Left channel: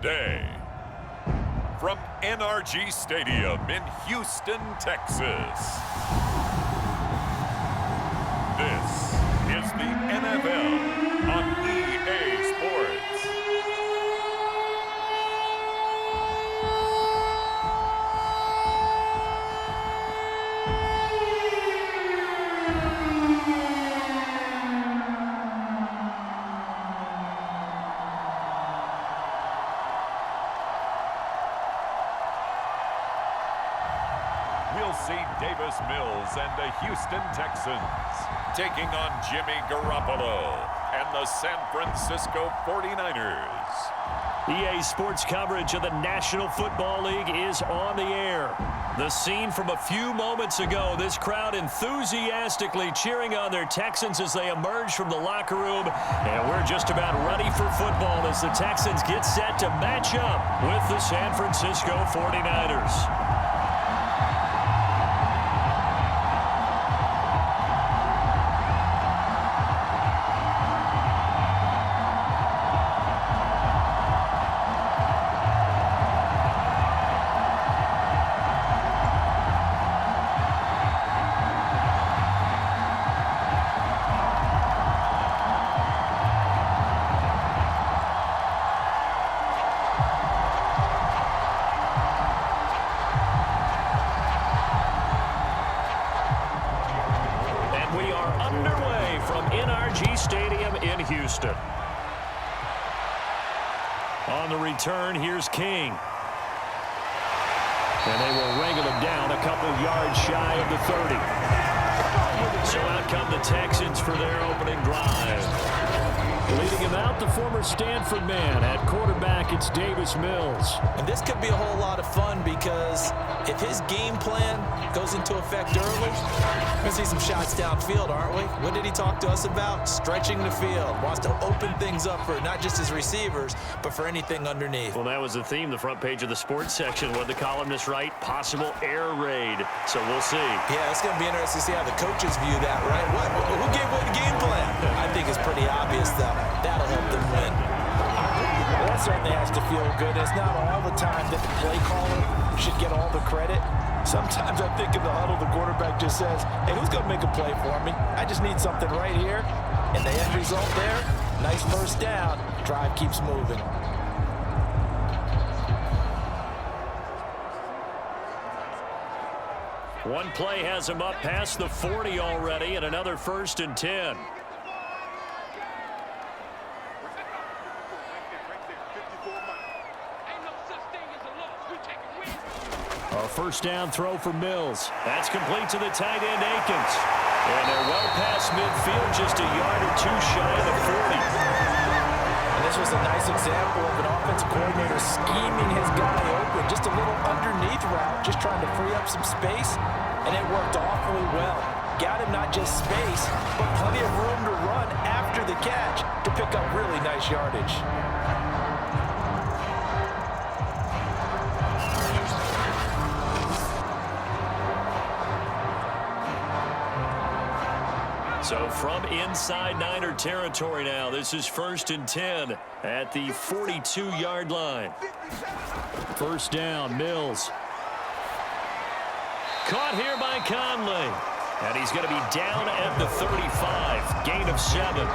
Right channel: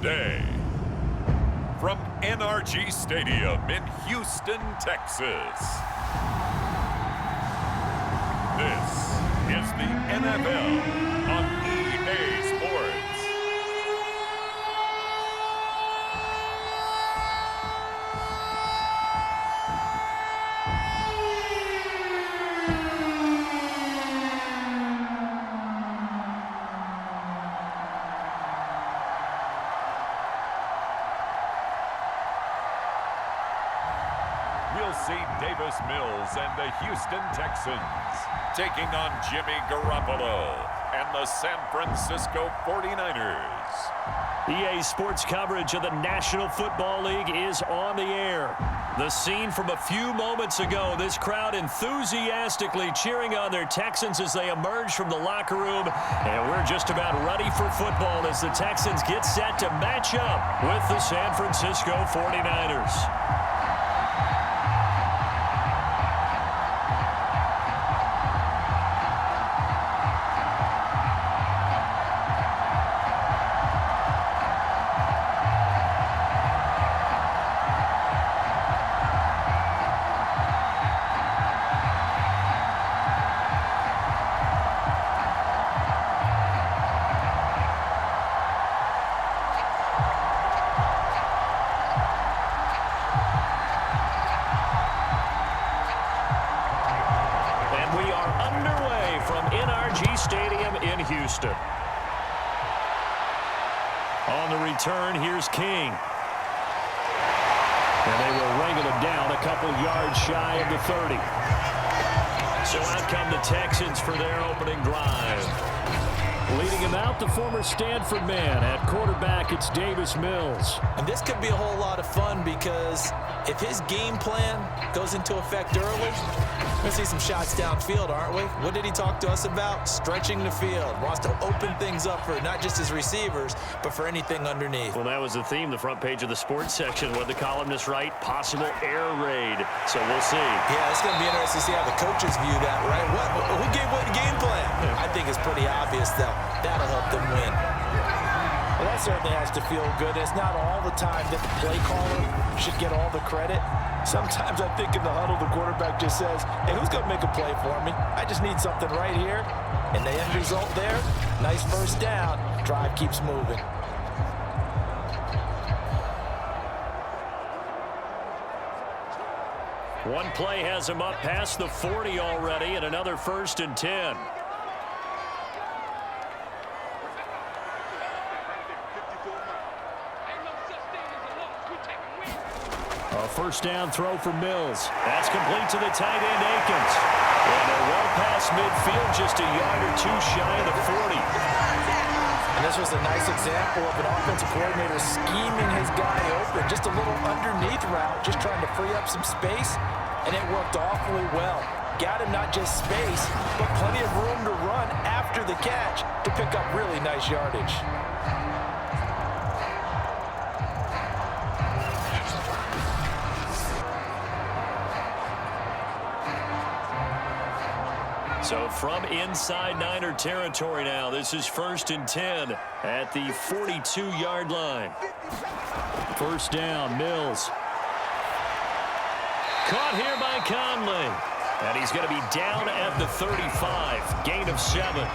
the day. From NRG Stadium in Houston, Texas. This is the NFL on EA Sports. We'll see Davis Mills and the Houston Texans taking on Jimmy Garoppolo and the San Francisco 49ers. EA Sports coverage of the National Football League is on the air. The scene from a few moments ago, this crowd enthusiastically cheering on their Texans as they emerge from the locker room. And we're just about ready for football as the Texans get set to match up with the San Francisco 49ers. We are underway from NRG Stadium in Houston. On the return, here's King. And they will wrangle him down a couple yards shy of the 30. So out come the Texans for their opening drive. Leading him out, the former Stanford man. At quarterback, it's Davis Mills. And this could be a whole lot of fun because if his game plan goes into effect early, we're going to see some shots downfield, aren't we? What did he talk to us about? Stretching the field. Wants to open things up for not just his receivers, but for anything underneath. Well, that was the theme, the front page of the sports section. What the columnist write? Possible air raid. So we'll see. Yeah, it's going to be interesting to see how the coaches view that, right? Who gave what game plan? I think it's pretty obvious, though. That'll help them win. Well, that certainly has to feel good. It's not all the time that the play caller should get all the credit. Sometimes I think in the huddle, the quarterback just says, hey, who's going to make a play for me? I just need something right here. And the end result there, nice first down. Drive keeps moving. One play has him up past the 40 already, and another 1st and 10. A first down throw for Mills. That's complete to the tight end, Akins. And they're well past midfield, just a yard or two shy of the 40. And this was a nice example of an offensive coordinator scheming his guy open. Just a little underneath route, just trying to free up some space. And it worked awfully well. Got him not just space, but plenty of room to run after the catch to pick up really nice yardage. So from inside Niner territory now, this is 1st and 10 at the 42-yard line. First down, Mills. Caught here by Conley. And he's going to be down at the 35. Gain of 7.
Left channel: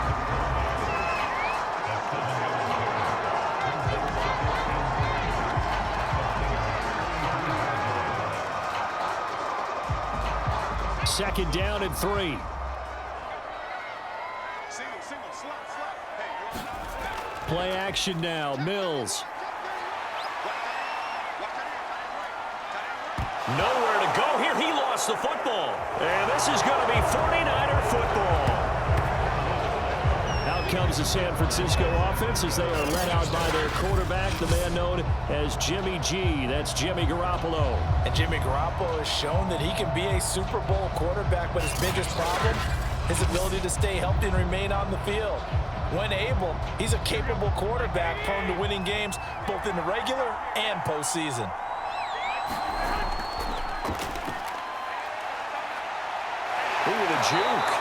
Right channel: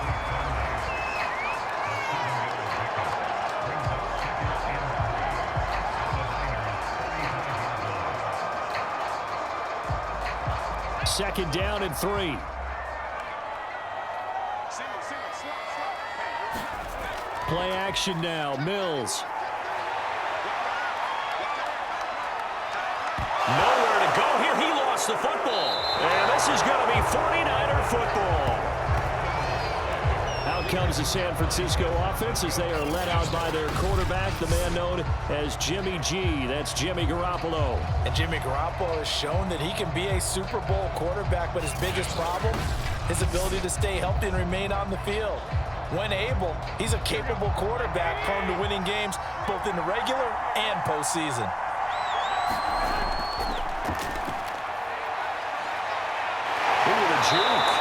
Second down and 3. Play action now, Mills. Nowhere to go here. He lost the football. And this is going to be 49er football. Out comes the San Francisco offense as they are led out by their quarterback, the man known as Jimmy G. That's Jimmy Garoppolo. And Jimmy Garoppolo has shown that he can be a Super Bowl quarterback, but his biggest problem, his ability to stay healthy and remain on the field. When able, he's a capable quarterback prone to winning games both in the regular and postseason. Ooh, the juke.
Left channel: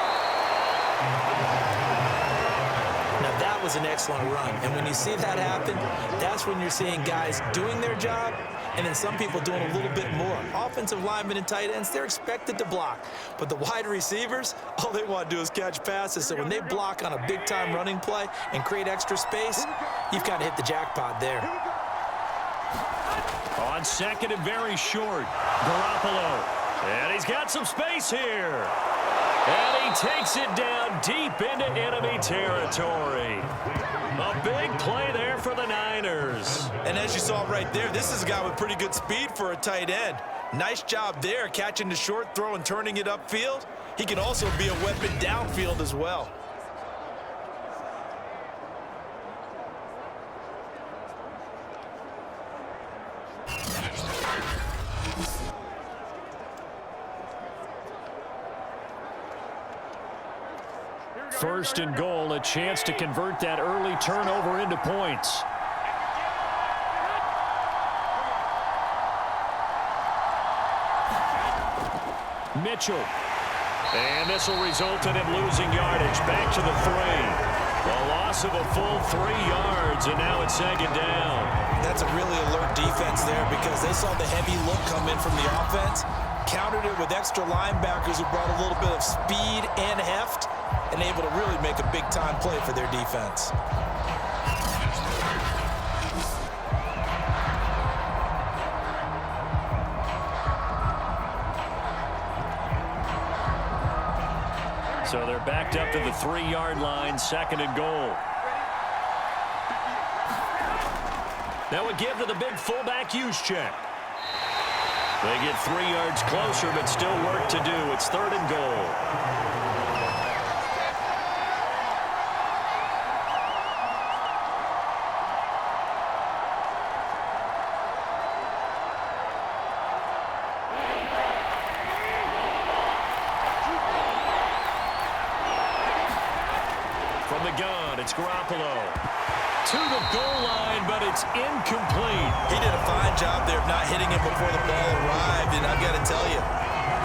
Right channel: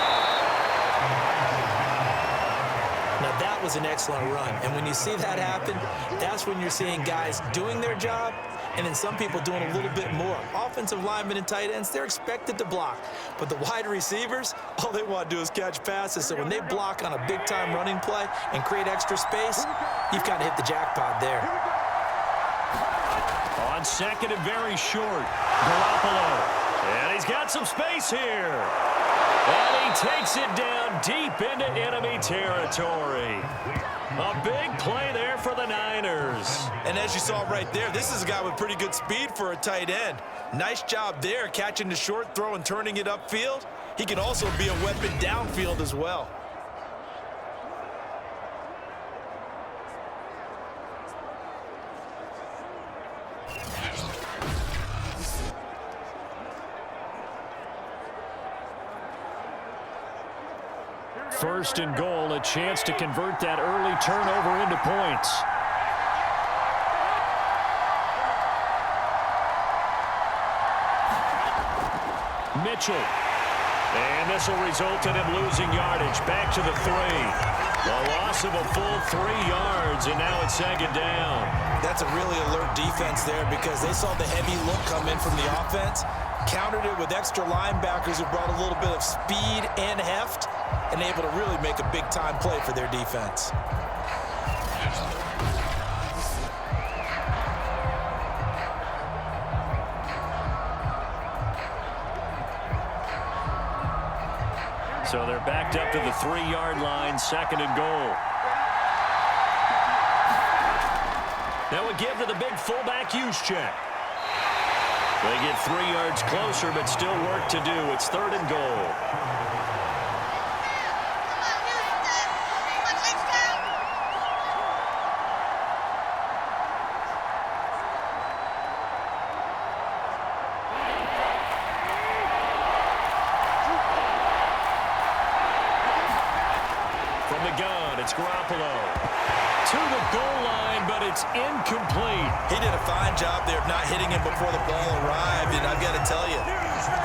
Now Now, that was an excellent run. And when you see that happen, that's when you're seeing guys doing their job and then some people doing a little bit more. Offensive linemen and tight ends, they're expected to block. But the wide receivers, all they want to do is catch passes. So when they block on a big-time running play and create extra space, you've kind of hit the jackpot there. On second and very short, Garoppolo. And he's got some space here. And he takes it down deep into enemy territory. A big play there for the Niners. And as you saw right there, this is a guy with pretty good speed for a tight end. Nice job there, catching the short throw and turning it upfield. He can also be a weapon downfield as well. First and goal, a chance to convert that early turnover into points. Mitchell. And this will result in him losing yardage. Back to the 3. A loss of a full 3 yards, and now it's second down. That's a really alert defense there because they saw the heavy look come in from the offense, countered it with extra linebackers who brought a little bit of speed and heft, and able to really make a big-time play for their defense. So they're backed up to the 3-yard line, second and goal. Now a give to the big fullback Juszczyk. They get 3 yards closer, but still work to do. It's third and goal. From the gun, it's Garoppolo. To the goal line, but it's incomplete. He did a fine job there of not hitting it before the ball arrived, and I've got to tell you,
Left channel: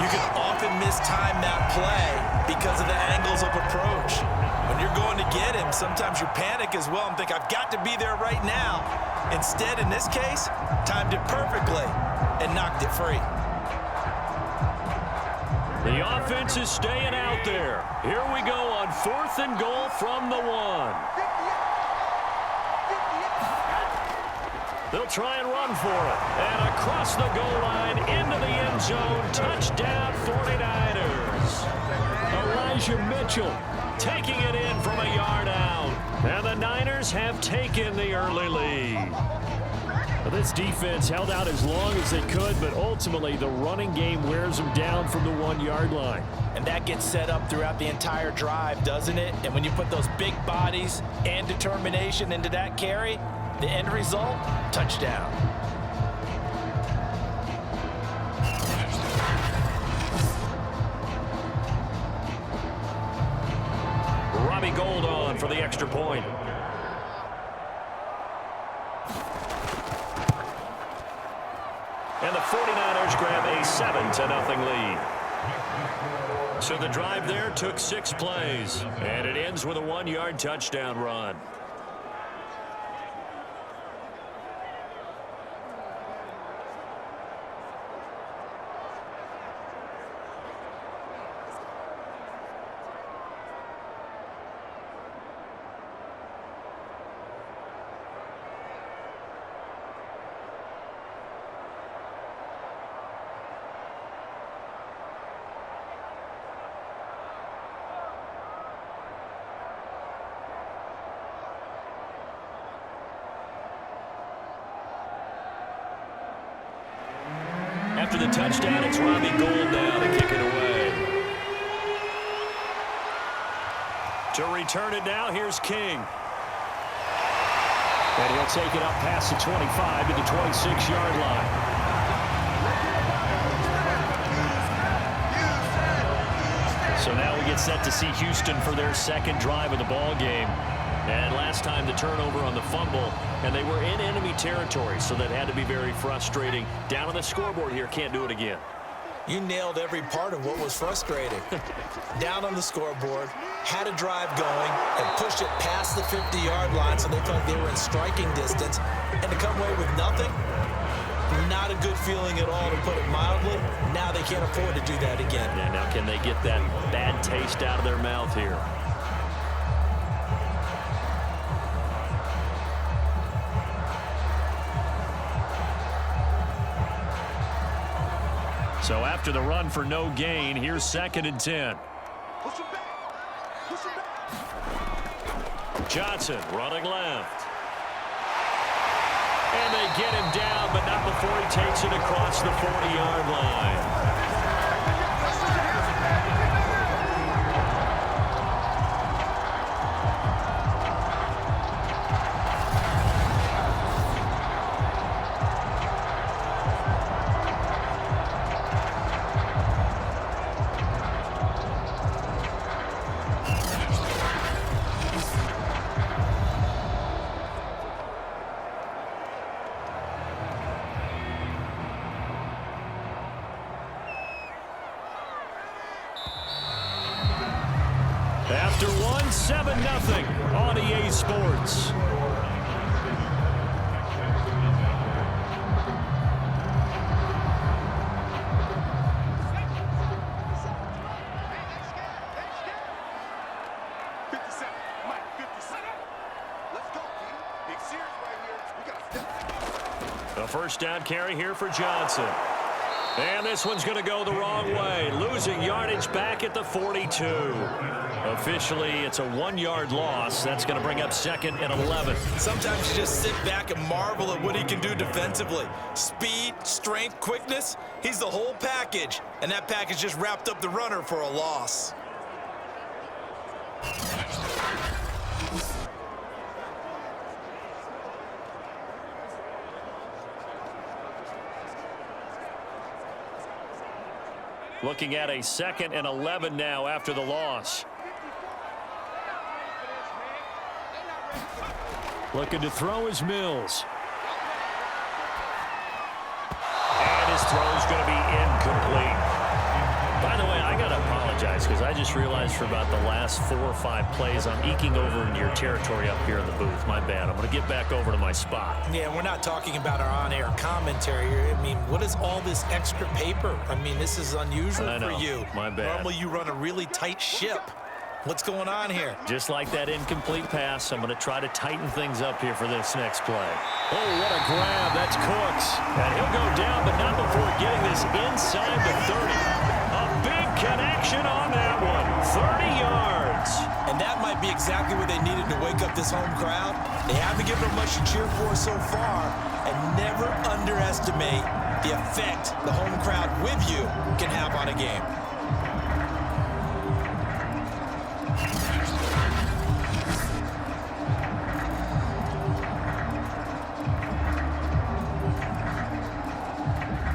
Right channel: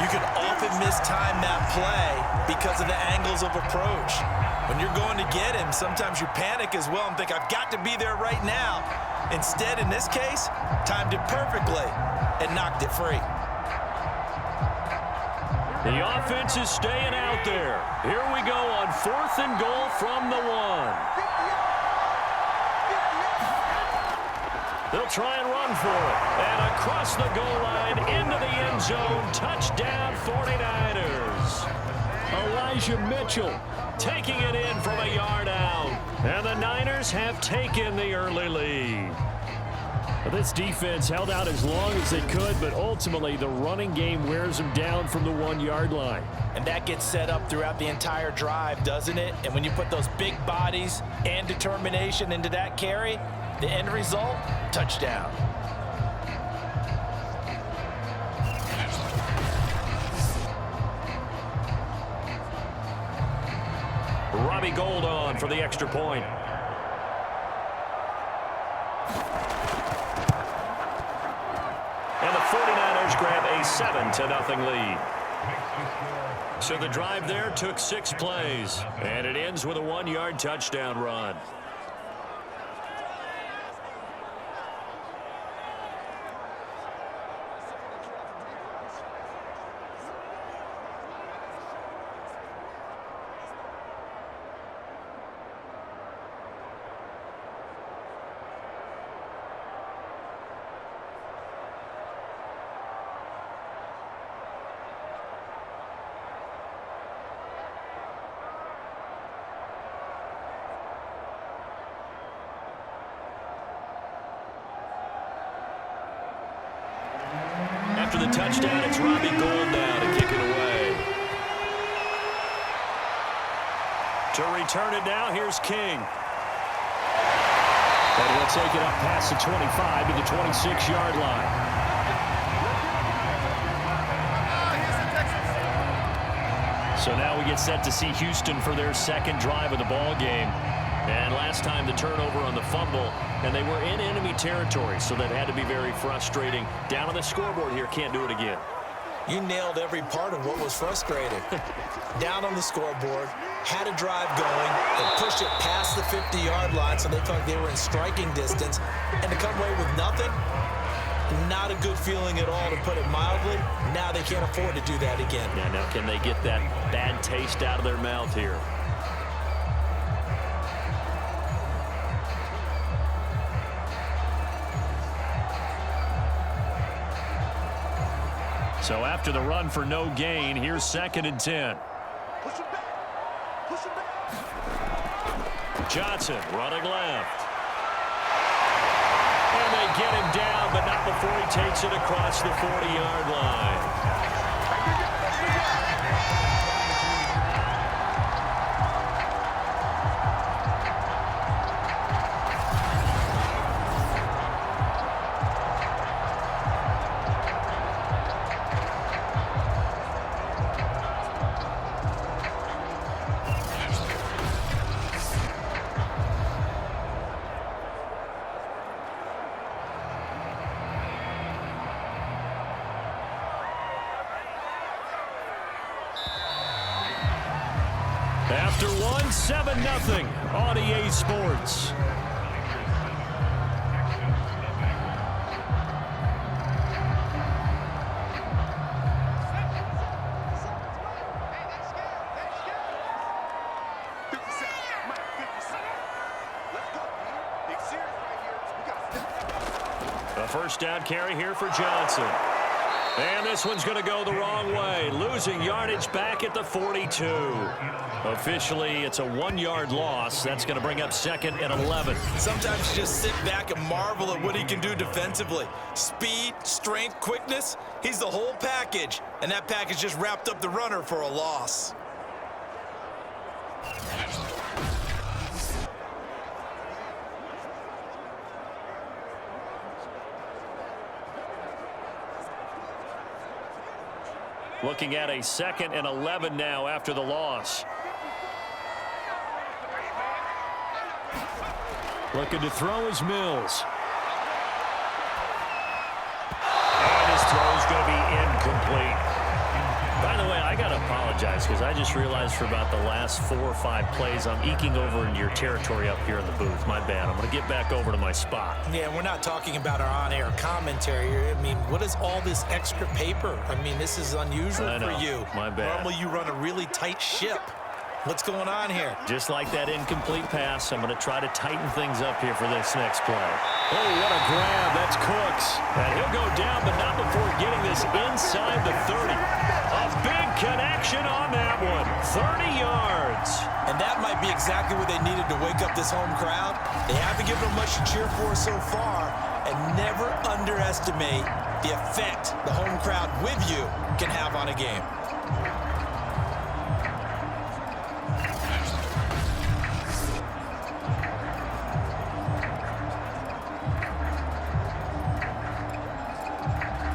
you can often mistime that play because of the angles of approach. When you're going to get him, sometimes you panic as well and think, I've got to be there right now. Instead, in this case, timed it perfectly and knocked it free. The offense is staying out there. Here we go on fourth and goal from the 1. They'll try and run for it. And across the goal line into the end zone. Touchdown 49ers. Elijah Mitchell taking it in from a yard out. And the Niners have taken the early lead. This defense held out as long as they could, but ultimately the running game wears them down from the 1-yard line. And that gets set up throughout the entire drive, doesn't it? And when you put those big bodies and determination into that carry, the end result, touchdown. Robbie Gould on for the extra point. And the 49ers grab a 7-0 lead. So the drive there took 6 plays, and it ends with a 1-yard touchdown run. After the touchdown, it's Robbie Gould now to kick it away. To return it now, here's King. And he'll take it up past the 25 to the 26-yard line. So now we get set to see Houston for their second drive of the ball game. And last time the turnover on the fumble, and they were in enemy territory, so that had to be very frustrating. Down on the scoreboard here, can't do it again. You nailed every part of what was frustrating. Down on the scoreboard, had a drive going, and pushed it past the 50-yard line so they felt like they were in striking distance, and to come away with nothing, not a good feeling at all, to put it mildly. Now they can't afford to do that again. Yeah, now can they get that bad taste out of their mouth here? So after the run for no gain, here's 2nd and 10. Push him back. Push him back. Johnson running left. And they get him down, but not before he takes it across the 40-yard line. After one, 7-0 on EA Sports. A first down carry here for Johnson. And this one's going to go the wrong way, losing yardage back at the 42. Officially, it's a 1-yard loss. That's going to bring up 2nd and 11. Sometimes you just sit back and marvel at what he can do defensively. Speed, strength, quickness, he's the whole package. And that package just wrapped up the runner for a loss. Looking at a 2nd and 11 now after the loss. Looking to throw is Mills. And his throw is going to be incomplete. By the way, I got to apologize because I just realized for about the last 4 or 5 plays I'm eking over into your territory up here in the booth. My bad. I'm going to get back over to my spot. Yeah, we're not talking about our on-air commentary. I mean, what is all this extra paper? I mean, this is unusual for you. My bad. Normally you run a really tight ship. What's going on here? Just like that incomplete pass, I'm going to try to tighten things up here for this next play. Oh, what a grab. That's Cooks. And he'll go down, but not before getting this inside the 30. A big connection on that one. 30 yards. And that might be exactly what they needed to wake up this home crowd. They haven't given them much to cheer for so far, and never underestimate the effect the home crowd with you can have on a game.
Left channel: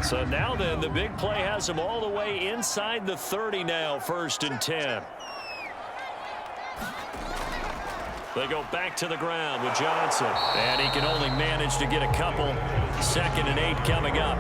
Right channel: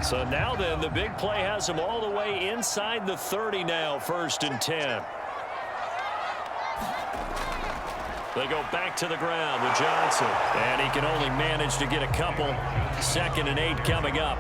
So now then, the big play has him all the way inside the 30 now, 1st and 10. They go back to the ground with Johnson. And he can only manage to get a couple. 2nd and 8 coming up.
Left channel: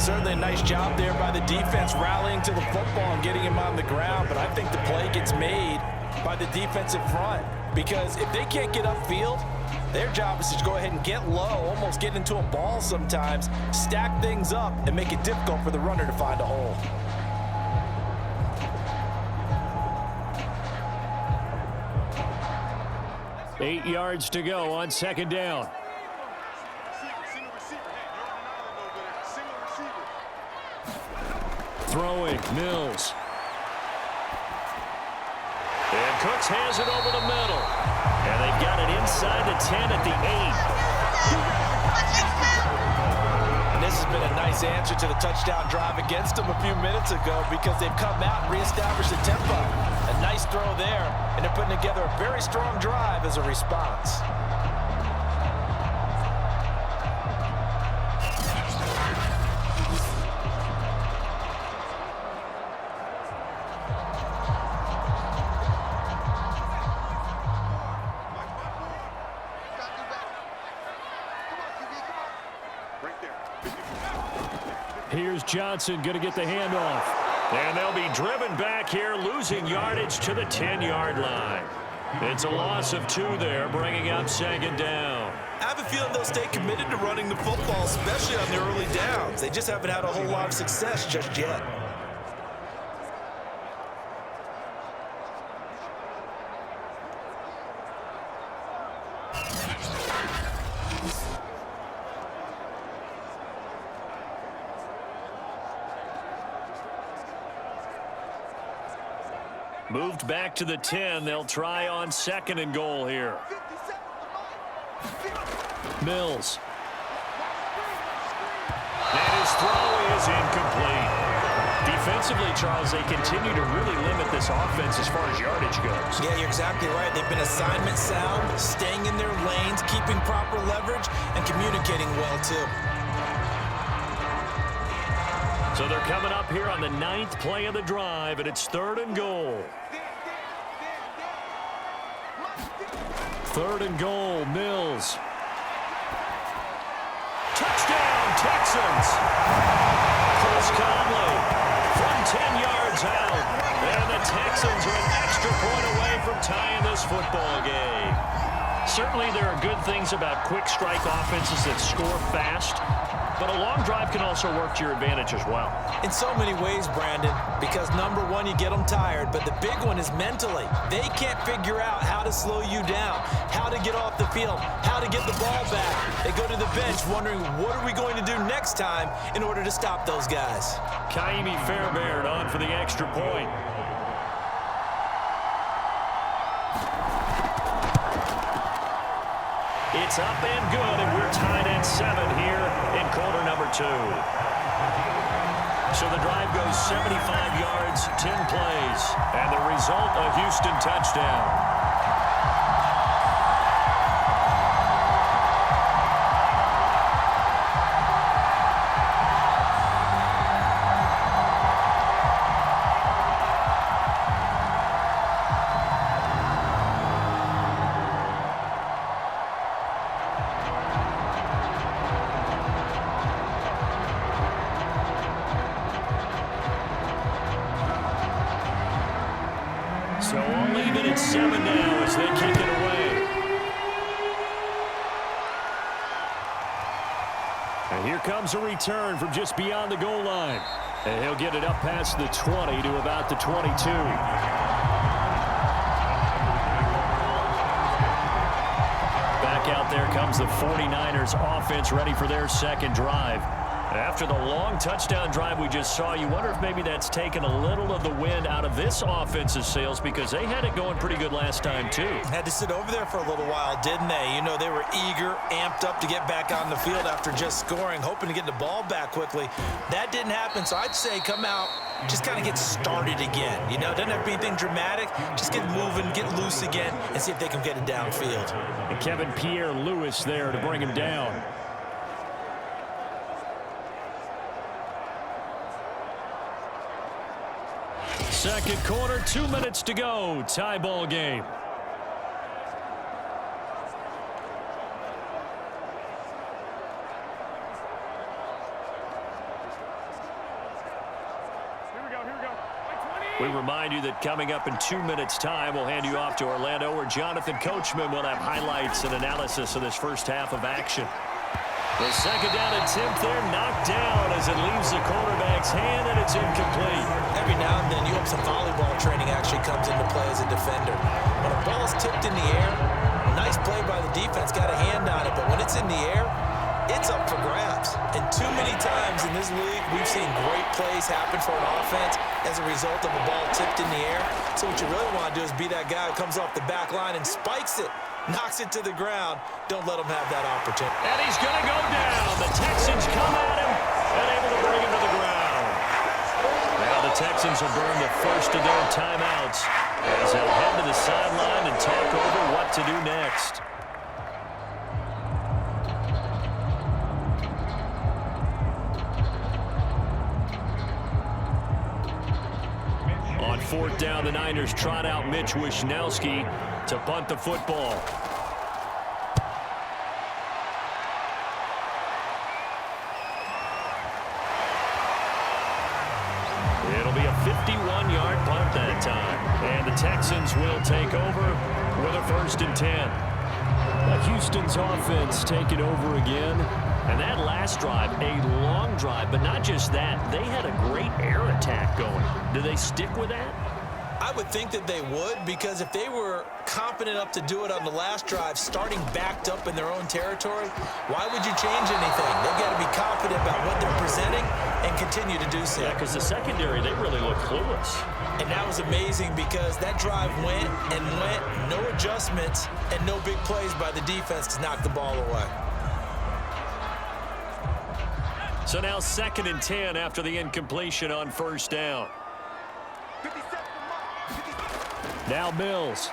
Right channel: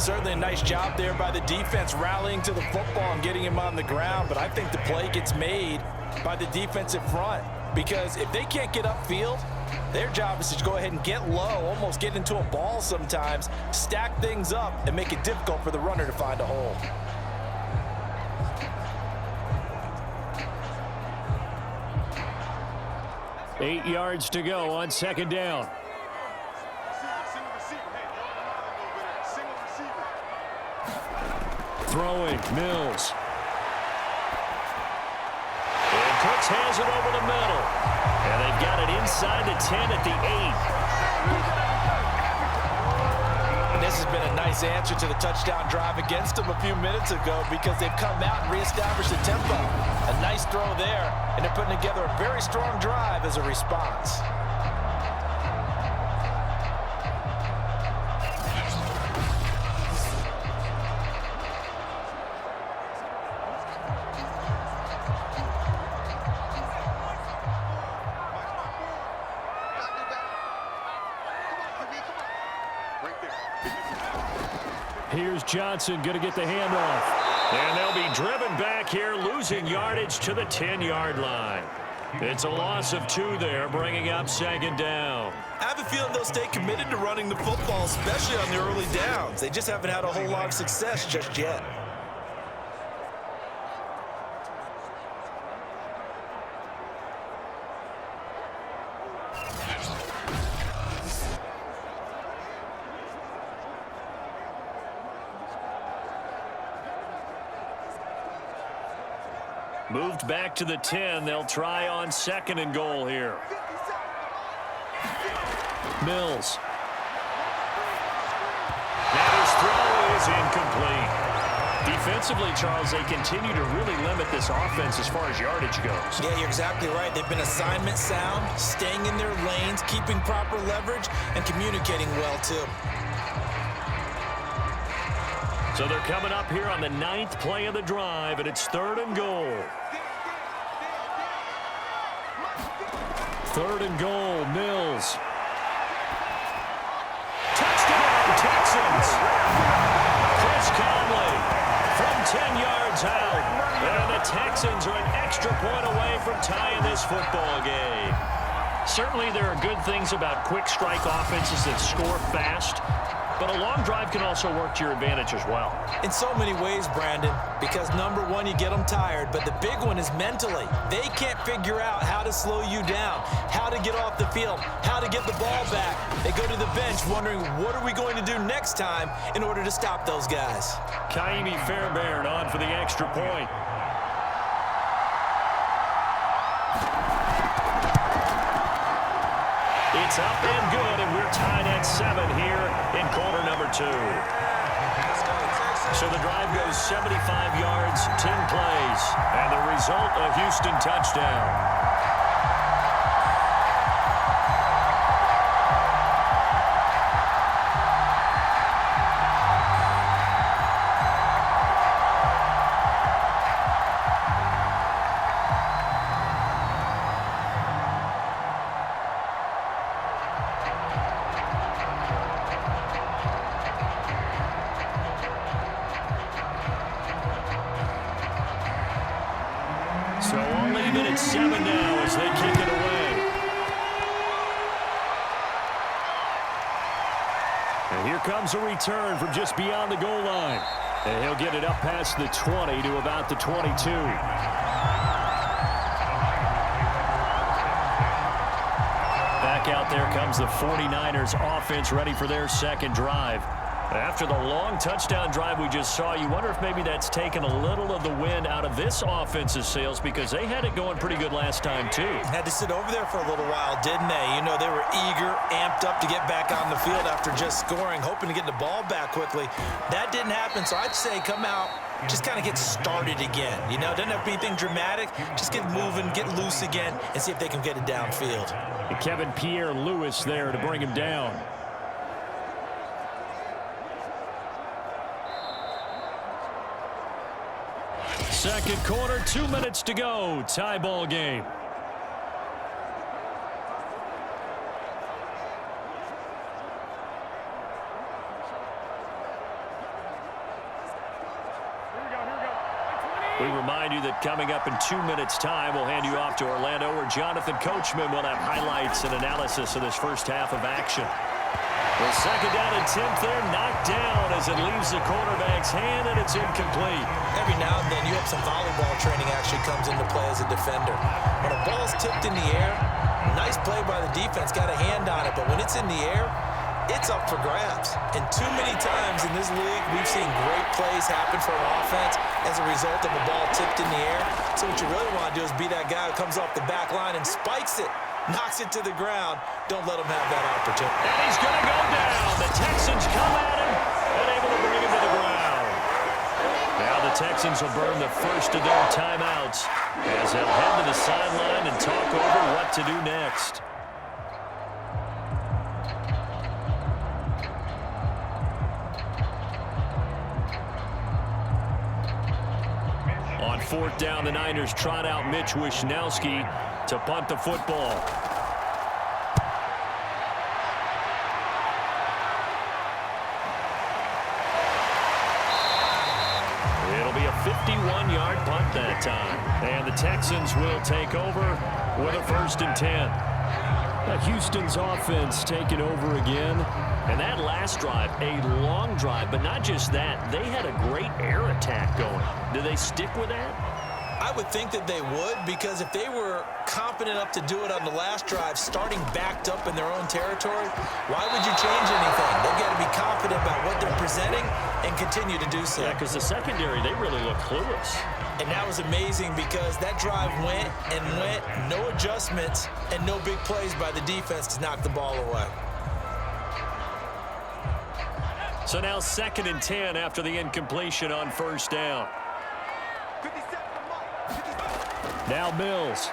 Certainly a nice job there by the defense rallying to the football and getting him on the ground. But I think the play gets made by the defensive front. Because if they can't get upfield, their job is to go ahead and get low, almost get into a ball sometimes, stack things up, and make it difficult for the runner to find a hole. Eight yards to go on 2nd down. Single receiver. Hey, you're on an island over there. Single receiver. Throwing, Mills. And Cooks has it over the middle. And they've got it inside the 10 at the 8. And this has been a nice answer to the touchdown drive against them a few minutes ago because they've come out and reestablished the tempo. A nice throw there, and they're putting together a very strong drive as a response. Here's Johnson going to get the handoff. And they'll be driven back here, losing yardage to the 10-yard line. It's a loss of 2 there, bringing up second down. I have a feeling they'll stay committed to running the football, especially on the early downs. They just haven't had a whole lot of success just yet. Moved back to the 10. They'll try on 2nd and goal here. Mills. And his throw is incomplete. Defensively, Charles, they continue to really limit this offense as far as yardage goes. Yeah, you're exactly right. They've been assignment sound, staying in their lanes, keeping proper leverage, and communicating well, too. So they're coming up here on the 9th play of the drive, and it's 3rd and goal. 3rd and goal, Mills. Touchdown, Texans. Chris Conley from 10 yards out. And the Texans are an extra point away from tying this football game. Certainly there are good things about quick strike offenses that score fast, but a long drive can also work to your advantage as well. In so many ways, Brandon, because number one, you get them tired, but the big one is mentally. They can't figure out how to slow you down, how to get off the field, how to get the ball back. They go to the bench wondering, what are we going to do next time in order to stop those guys? Kaimi Fairbairn on for the extra point. It's up and good, and we're tied at 7 here in quarter number 2. So the drive goes 75 yards, 10 plays, and the result, a Houston touchdown. So I'll leave it at 7 now as they kick it away. And here comes a return from just beyond the goal line. And he'll get it up past the 20 to about the 22. Back out there comes the 49ers offense ready for their second drive. After the long touchdown drive we just saw, you wonder if maybe that's taken a little of the wind out of this offense's sails, because they had it going pretty good last time, too. Had to sit over there for a little while, didn't they? You know, they were eager, amped up to get back on the field after just scoring, hoping to get the ball back quickly. That didn't happen, so I'd say come out, just kind of get started again. You know, doesn't have to be anything dramatic. Just get moving, get loose again, and see if they can get it downfield. And Kevin Pierre-Louis there to bring him down. Second quarter, 2 minutes to go. Tie ball game. We remind you that coming up in 2 minutes' time, we'll hand you off to Orlando, where Jonathan Coachman will have highlights and analysis of this first half of action. The second down attempt there knocked down as it leaves the quarterback's hand, and it's incomplete. Every now and then, you hope some volleyball training actually comes into play as a defender. When a ball's tipped in the air, nice play by the defense, got a hand on it, but when it's in the air, it's up for grabs. And too many times in this league, we've seen great plays happen for an offense as a result of a ball tipped in the air. So what you really want to do is be that guy who comes off the back line and spikes it, knocks it to the ground. Don't let him have that opportunity. And he's going to go down. The Texans come at him and able to bring him to the ground. Now the Texans will burn the first of their timeouts as they'll head to the sideline and talk over what to do next. On fourth down, the Niners trot out Mitch Wishnowsky to punt the football. It'll be a 51-yard punt that time. And the Texans will take over with a 1st and 10. Houston's offense taking over again. And that last drive, a long drive, but not just that. They had a great air attack going. Do they stick with that? I would think that they would, because if they were confident enough to do it on the last drive, starting backed up in their own territory, why would you change anything? They've got to be confident about what they're presenting and continue to do so. Yeah, because the secondary, they really look clueless. And that was amazing because that drive went and went, no adjustments, and no big plays by the defense to knock the ball away. So now 2nd and 10 after the incompletion on 1st down. 57 Mike. 57. Now Mills.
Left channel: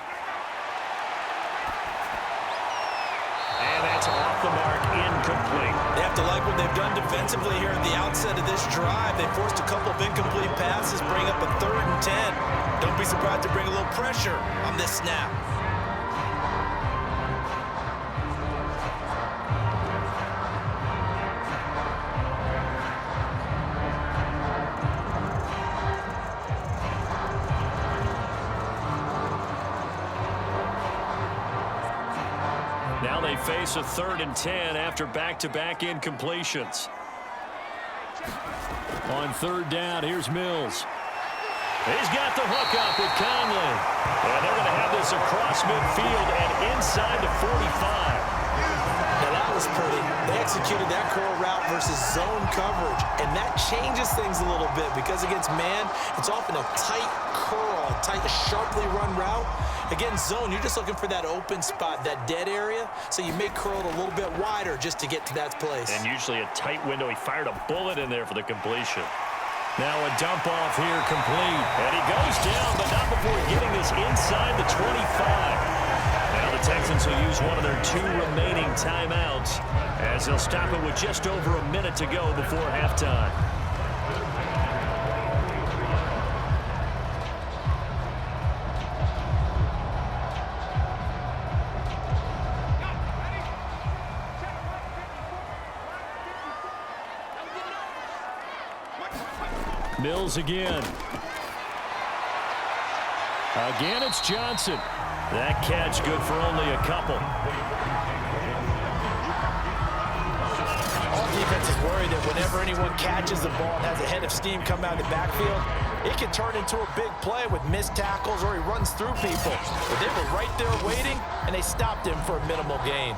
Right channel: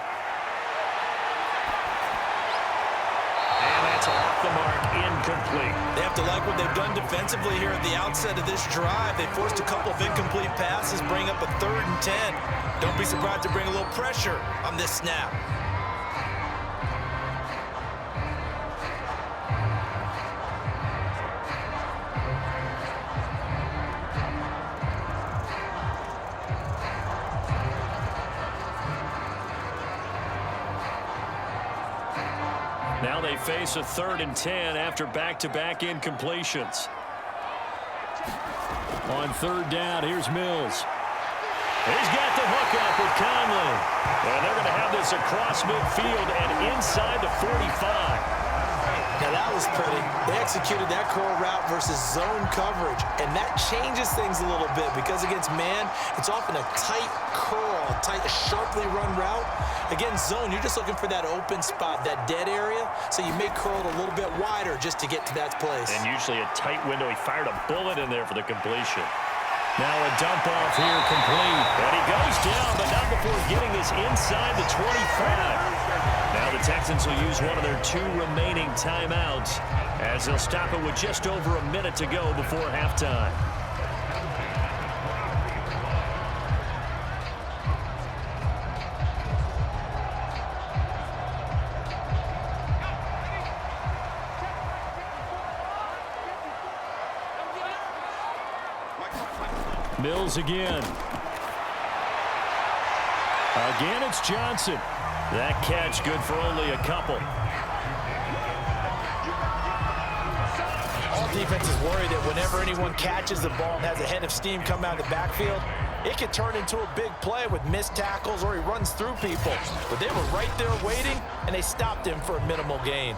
And that's off the mark, incomplete. They have to like what they've done defensively here at the outset of this drive. They forced a couple of incomplete passes, bring up a 3rd and 10. Don't be surprised to bring a little pressure on this snap. Now they face a 3rd and 10 after back-to-back incompletions. On 3rd down, here's Mills. He's got the hook up with Conley. And they're going to have this across midfield and inside the 45. Now that was pretty. They executed that curl route versus zone coverage, and that changes things a little bit because against man, it's often a tight curl, tight, sharply run route. Against zone, you're just looking for that open spot, that dead area, so you may curl it a little bit wider just to get to that place. And usually a tight window. He fired a bullet in there for the completion. Now a dump off here complete. And he goes down, but not before getting this inside the 25. Now the Texans will use one of their 2 remaining timeouts as they'll stop it with just over a minute to go before halftime. Mills again. Again, it's Johnson. That catch good for only a couple. All defenses worry that whenever anyone catches the ball and has a head of steam come out of the backfield, it can turn into a big play with missed tackles or he runs through people. But they were right there waiting, and they stopped him for a minimal gain.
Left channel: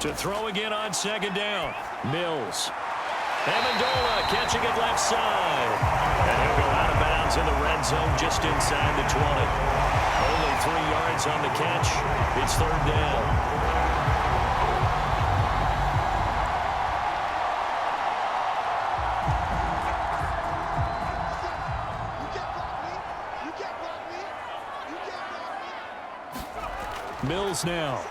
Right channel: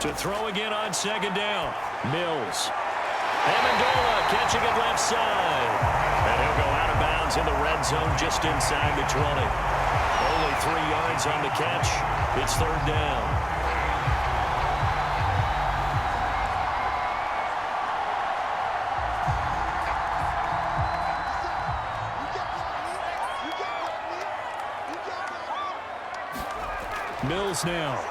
To throw again on 2nd down. Mills. Amendola catching it left side. And he'll go out of bounds in the red zone just inside the 20. Only 3 yards on the catch. It's 3rd down. Mills now.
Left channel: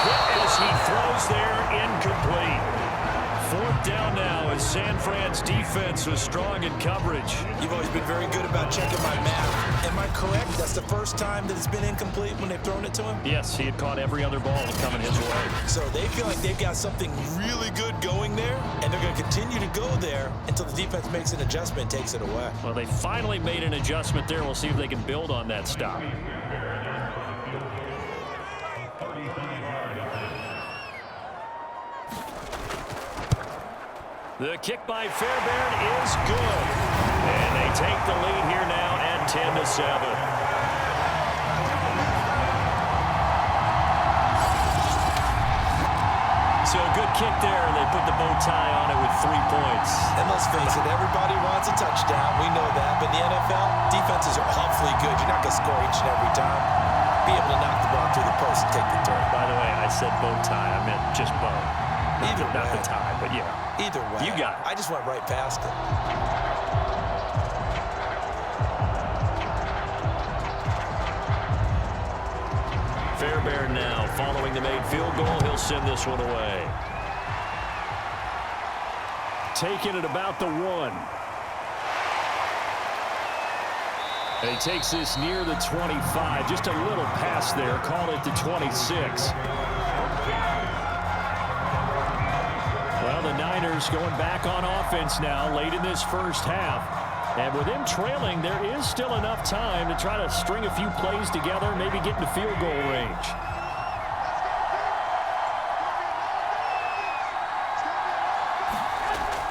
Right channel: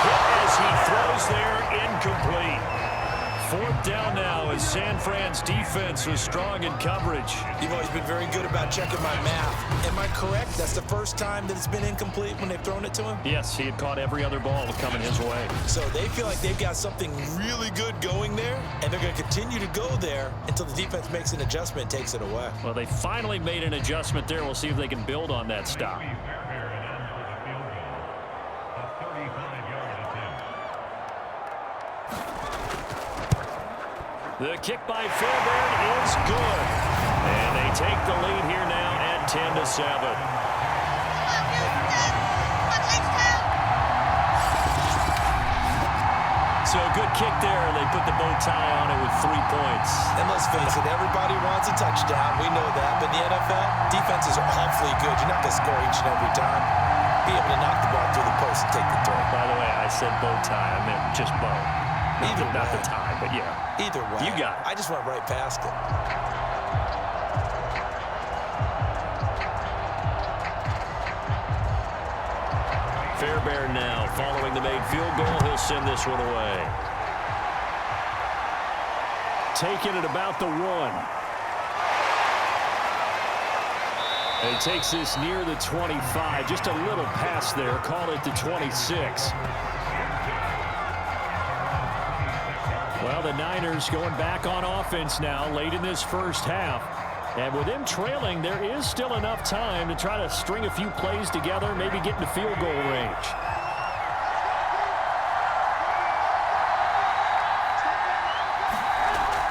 Hit as he throws there, incomplete. 4th down now as San Fran's defense was strong in coverage. You've always been very good about checking my math. Am I correct? That's the first time that it's been incomplete when they've thrown it to him? Yes, he had caught every other ball coming his way. So they feel like they've got something really good going there, and they're going to continue to go there until the defense makes an adjustment and takes it away. Well, they finally made an adjustment there. We'll see if they can build on that stop. The kick by Fairbairn is good. And they take the lead here now at 10-7. So a good kick there. They put the bow tie on it with 3 points. And let's face it, everybody wants a touchdown. We know that. But in the NFL, defenses are awfully good. You're not going to score each and every time. Be able to knock the ball through the post and take the turn. By the way, I said bow tie. I meant just bow. Not the tie, but yeah. Either way. You got it. I just went right past it. Fairbairn now following the made field goal. He'll send this one away. Taking it about the 1. And he takes this near the 25, just a little past there, call it the 26. Well, the Niners going back on offense now late in this first half. And with them trailing, there is still enough time to try to string a few plays together, maybe get into field goal range.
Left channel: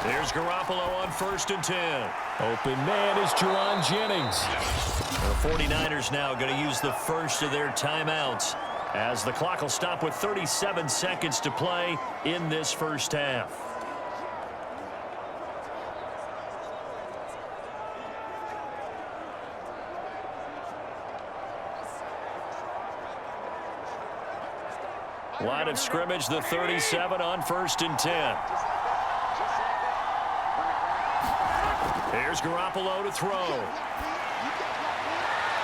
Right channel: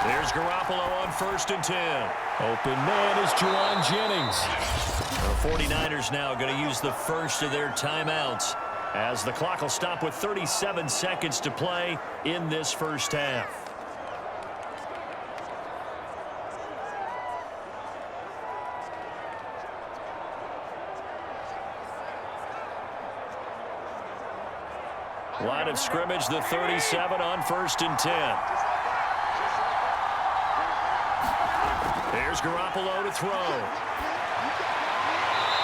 There's Garoppolo on 1st and 10. Open man is Jauan Jennings. The 49ers now going to use the first of their timeouts as the clock will stop with 37 seconds to play in this first half. Line of scrimmage, the 37 on 1st and 10. Here's Garoppolo to throw.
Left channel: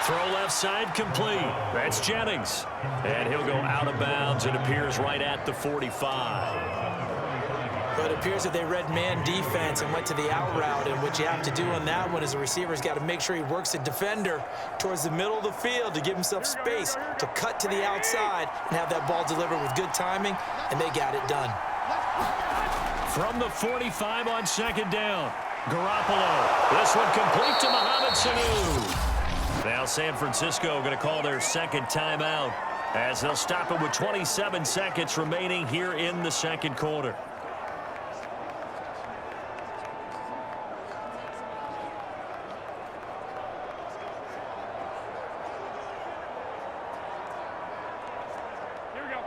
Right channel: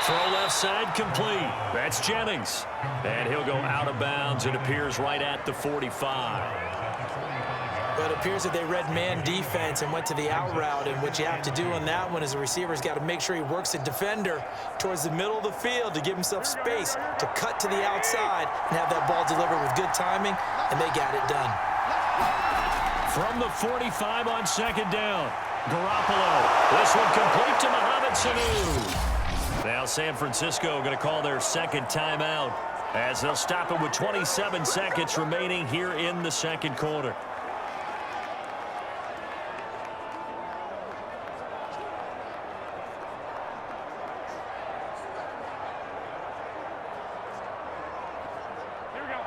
Throw left side complete. That's Jennings. And he'll go out of bounds. It appears right at the 45. But it appears that they read man defense and went to the out route. And what you have to do on that one is the receiver's got to make sure he works the defender towards the middle of the field to give himself space to cut to the outside and have that ball delivered with good timing. And they got it done. From the 45 on 2nd down. Garoppolo. This one complete to Mohamed Sanu. Now San Francisco going to call their second timeout as they'll stop it with 27 seconds remaining here in the second quarter. Here we go.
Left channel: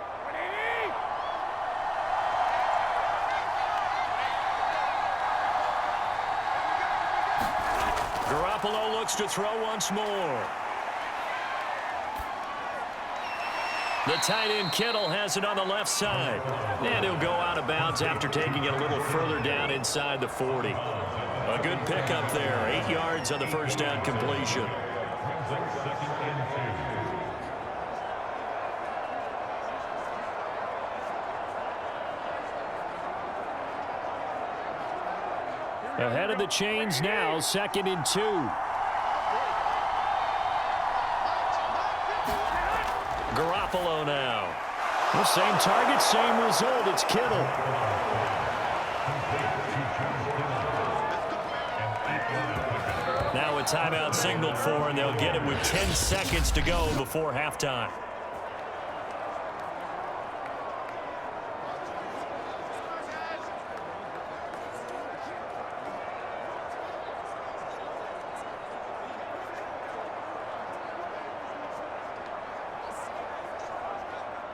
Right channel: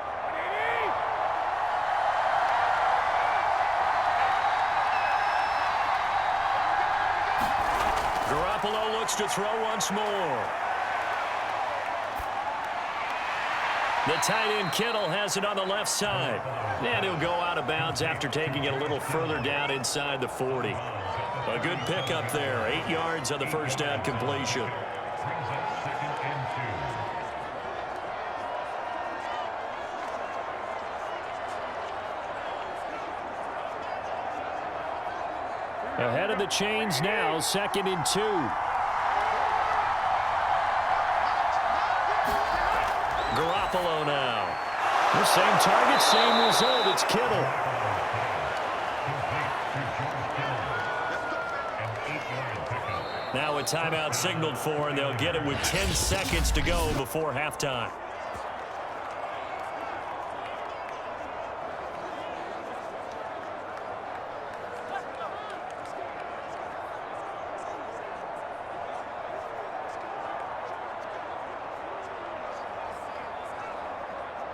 Garoppolo looks to throw once more. The tight end Kittle has it on the left side. And he'll go out of bounds after taking it a little further down inside the 40. A good pickup there. 8 yards on the first down completion. Ahead of the chains now, 2nd and 2. Garoppolo now. The same target, same result. It's Kittle. Now a timeout signaled for, and they'll get it with 10 seconds to go before halftime.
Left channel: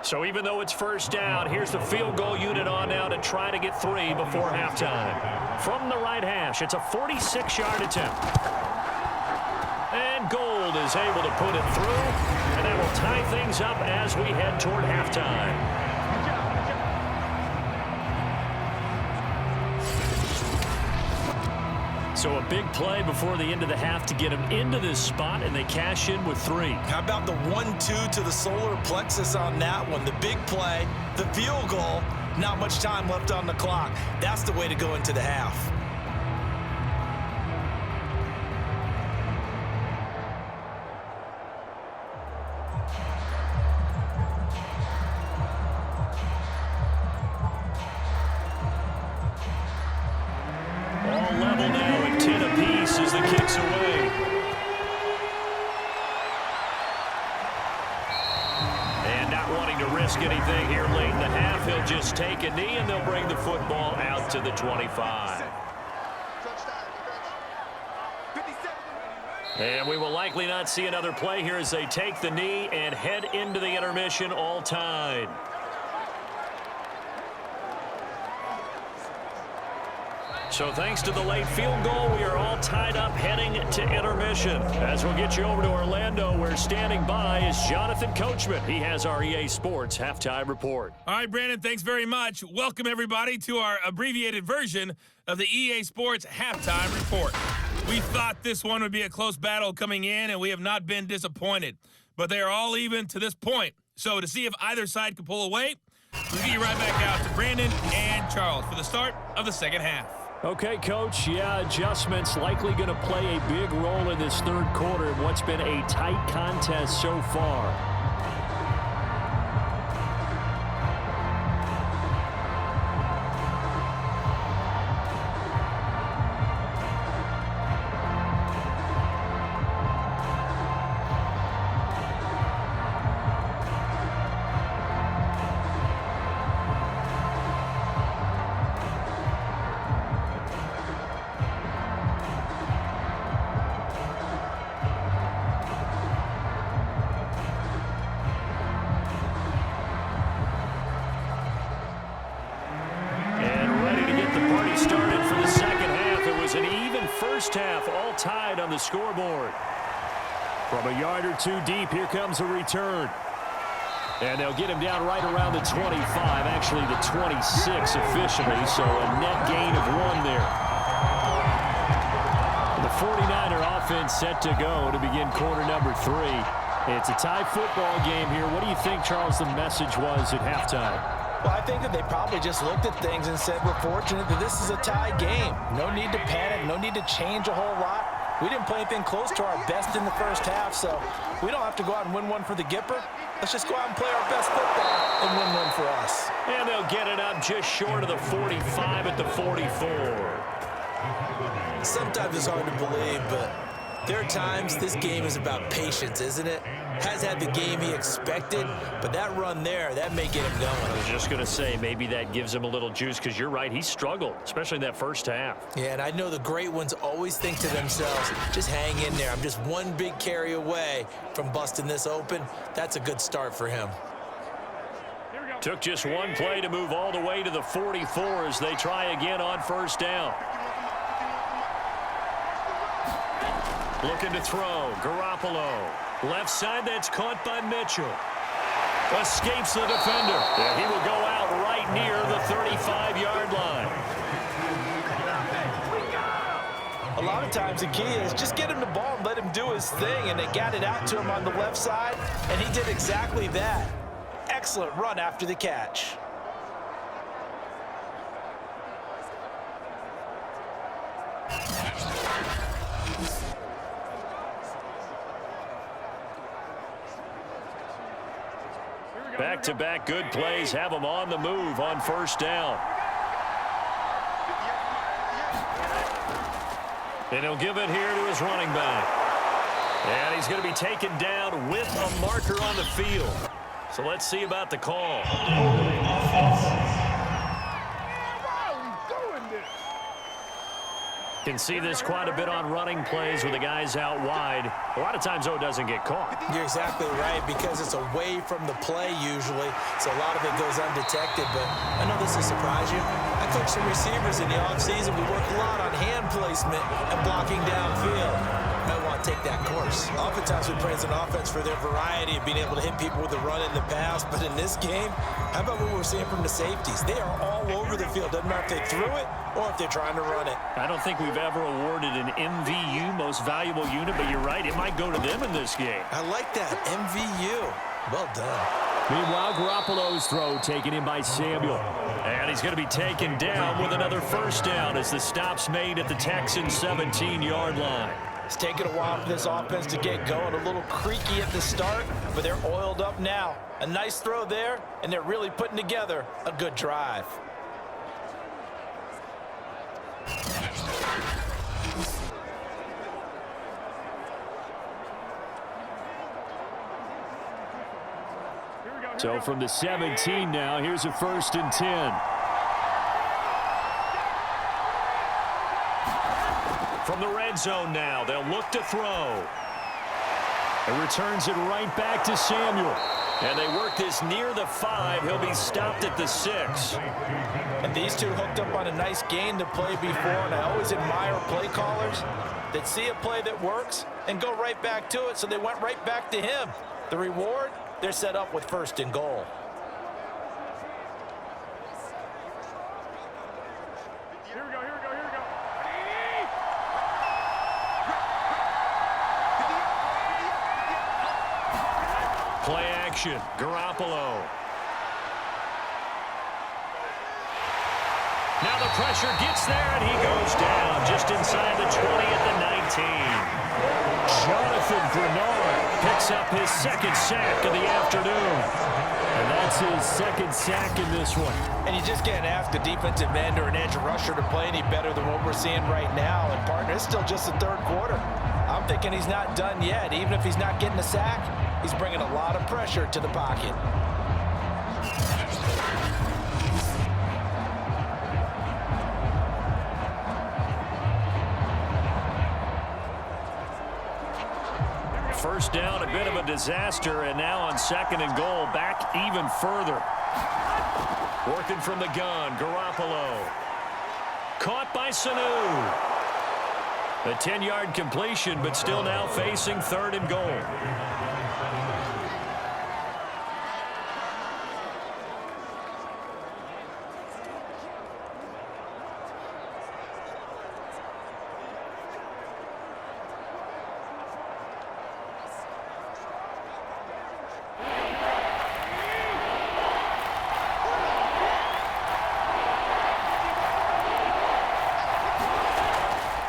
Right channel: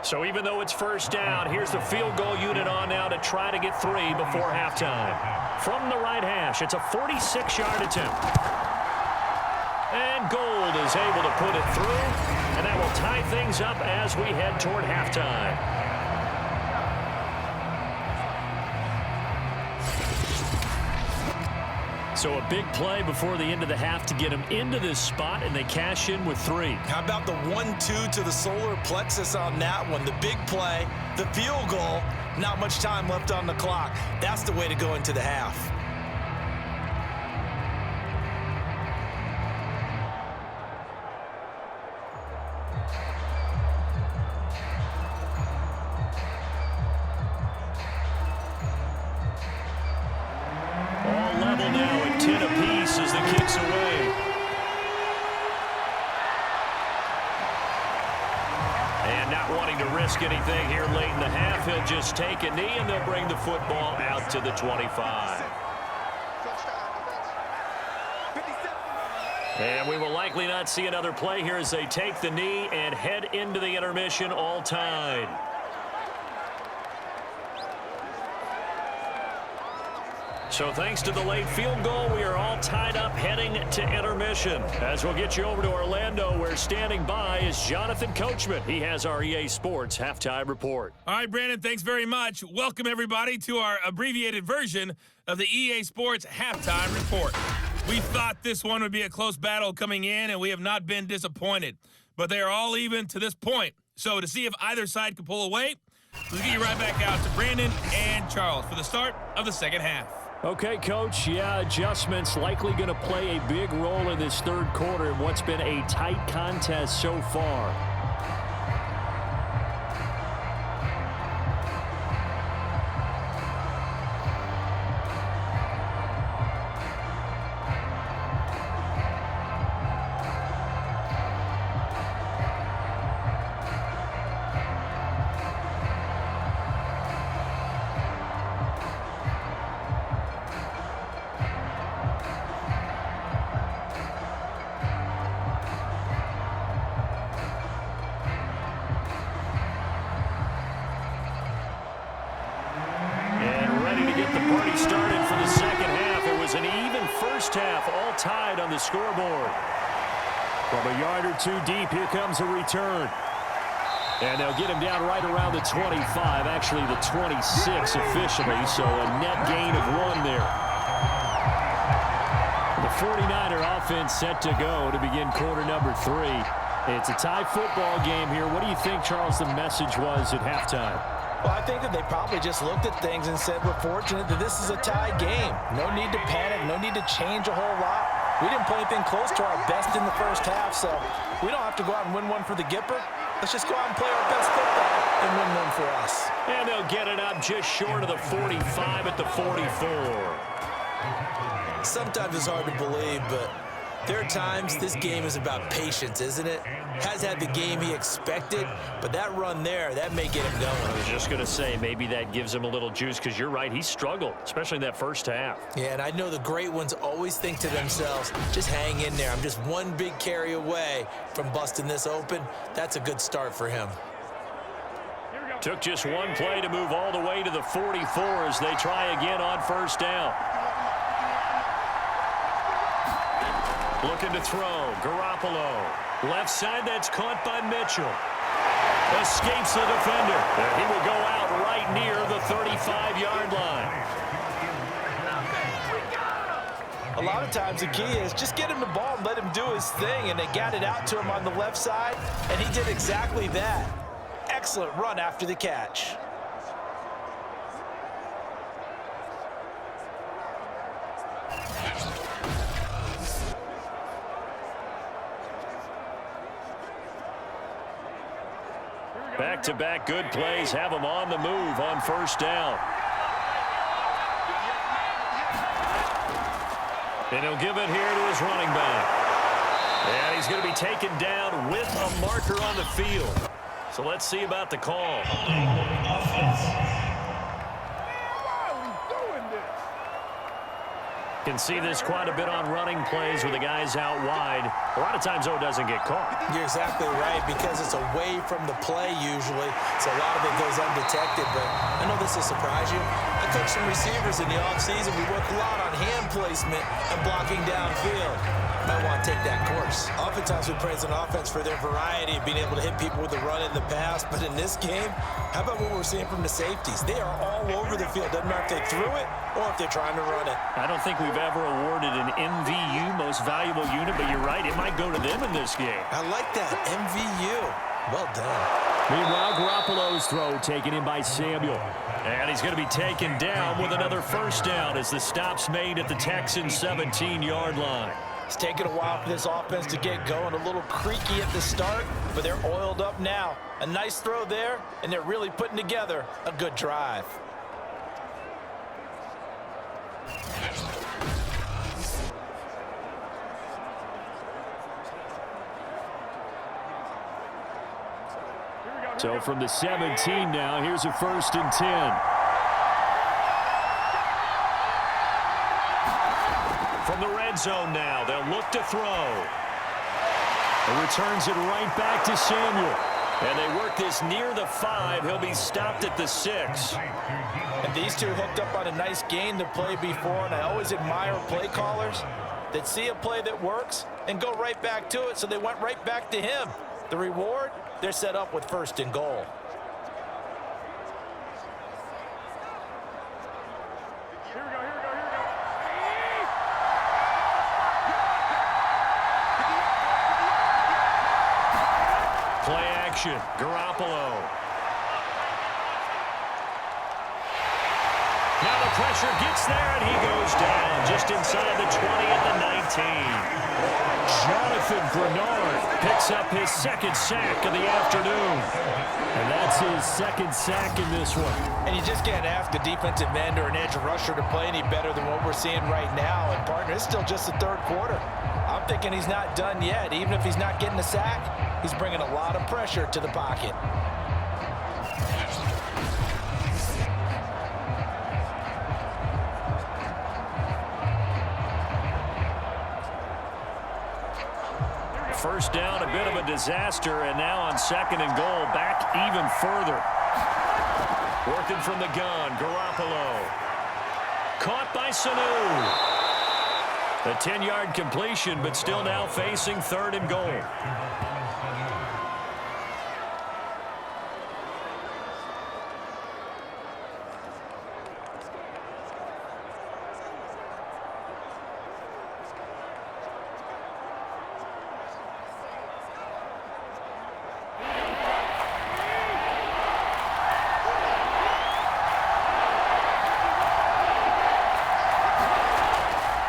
So even though it's first down, here's the field goal unit on now to try to get 3 before halftime. From the right hash, it's a 46-yard attempt. And Gold is able to put it through, and that will tie things up as we head toward halftime. So a big play before the end of the half to get them into this spot, and they cash in with 3. How about the 1-2 to the solar plexus on that one? The big play, the field goal, not much time left on the clock. That's the way to go into the half. All level now at 10 apiece as the kick's away. And not wanting to risk anything here late in the half, he'll just take a knee and they'll bring the football out to the 25. And we will likely not see another play here as they take the knee and head into the intermission, all tied. So thanks to the late field goal, we are all tied up heading to intermission. As we'll get you over to Orlando, where standing by is Jonathan Coachman. He has our EA Sports Halftime Report. All right, Brandon, thanks very much. Welcome, everybody, to our abbreviated version of the EA Sports Halftime Report. We thought this one would be a close battle coming in, and we have not been disappointed. But they are all even to this point. So to see if either side can pull away, we'll get you right back out to Brandon and Charles for the start of the second half. Okay, Coach, yeah, adjustments likely going to play a big role in this third quarter in what's been a tight contest so far. Started for the second half. It was an even first half, all tied on the scoreboard. From a yard or two deep, here comes a return. And they'll get him down right around the 25, actually the 26 officially, so a net gain of 1 there. The 49er offense set to go to begin quarter number 3. It's a tie football game here. What do you think, Charles, the message was at halftime? Well, I think that they probably just looked at things and said, we're fortunate that this is a tie game. No need to panic, no need to change a whole lot. We didn't play anything close to our best in the first half, so we don't have to go out and win one for the Gipper. Let's just go out and play our best football and win one for us. And they'll get it up just short of the 45 at the 44. Sometimes it's hard to believe, but there are times this game is about patience, isn't it? Has had the game he expected, but that run there, that may get him going. I was just going to say, maybe that gives him a little juice, because you're right, he struggled, especially in that first half. Yeah, and I know the great ones always think to themselves, just hang in there. I'm just one big carry away from busting this open. That's a good start for him. Took just one play to move all the way to the 44 as they try again on first down. Looking to throw, Garoppolo. Left side, that's caught by Mitchell. Escapes the defender. And he will go out right near the 35-yard line. A lot of times the key is just get him the ball and let him do his thing, and they got it out to him on the left side, and he did exactly that. Excellent run after the catch. Back-to-back good plays have him on the move on first down. And he'll give it here to his running back. And he's going to be taken down with a marker on the field. So let's see about the call. Can see this quite a bit on running plays with the guys out wide. A lot of times, though, it doesn't get caught. You're exactly right, because it's away from the play usually, so a lot of it goes undetected. But I know this will surprise you. I coach some receivers in the offseason. We work a lot on hand placement and blocking downfield. Might want to take that course. Oftentimes we praise an offense for their variety of being able to hit people with the run in the pass, but in this game, how about what we're seeing from the safeties? They are all over the field. Doesn't matter if they threw it or if they're trying to run it. I don't think we've ever awarded an MVU, most valuable unit, but you're right, it might go to them in this game. I like that, MVU. Well done. Meanwhile, Garoppolo's throw taken in by Samuel. And he's going to be taken down with another first down as the stop's made at the Texans' 17-yard line. It's taken a while for this offense to get going. A little creaky at the start, but they're oiled up now. A nice throw there, and they're really putting together a good drive. So from the 17 now, here's a 1st and 10. From the red zone now, they'll look to throw. And returns it right back to Samuel. And they work this near the 5. He'll be stopped at the 6. And these two hooked up on a nice gain to play before, and I always admire play callers that see a play that works and go right back to it, so they went right back to him. The reward, they're set up with 1st and goal. Here we go. Play action, Garoppolo. Now the pressure gets there, and he goes down just inside the 20 at the 19. Jonathan Grenard picks up his second sack of the afternoon. And that's his second sack in this one. And you just can't ask a defensive end or an edge rusher to play any better than what we're seeing right now. And, partner, it's still just the third quarter. I'm thinking he's not done yet. Even if he's not getting a sack, he's bringing a lot of pressure to the pocket. First down, a bit of a disaster, and now on second and goal, back even further. Working from the gun, Garoppolo. Caught by Sanu. A 10-yard completion, but still now facing third and goal.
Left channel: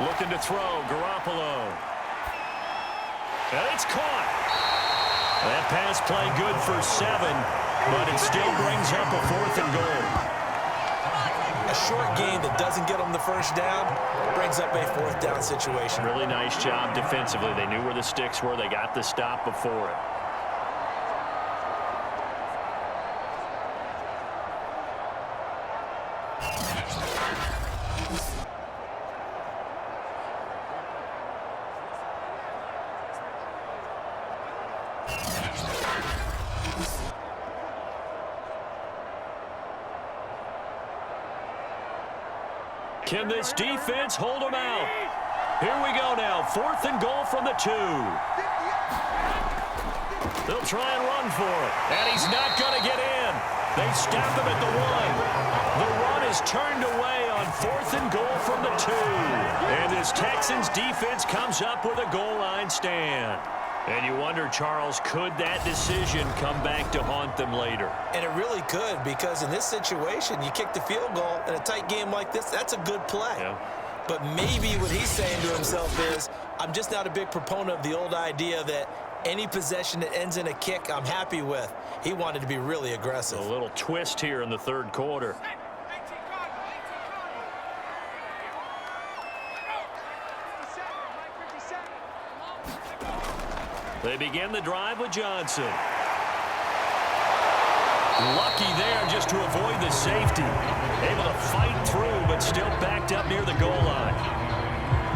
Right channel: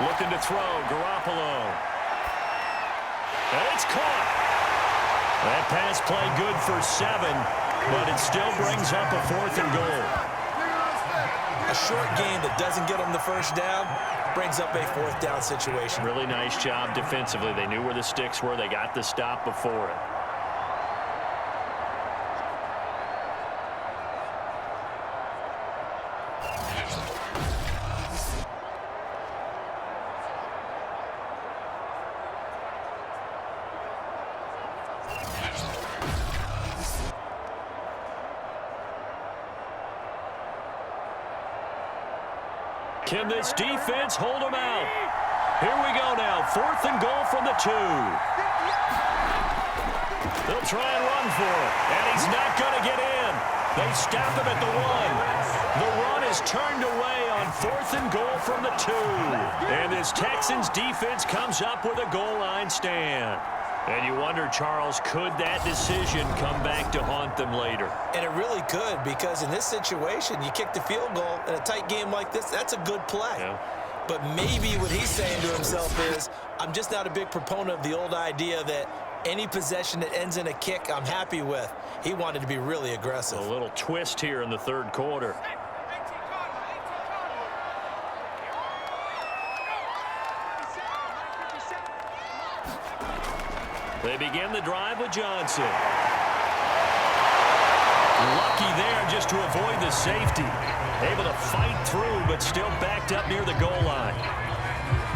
Looking to throw, Garoppolo. And it's caught. That pass play good for 7, but it still brings up a 4th and goal. A short game that doesn't get them the first down brings up a 4th down situation. Really nice job defensively. They knew where the sticks were. They got the stop before it. Can this defense hold them out? Here we go now. 4th and goal from the 2. They'll try and run for it. And he's not going to get in. They stop him at the 1. The run is turned away on 4th and goal from the 2. And this Texans defense comes up with a goal line stand. And you wonder, Charles, could that decision come back to haunt them later? And it really could, because in this situation, you kick the field goal in a tight game like this, that's a good play. Yeah. But maybe what he's saying to himself is, I'm just not a big proponent of the old idea that any possession that ends in a kick I'm happy with. He wanted to be really aggressive. A little twist here in the third quarter. They begin the drive with Johnson. Lucky there just to avoid the safety. Able to fight through, but still backed up near the goal line.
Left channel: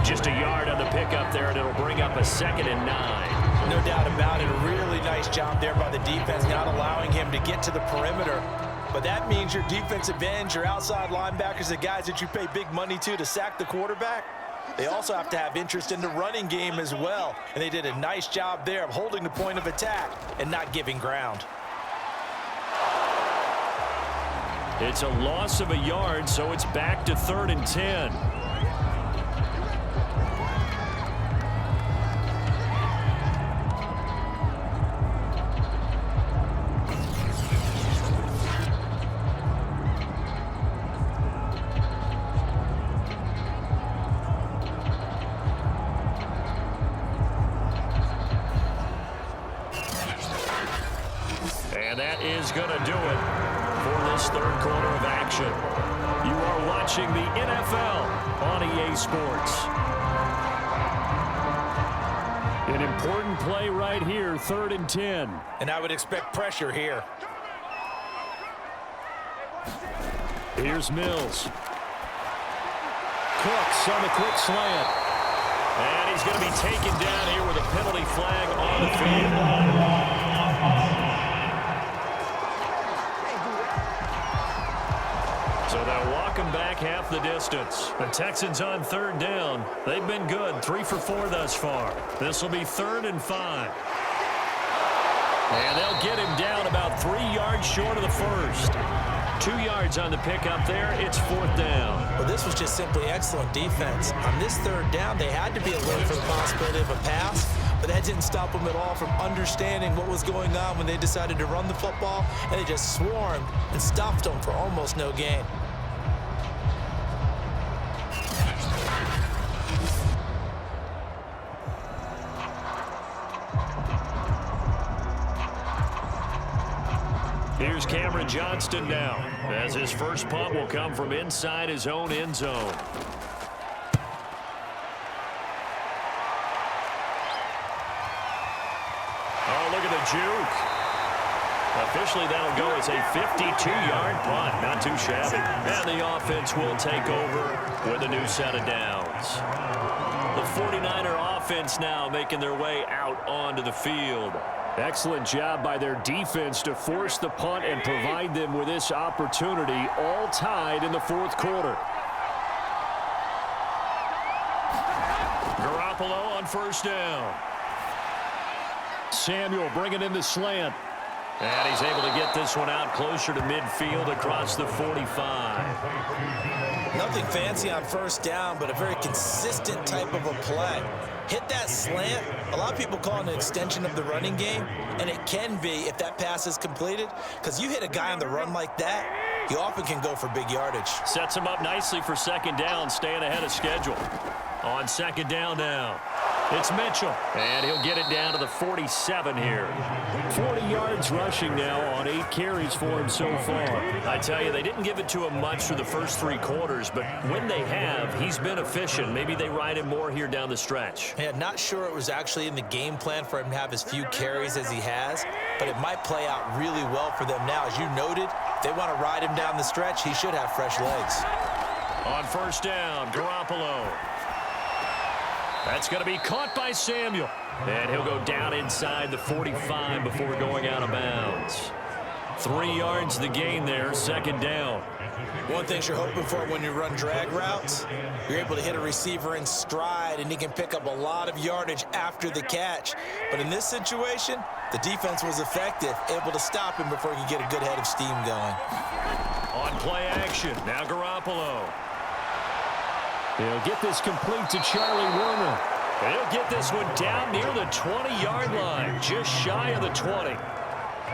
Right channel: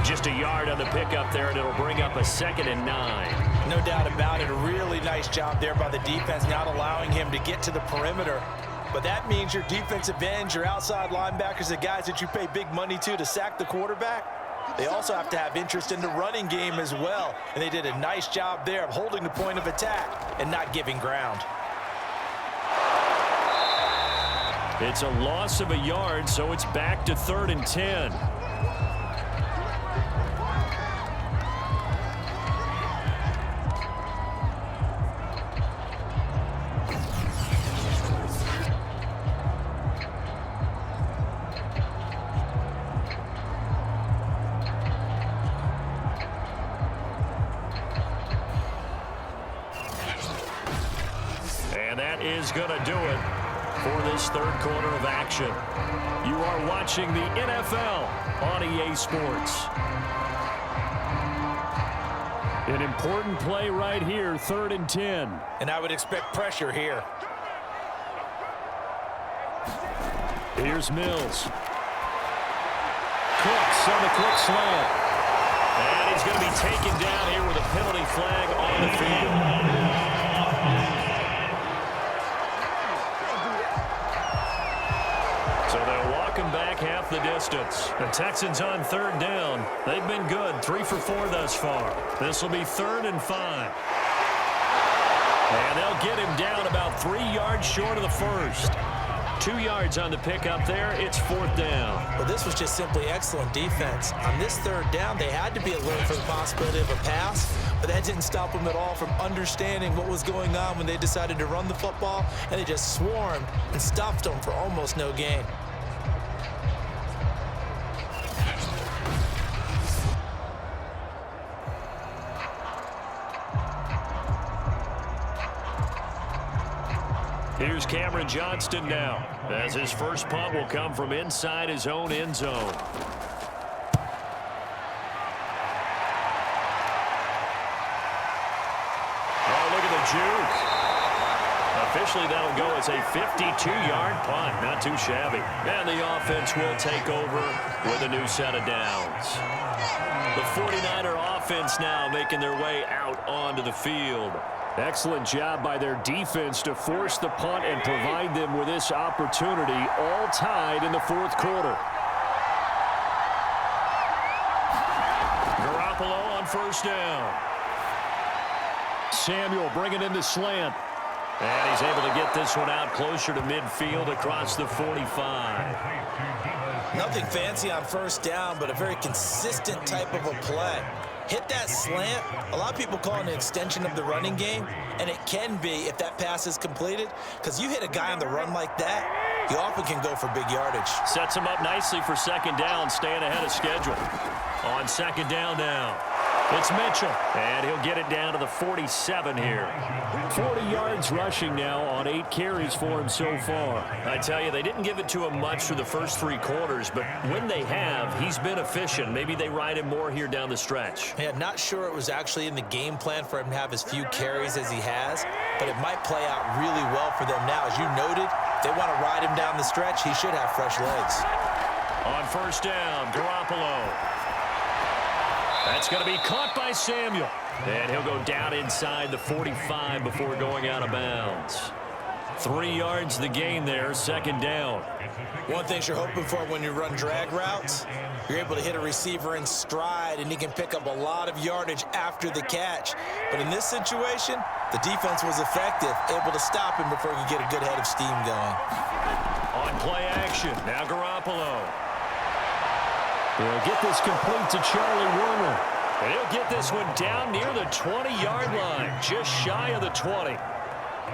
Just a yard on the pickup there, and it'll bring up a 2nd and 9. No doubt about it. A really nice job there by the defense, not allowing him to get to the perimeter. But that means your defensive ends, your outside linebackers, the guys that you pay big money to sack the quarterback, they also have to have interest in the running game as well. And they did a nice job there of holding the point of attack and not giving ground. It's a loss of a yard, so it's back to 3rd and 10. And that is going to do it for this third quarter of action. You are watching the NFL on EA Sports. An important play right here, 3rd and 10. And I would expect pressure here. Here's Mills. Cooks on the quick slant. And he's going to be taken down here with a penalty flag on the field. So they'll walk him back half the distance. The Texans on 3rd down. They've been good, 3 for 4 thus far. This will be 3rd and 5. And they'll get him down about 3 yards short of the first. 2 yards on the pickup there. It's 4th down. Well, this was just simply excellent defense. On this 3rd down, they had to be alert for the possibility of a pass, but that didn't stop them at all from understanding what was going on when they decided to run the football, and they just swarmed and stuffed them for almost no gain. Here's Cameron Johnston now, as his first punt will come from inside his own end zone. Oh, look at the juke. Officially, that'll go as a 52-yard punt. Not too shabby. And the offense will take over with a new set of downs. The 49er offense now making their way out onto the field. Excellent job by their defense to force the punt and provide them with this opportunity, all tied in the fourth quarter. Garoppolo on first down. Samuel bringing in the slant. And he's able to get this one out closer to midfield across the 45. Nothing fancy on first down, but a very consistent type of a play. Hit that slant. A lot of people call it an extension of the running game, and it can be if that pass is completed, because you hit a guy on the run like that, you often can go for big yardage. Sets him up nicely for second down, staying ahead of schedule. On second down now, it's Mitchell, and he'll get it down to the 47 here. 40 yards rushing now on 8 carries for him so far. I tell you, they didn't give it to him much through the first 3 quarters, but when they have, he's been efficient. Maybe they ride him more here down the stretch. Yeah, not sure it was actually in the game plan for him to have as few carries as he has, but it might play out really well for them now. As you noted, if they want to ride him down the stretch, he should have fresh legs. On first down, Garoppolo. That's going to be caught by Samuel. And he'll go down inside the 45 before going out of bounds. 3 yards the gain there, second down. One thing you're hoping for when you run drag routes, you're able to hit a receiver in stride, and he can pick up a lot of yardage after the catch. But in this situation, the defense was effective, able to stop him before he could get a good head of steam going. On play action, now Garoppolo. He'll get this complete to Charlie Werner. And he'll get this one down near the 20-yard line, just shy of the 20.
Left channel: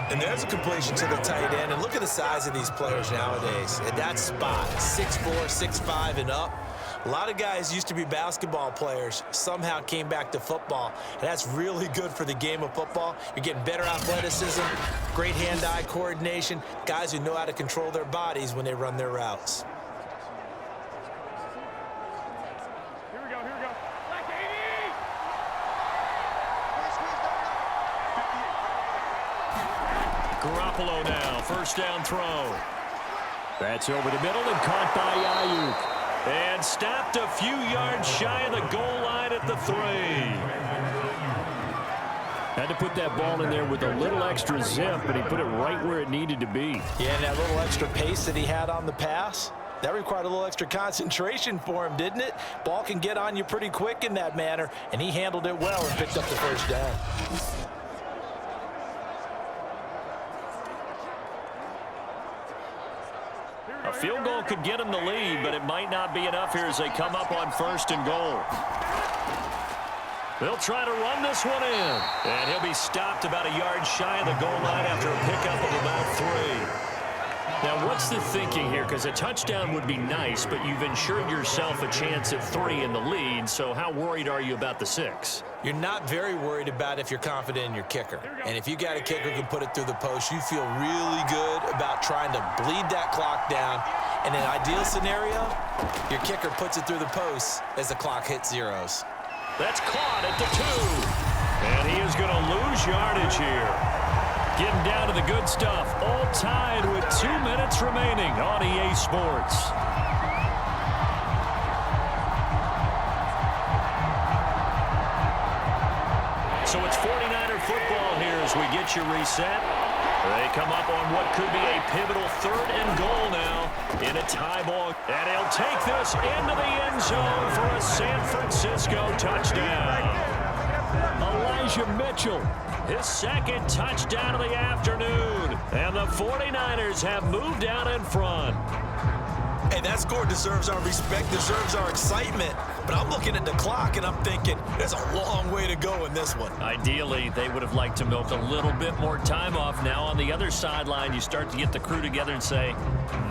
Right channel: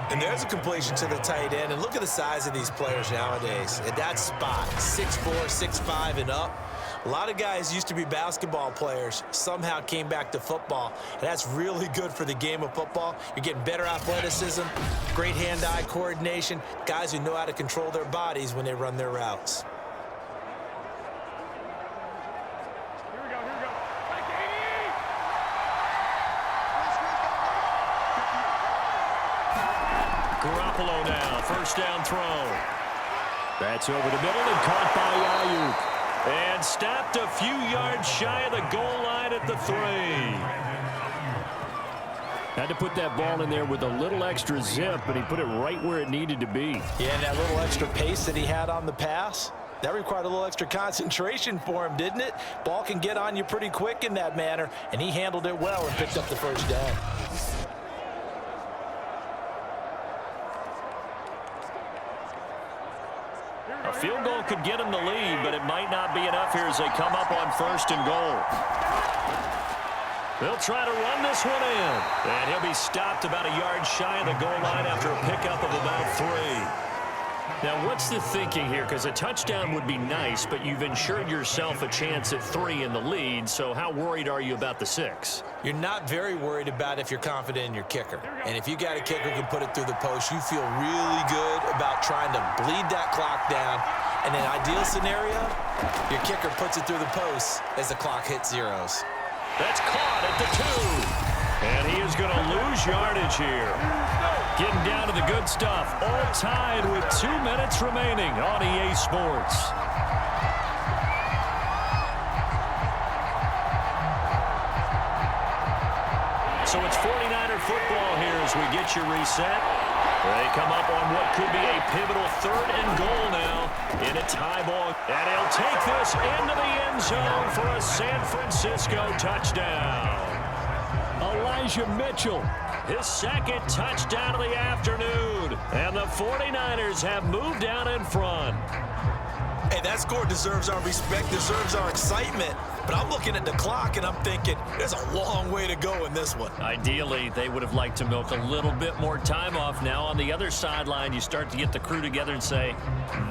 And there's a completion to the tight end. And look at the size of these players nowadays. At that spot, 6'4", 6'5", and up. A lot of guys used to be basketball players, somehow came back to football. And that's really good for the game of football. You're getting better athleticism, great hand-eye coordination, guys who know how to control their bodies when they run their routes. Garoppolo now, first down throw. That's over the middle and caught by Ayuk. And stopped a few yards shy of the goal line at the 3. Had to put that ball in there with a little extra zip, but he put it right where it needed to be. Yeah, and that little extra pace that he had on the pass, that required a little extra concentration for him, didn't it? Ball can get on you pretty quick in that manner, and he handled it well and picked up the first down. A field goal could get him the lead, but it might not be enough here as they come up on first and goal. They'll try to run this one in. And he'll be stopped about a yard shy of the goal line after a pickup of about 3. Now, what's the thinking here? Because a touchdown would be nice, but you've ensured yourself a chance at 3 in the lead, so how worried are you about the 6? You're not very worried about if you're confident in your kicker. And if you got a kicker who can put it through the post, you feel really good about trying to bleed that clock down. In an ideal scenario, your kicker puts it through the post as the clock hits zeros. That's caught at the 2. And he is going to lose yardage here. Getting down to the good stuff. All tied with 2 minutes remaining on EA Sports. So it's 49er football here as we get you reset. They come up on what could be a pivotal 3rd and goal now in a tie ball. And he'll take this into the end zone for a San Francisco touchdown. Elijah Mitchell, his 2nd touchdown of the afternoon. And the 49ers have moved down in front. Hey, that score deserves our respect, deserves our excitement. But I'm looking at the clock, and I'm thinking there's a long way to go in this one. Ideally, they would have liked to milk a little bit more time off. Now on the other sideline, you start to get the crew together and say,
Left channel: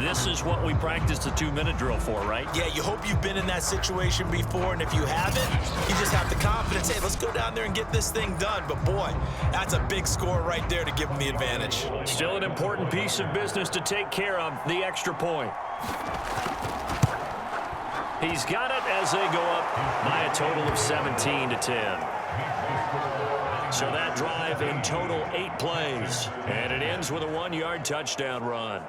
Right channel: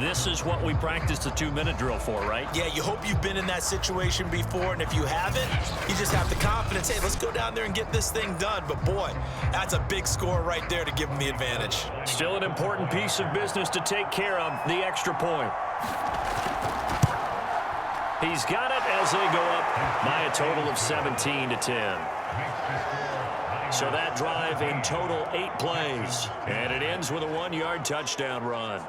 this is what we practiced the 2-minute drill for, right? Yeah, you hope you've been in that situation before, and if you haven't, you just have the confidence, hey, let's go down there and get this thing done. But boy, that's a big score right there to give them the advantage. Still an important piece of business to take care of, the extra point. He's got it as they go up by a total of 17-10. So that drive in total 8 plays. And it ends with a 1-yard touchdown run.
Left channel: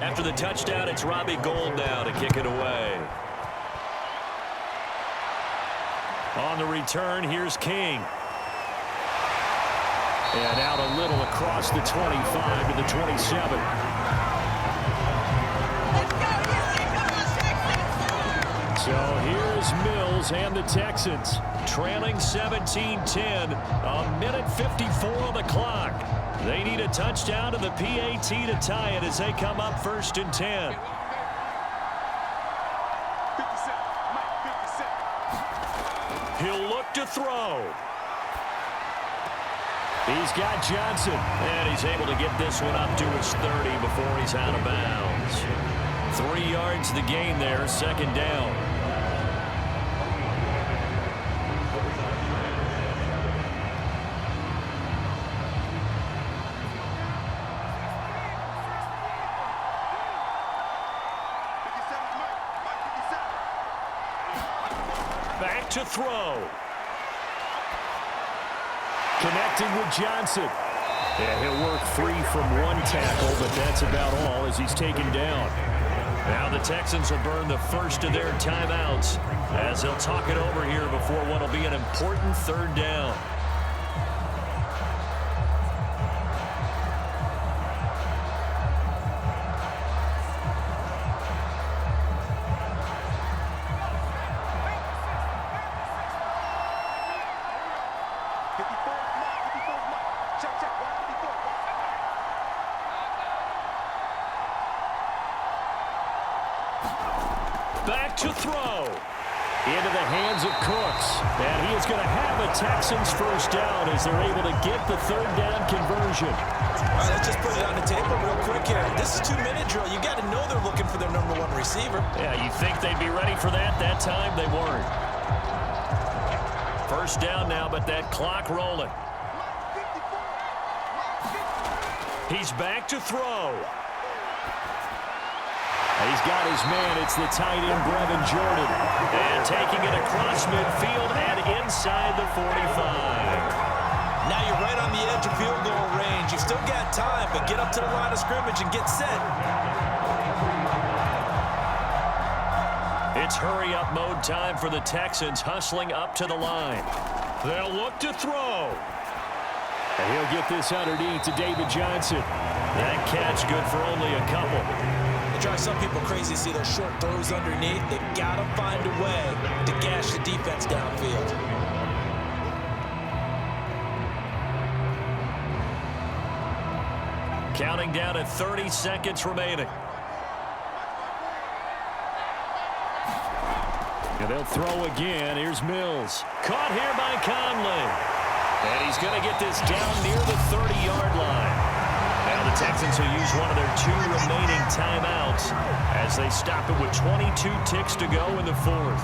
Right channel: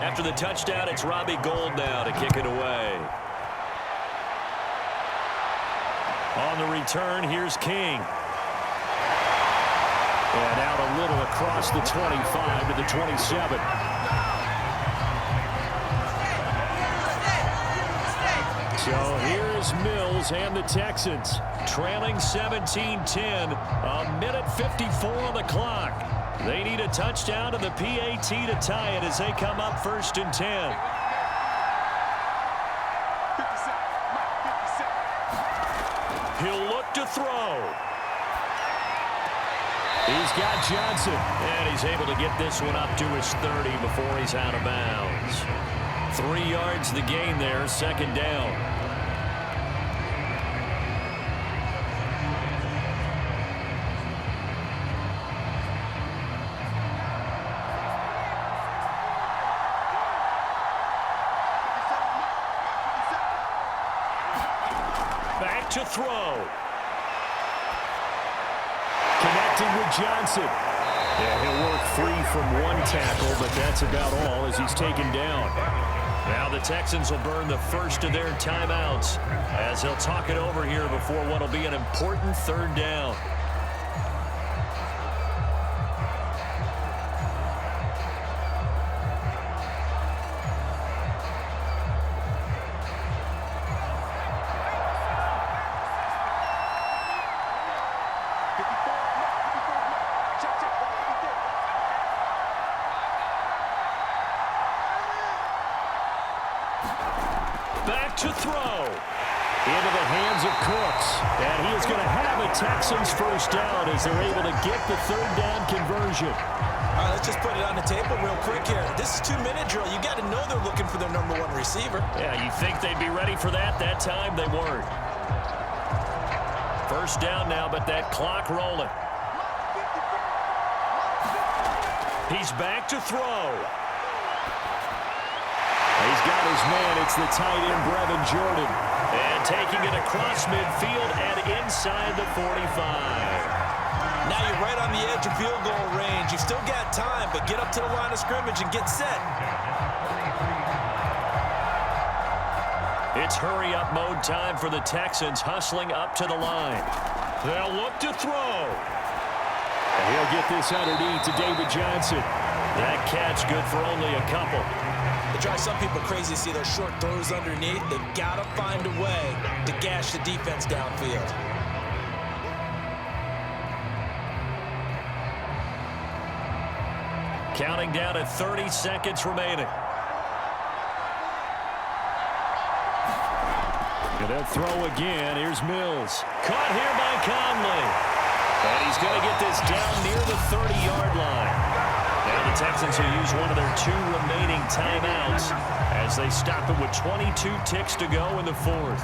After the touchdown, it's Robbie Gould now to kick it away. On the return, here's King. And out a little across the 25 to the 27. So here's Mills and the Texans trailing 17-10, a minute 54 on the clock. They need a touchdown to the PAT to tie it as they come up 1st and 10. 57. Mike, 57. He'll look to throw. He's got Johnson, and he's able to get this one up to his 30 before he's out of bounds. 3 yards the gain there, 2nd down. Back to throw. Connecting with Johnson. Yeah, he'll work free from 1 tackle, but that's about all as he's taken down. Now the Texans will burn the first of their timeouts as they'll talk it over here before what will be an important 3rd down. Back to throw. Into the hands of Cooks. And he is going to have a Texans first down as they're able to get the 3rd down conversion. All right, let's just put it on the table real quick here. This is 2-minute drill. You got to know they're looking for their number 1 receiver. Yeah, you think they'd be ready for that? That time they weren't. First down now, but that clock rolling. He's back to throw. He's got his man. It's the tight end, Brevin Jordan. And taking it across midfield and inside the 45. Now you're right on the edge of field goal range. You've still got time, but get up to the line of scrimmage and get set. It's hurry-up mode time for the Texans, hustling up to the line. They'll look to throw. And he'll get this underneath to David Johnson. That catch good for only a couple. It drives some people crazy to see those short throws underneath. They've got to find a way to gash the defense downfield. Counting down at 30 seconds remaining. And they'll throw again. Here's Mills. Caught here by Conley. And he's going to get this down near the 30-yard line. Now the Texans will use one of their 2 remaining timeouts as they stop it with 22 ticks to go in the 4th.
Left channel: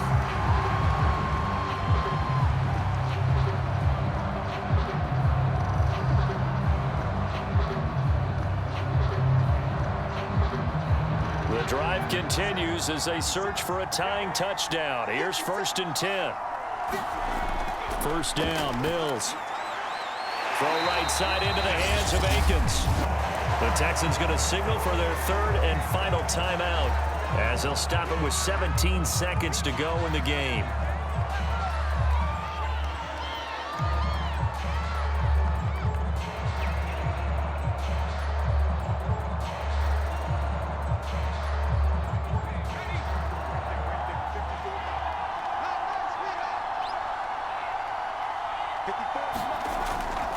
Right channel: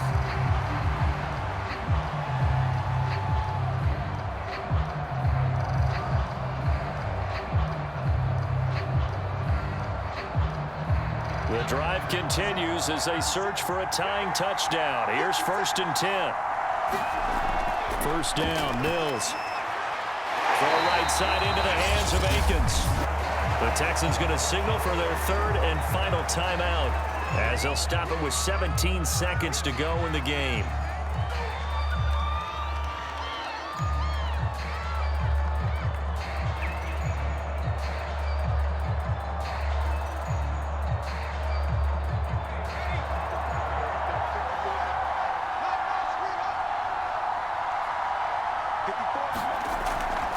The drive continues as they search for a tying touchdown. Here's 1st and 10. First down, Mills. Throw right side into the hands of Akins. The Texans going to signal for their 3rd and final timeout as they'll stop it with 17 seconds to go in the game.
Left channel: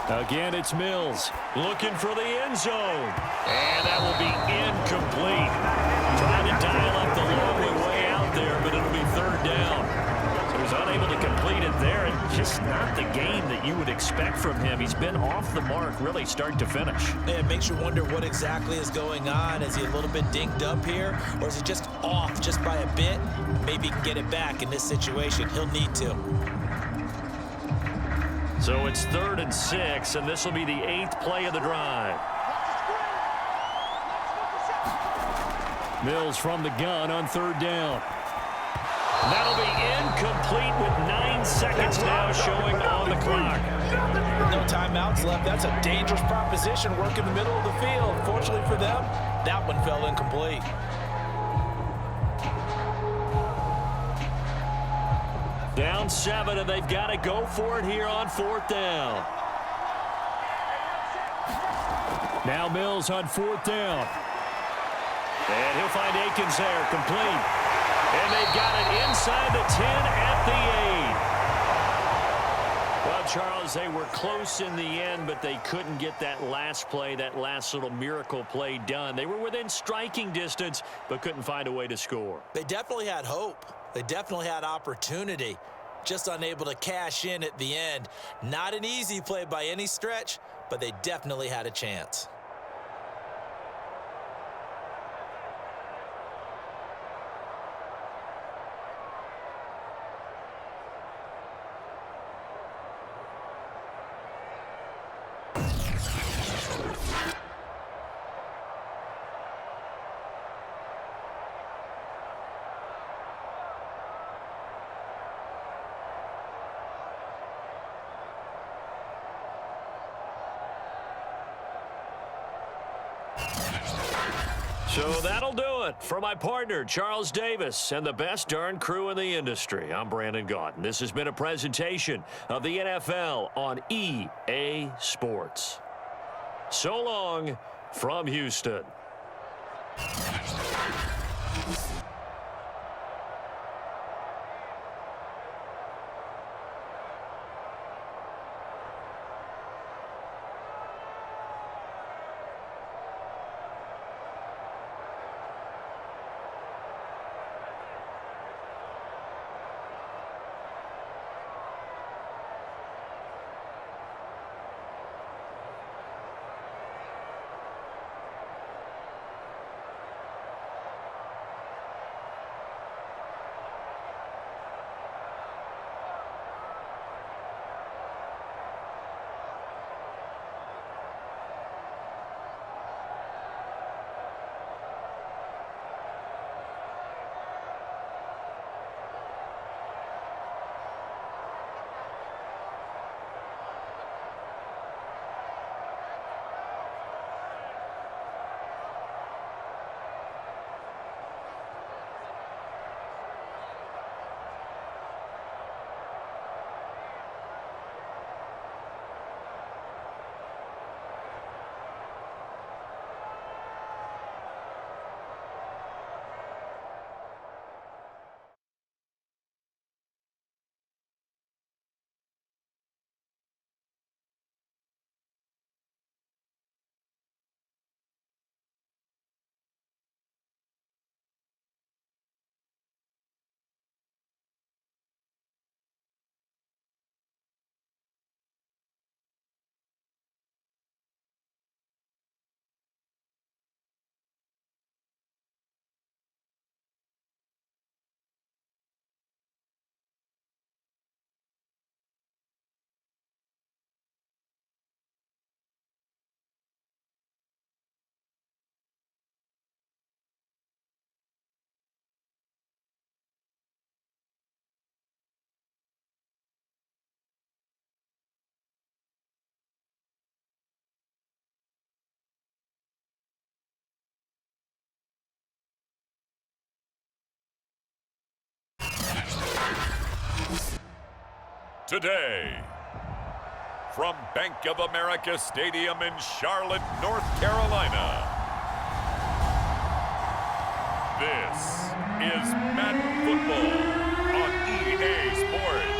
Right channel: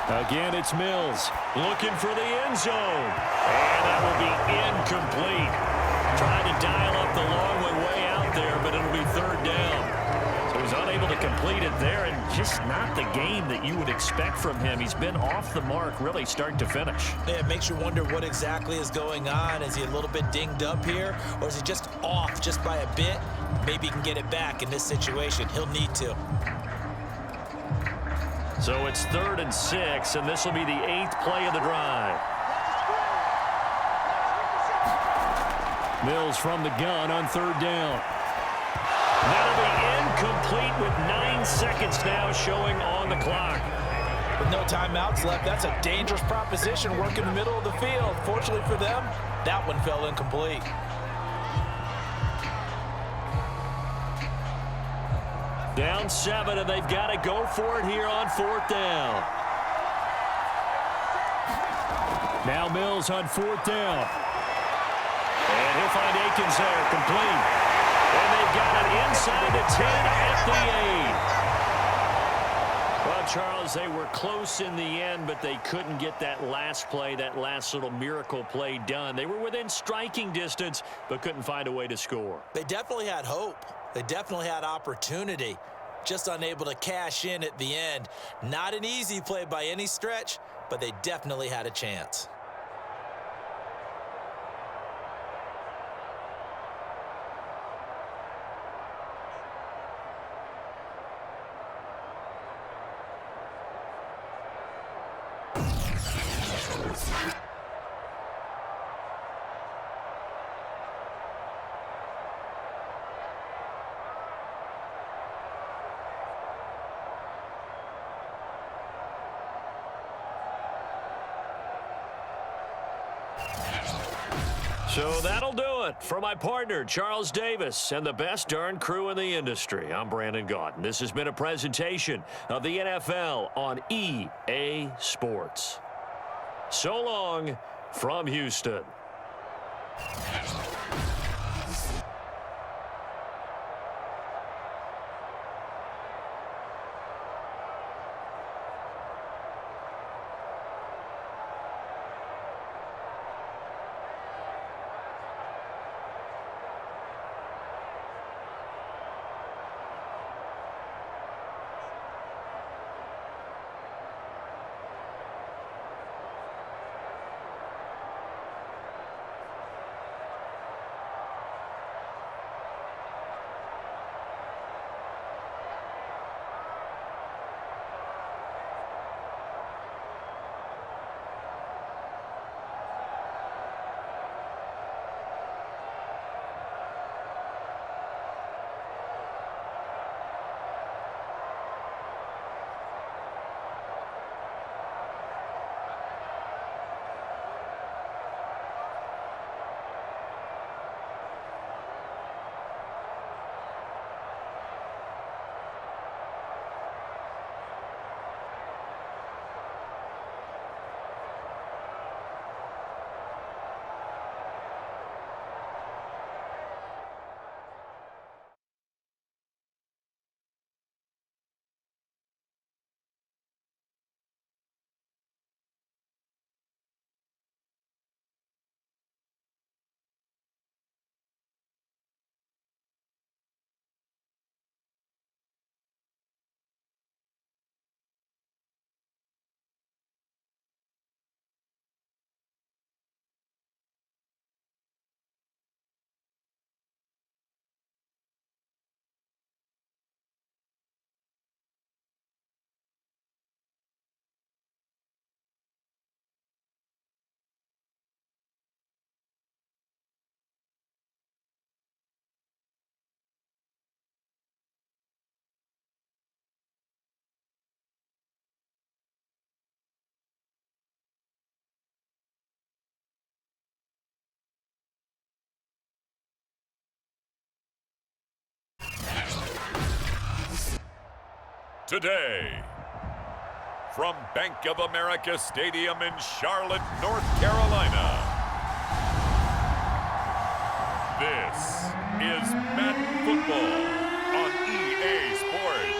Again, it's Mills looking for the end zone. And that will be incomplete. Trying to dial up the long way out there, but it'll be third down. So he's unable to complete it there, and just not the game that you would expect from him. He's been off the mark really start to finish. Yeah, it makes you wonder what exactly is going on. Is he a little bit dinged up here, or is he just off just by a bit? Maybe he can get it back in this situation. He'll need to. So it's 3rd and 6, and this will be the 8th play of the drive. Mills from the gun on 3rd down. That'll be incomplete with 9 seconds now showing on the clock. With no timeouts left, that's a dangerous proposition. Work in the middle of the field. Fortunately for them, that one fell incomplete. Down 7, and they've got to go for it here on 4th down. Now Mills on 4th down. And he'll find Akins there, complete. And they've got it inside the 10 at the 8. Well, Charles, they were close in the end, but they couldn't get that last play, that last little miracle play done. They were within striking distance, but couldn't find a way to score. They definitely had hope. They definitely had opportunity, just unable to cash in at the end. Not an easy play by any stretch, but they definitely had a chance. So that'll do it for my partner, Charles Davis, and the best darn crew in the industry. I'm Brandon Gaudin. This has been a presentation of the NFL on EA Sports. So long from Houston. today. From Bank of America Stadium in Charlotte, North Carolina, this is Madden Football on EA Sports.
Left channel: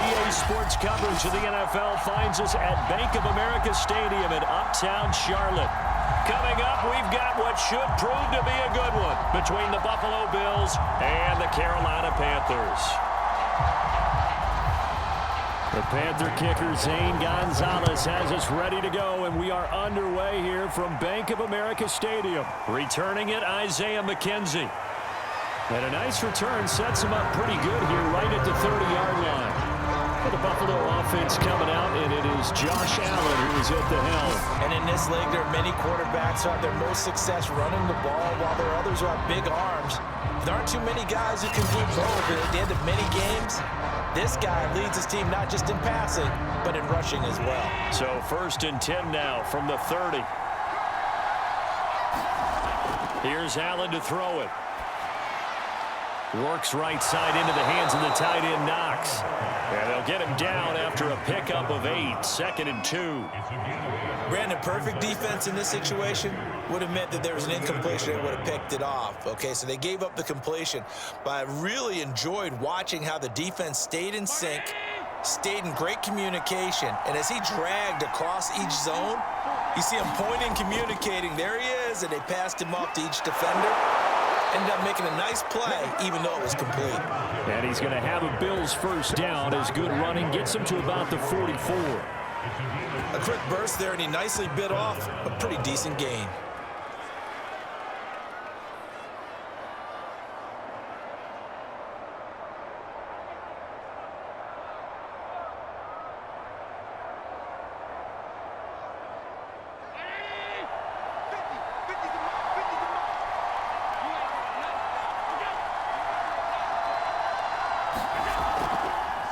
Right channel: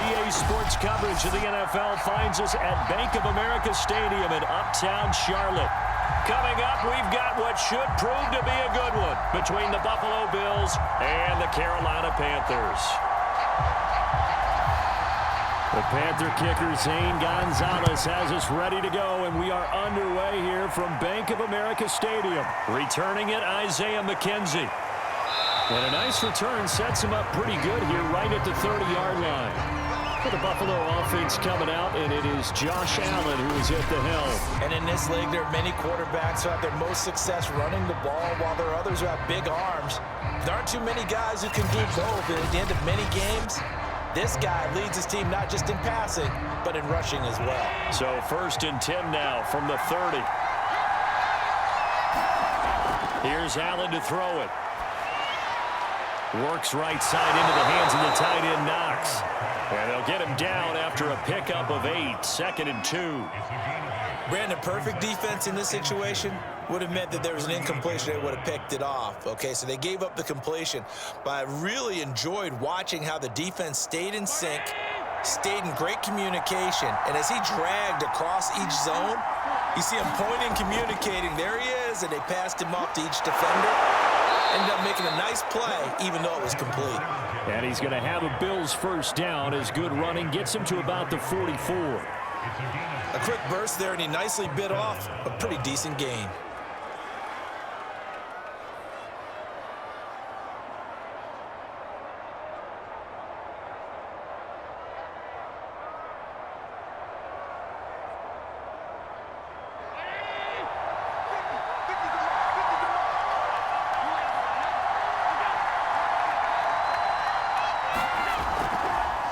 EA Sports coverage of the NFL finds us at Bank of America Stadium in Uptown Charlotte. Coming up, we've got what should prove to be a good one between the Buffalo Bills and the Carolina Panthers. The Panther kicker, Zane Gonzalez, has us ready to go, and we are underway here from Bank of America Stadium. Returning it, Isaiah McKenzie. And a nice return sets him up pretty good here right at the 30-yard line. For the Buffalo offense coming out, and it is Josh Allen who is at the helm. And in this league, there are many quarterbacks who have their most success running the ball, while there are others who have big arms. There aren't too many guys who can do both, and at the end of many games, this guy leads his team not just in passing, but in rushing as well. So 1st and 10 now from the 30. Here's Allen to throw it. Works right side into the hands of the tight end, Knox. And they'll get him down after a pickup of 8, 2nd and 2. Brandon, perfect defense in this situation would have meant that there was an incompletion. They would have picked it off. Okay, so they gave up the completion. But I really enjoyed watching how the defense stayed in sync, stayed in great communication. And as he dragged across each zone, you see him pointing, communicating. There he is, and they passed him off to each defender. Ended up making a nice play, even though it was complete. And he's going to have a Bills first down as good running gets him to about the 44. A quick burst there, and he nicely bit off a pretty decent gain.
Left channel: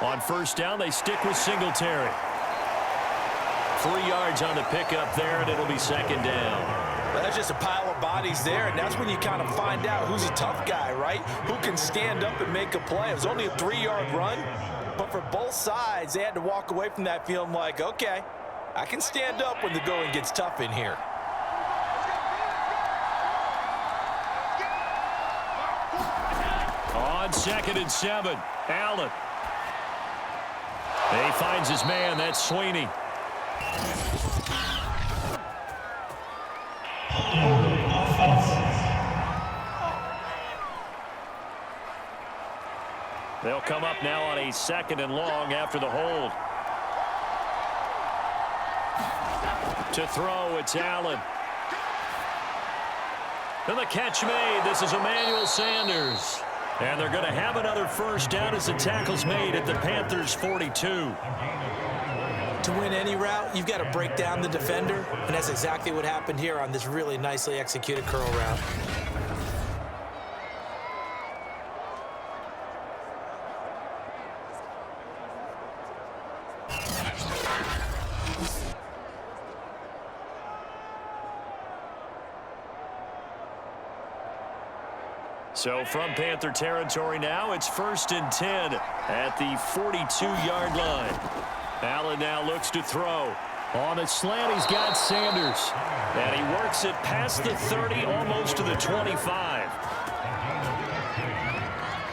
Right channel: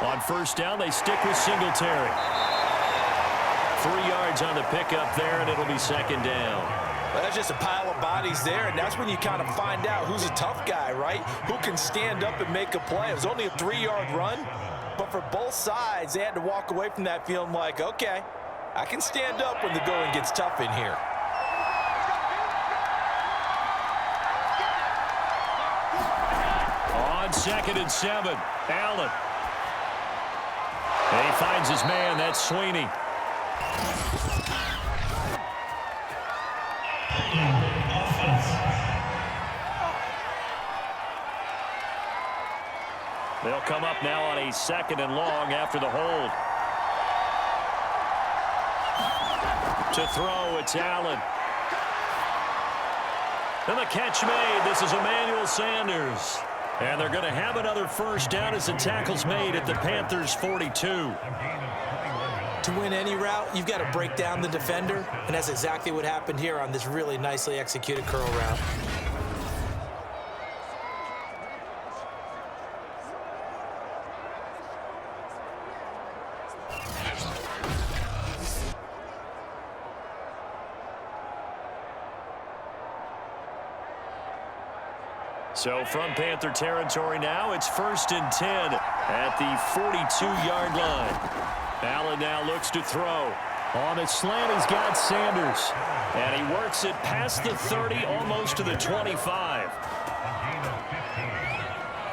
On first down, they stick with Singletary. 3 yards on the pickup there, and it'll be 2nd down. Well, that's just a pile of bodies there, and that's when you kind of find out who's a tough guy, right? Who can stand up and make a play. It was only a 3-yard run, but for both sides, they had to walk away from that feeling like, okay, I can stand up when the going gets tough in here. On 2nd and 7, Allen. And he finds his man, that's Sweeney. They'll come up now on a 2nd and long after the hold. To throw, it's Allen. And the catch made. This is Emmanuel Sanders. And they're going to have another first down as the tackle's made at the Panthers' 42. To win any route, you've got to break down the defender, and that's exactly what happened here on this really nicely executed curl route. So from Panther territory now, it's 1st and 10 at the 42-yard line. Allen now looks to throw. On a slant, he's got Sanders. And he works it past the 30, almost to the 25.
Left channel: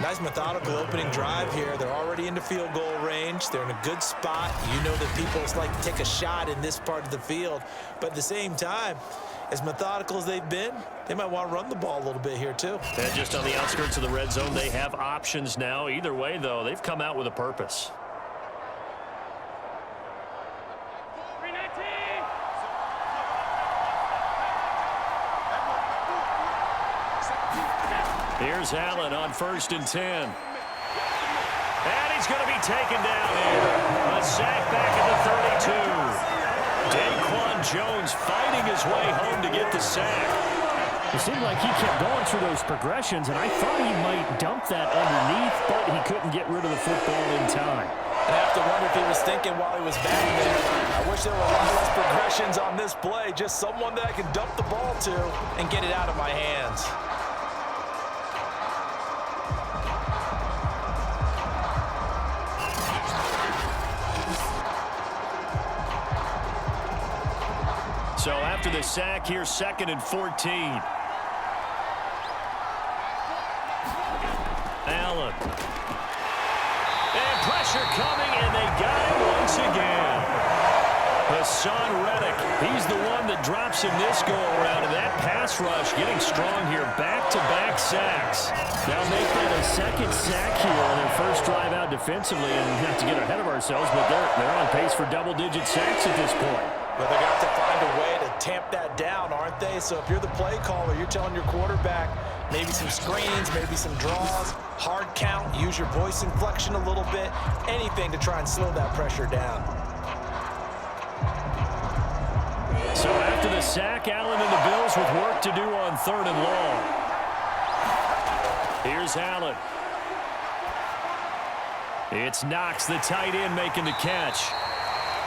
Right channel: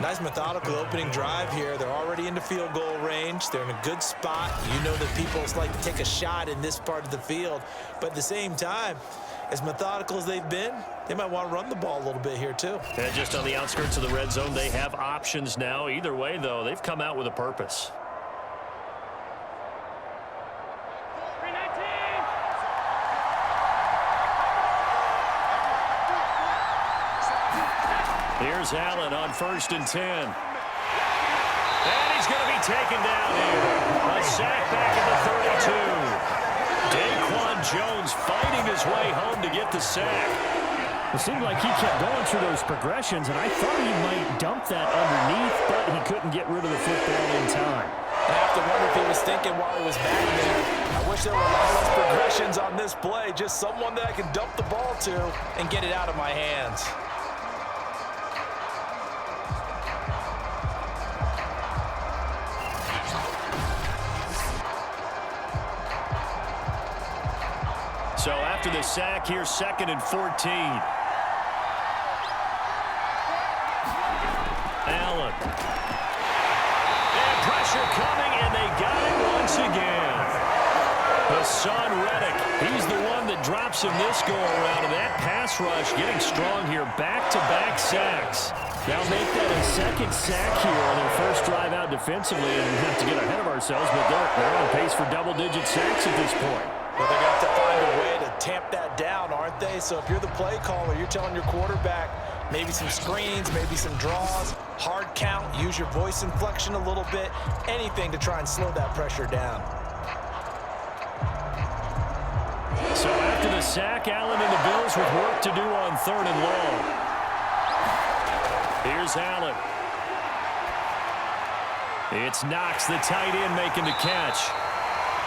Nice methodical opening drive here. They're already into field goal range. They're in a good spot. You know that people like to take a shot in this part of the field. But at the same time, as methodical as they've been, they might want to run the ball a little bit here too. And just on the outskirts of the red zone, they have options now. Either way, though, they've come out with a purpose. Here's Allen on 1st and 10. And he's going to be taken down here. A sack back at the 32. Daquan Jones fighting his way home to get the sack. It seemed like he kept going through those progressions, and I thought he might dump that underneath, but he couldn't get rid of the football in time. I have to wonder if he was thinking while he was back there, I wish there were a lot less progressions on this play, just someone that I can dump the ball to and get it out of my hands. So after the sack, here's 2nd and 14. Allen. And pressure coming, and they got him once again. Hassan Reddick, he's the one that drops him this go-around, and that pass rush getting strong here. Back-to-back sacks. Now make that a 2nd sack here on their first drive out defensively, and not to get ahead of ourselves, but they're on pace for double-digit sacks at this point. But they're going to have to find a way to tamp that down, aren't they? So if you're the play caller, you're telling your quarterback maybe some screens, maybe some draws, hard count, use your voice inflection a little bit, anything to try and slow that pressure down. So after the sack, Allen and the Bills with work to do on 3rd and long. Here's Allen. It's Knox, the tight end, making the catch.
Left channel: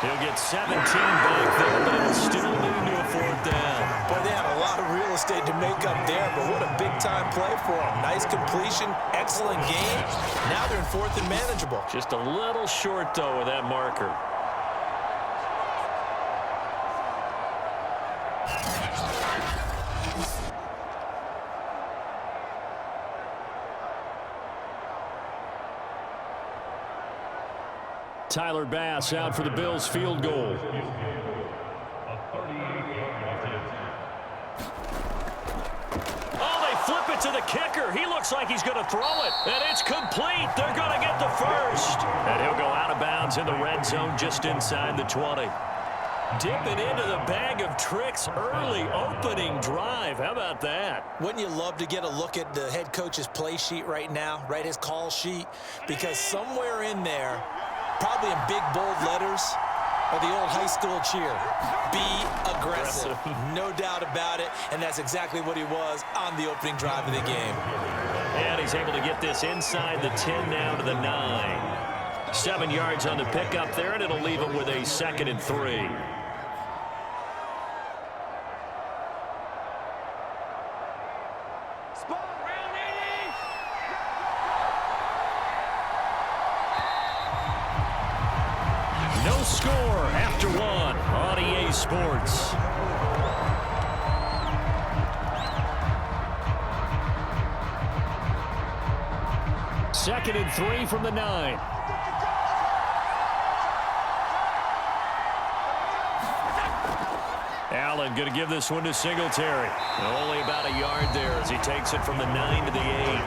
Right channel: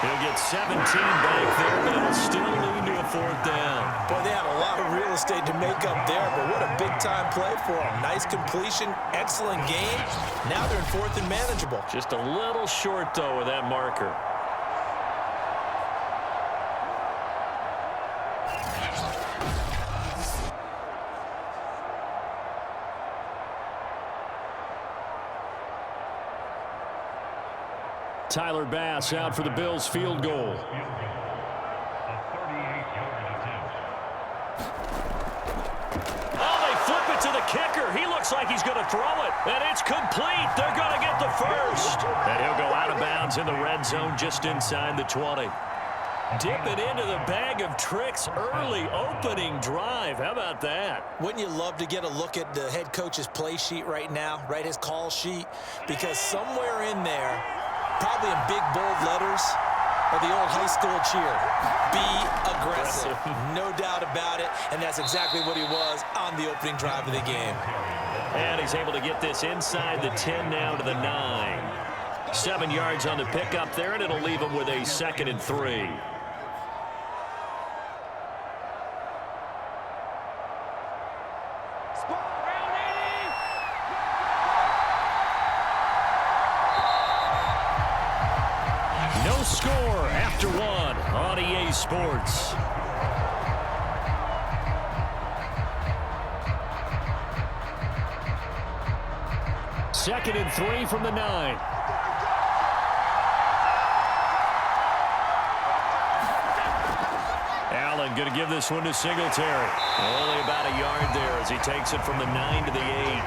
He'll get 17 back there, but it'll still lead to a 4th down. Boy, they had a lot of real estate to make up there, but what a big-time play for them. Nice completion, excellent game. Now they're in 4th and manageable. Just a little short, though, with that marker. Tyler Bass out for the Bills field goal. Oh, they flip it to the kicker. He looks like he's going to throw it, and it's complete. They're going to get the first. And he'll go out of bounds in the red zone just inside the 20. Dipping into the bag of tricks early opening drive. How about that? Wouldn't you love to get a look at the head coach's play sheet right now, right, his call sheet? Because somewhere in there, probably in big, bold letters, are the old high school cheer. Be aggressive. No doubt about it, and that's exactly what he was on the opening drive of the game. And he's able to get this inside the 10 now to the 9. 7 yards on the pickup there, and it'll leave him with a 2nd and 3. No score after 1 on EA Sports. Second and 3 from the 9. Allen going to give this one to Singletary. Only about a yard there as he takes it from the 9 to the 8.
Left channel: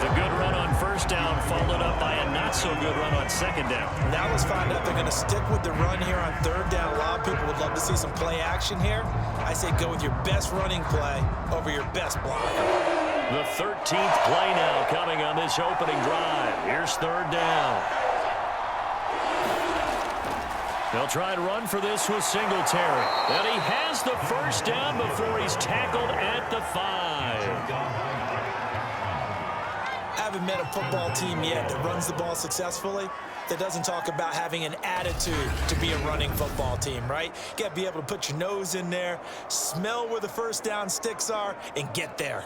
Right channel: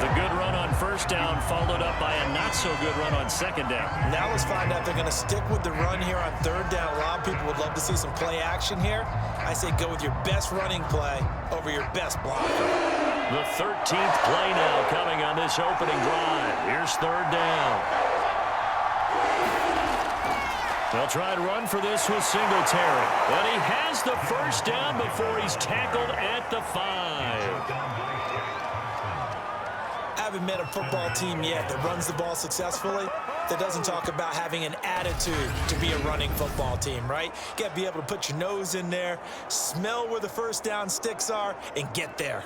The good run on 1st down followed up by a not-so-good run on 2nd down. Now let's find out if they're going to stick with the run here on 3rd down. A lot of people would love to see some play action here. I say go with your best running play over your best blocker. The 13th play now coming on this opening drive. Here's 3rd down. They'll try and run for this with Singletary. And he has the 1st down before he's tackled at the 5. I haven't met a football team yet that runs the ball successfully that doesn't talk about having an attitude to be a running football team, right? You got to be able to put your nose in there, smell where the 1st down sticks are, and get there.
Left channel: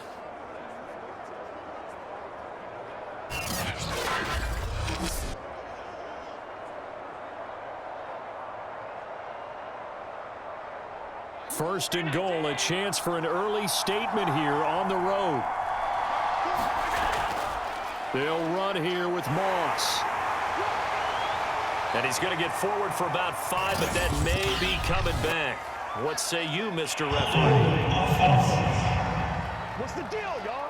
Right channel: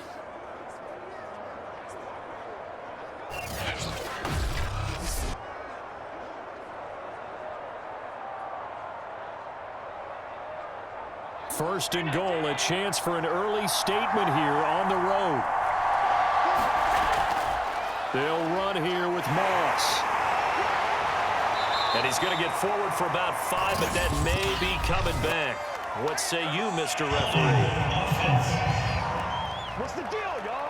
First and goal, a chance for an early statement here on the road. They'll run here with Moss. And he's going to get forward for about 5, but that may be coming back. What say you, Mr. Referee? What's the deal, y'all?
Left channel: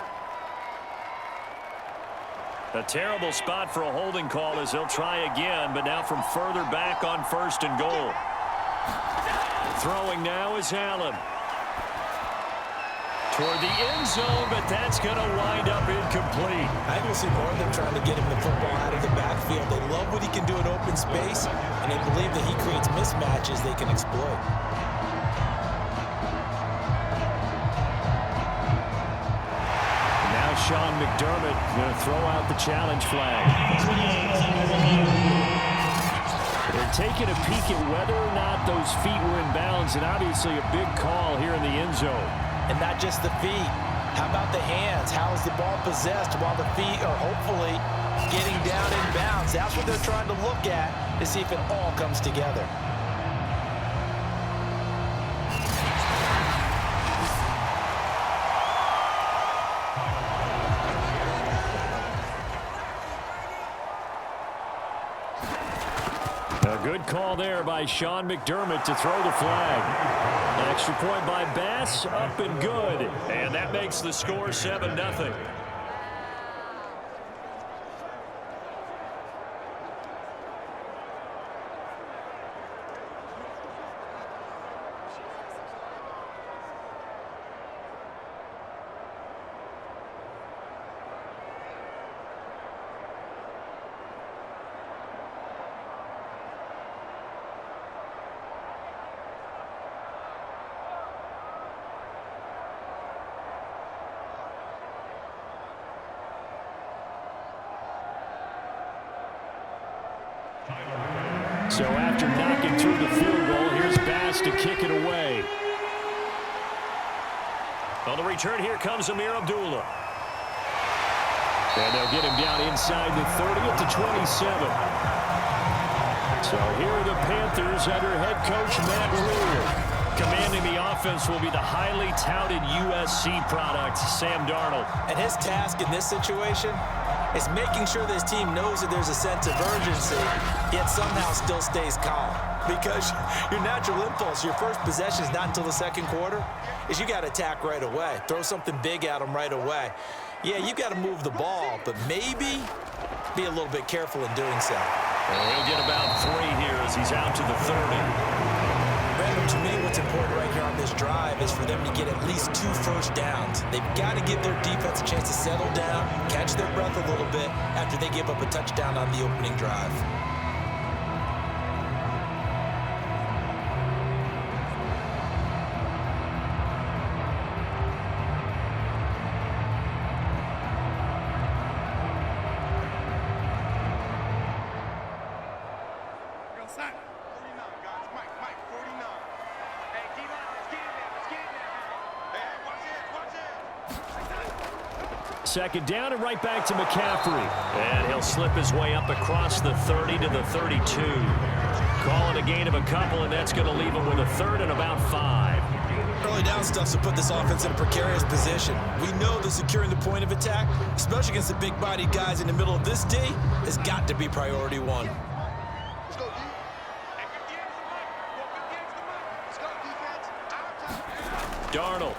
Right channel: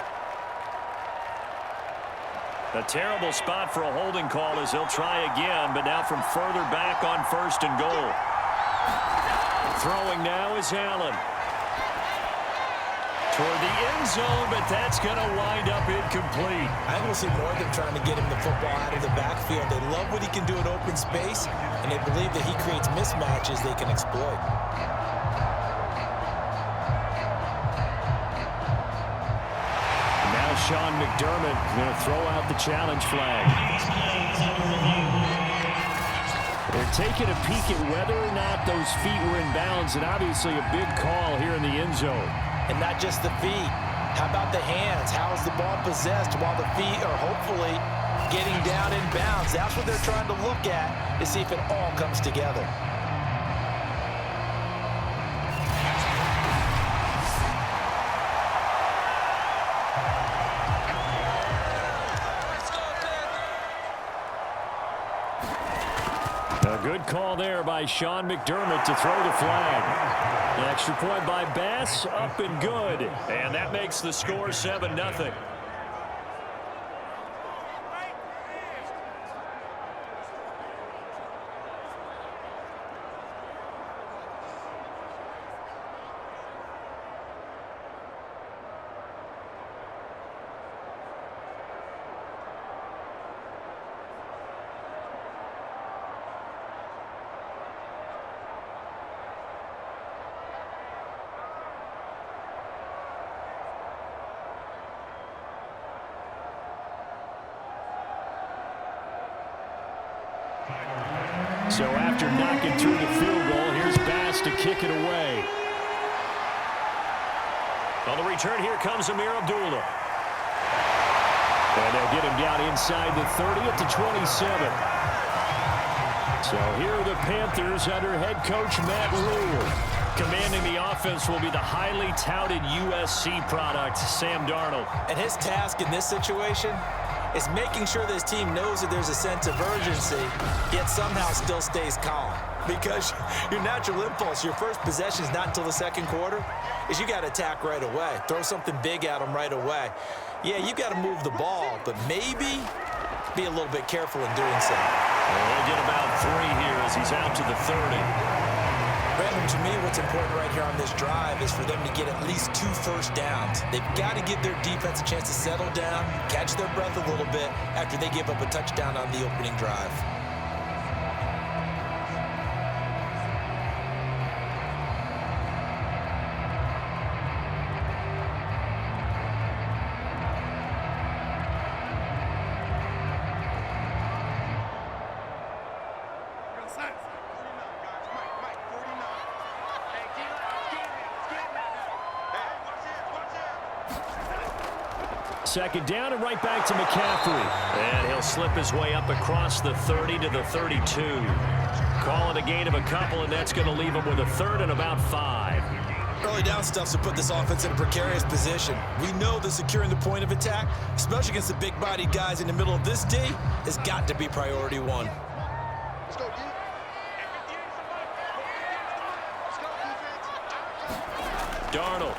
A terrible spot for a holding call as he'll try again, but now from further back on 1st and goal. Throwing now is Allen. Toward the end zone, but that's going to wind up incomplete. I think we'll see more of them trying to get him the football out of the backfield. They love what he can do in open space, and they believe that he creates mismatches they can exploit. now Sean McDermott going to throw out the challenge flag. They're taking a peek at whether or not those feet were in bounds, and obviously a big call here in the end zone. And not just the feet. How about the hands? How is the ball possessed while the feet are hopefully getting down in bounds? That's what they're trying to look at to see if it all comes together. A good call there by Sean McDermott to throw the flag. An extra point by Bass, up and good. And that makes the score 7-0. So after knocking through the field goal, here's Bass to kick it away. On the return, here comes Amir Abdullah. And they'll get him down inside the 30 at the 27. So here are the Panthers under head coach Matt Rhule. Commanding the offense will be the highly touted USC product, Sam Darnold. And his task in this situation is making sure this team knows that there's a sense of urgency, yet somehow still stays calm. Because your natural impulse, your first possession is not until the second quarter, is you got to attack right away. Throw something big at them right away. Yeah, you got to move the ball, but maybe be a little bit careful in doing so. And he'll get about 3 here as he's out to the 30. Brandon, to me, what's important right here on this drive is for them to get at least 2 first downs. They've got to give their defense a chance to settle down, catch their breath a little bit after they give up a touchdown on the opening drive. Go, Saints. 49, guys. Mike, 49. Hey, D-line, let's get in there. Hey, watch it. Second down and right back to McCaffrey. And he'll slip his way up across the 30 to the 32. Call it a gain of a couple, and that's going to leave him with a third and about 5. Early down stuff's to put this offense in a precarious position. We know that securing the point of attack, especially against the big-bodied guys in the middle of this D, has got to be priority 1. Let's go, D. Hey, 58 is the mic. Go, 58 is the mic. Let's go, defense. Our time. Darnold.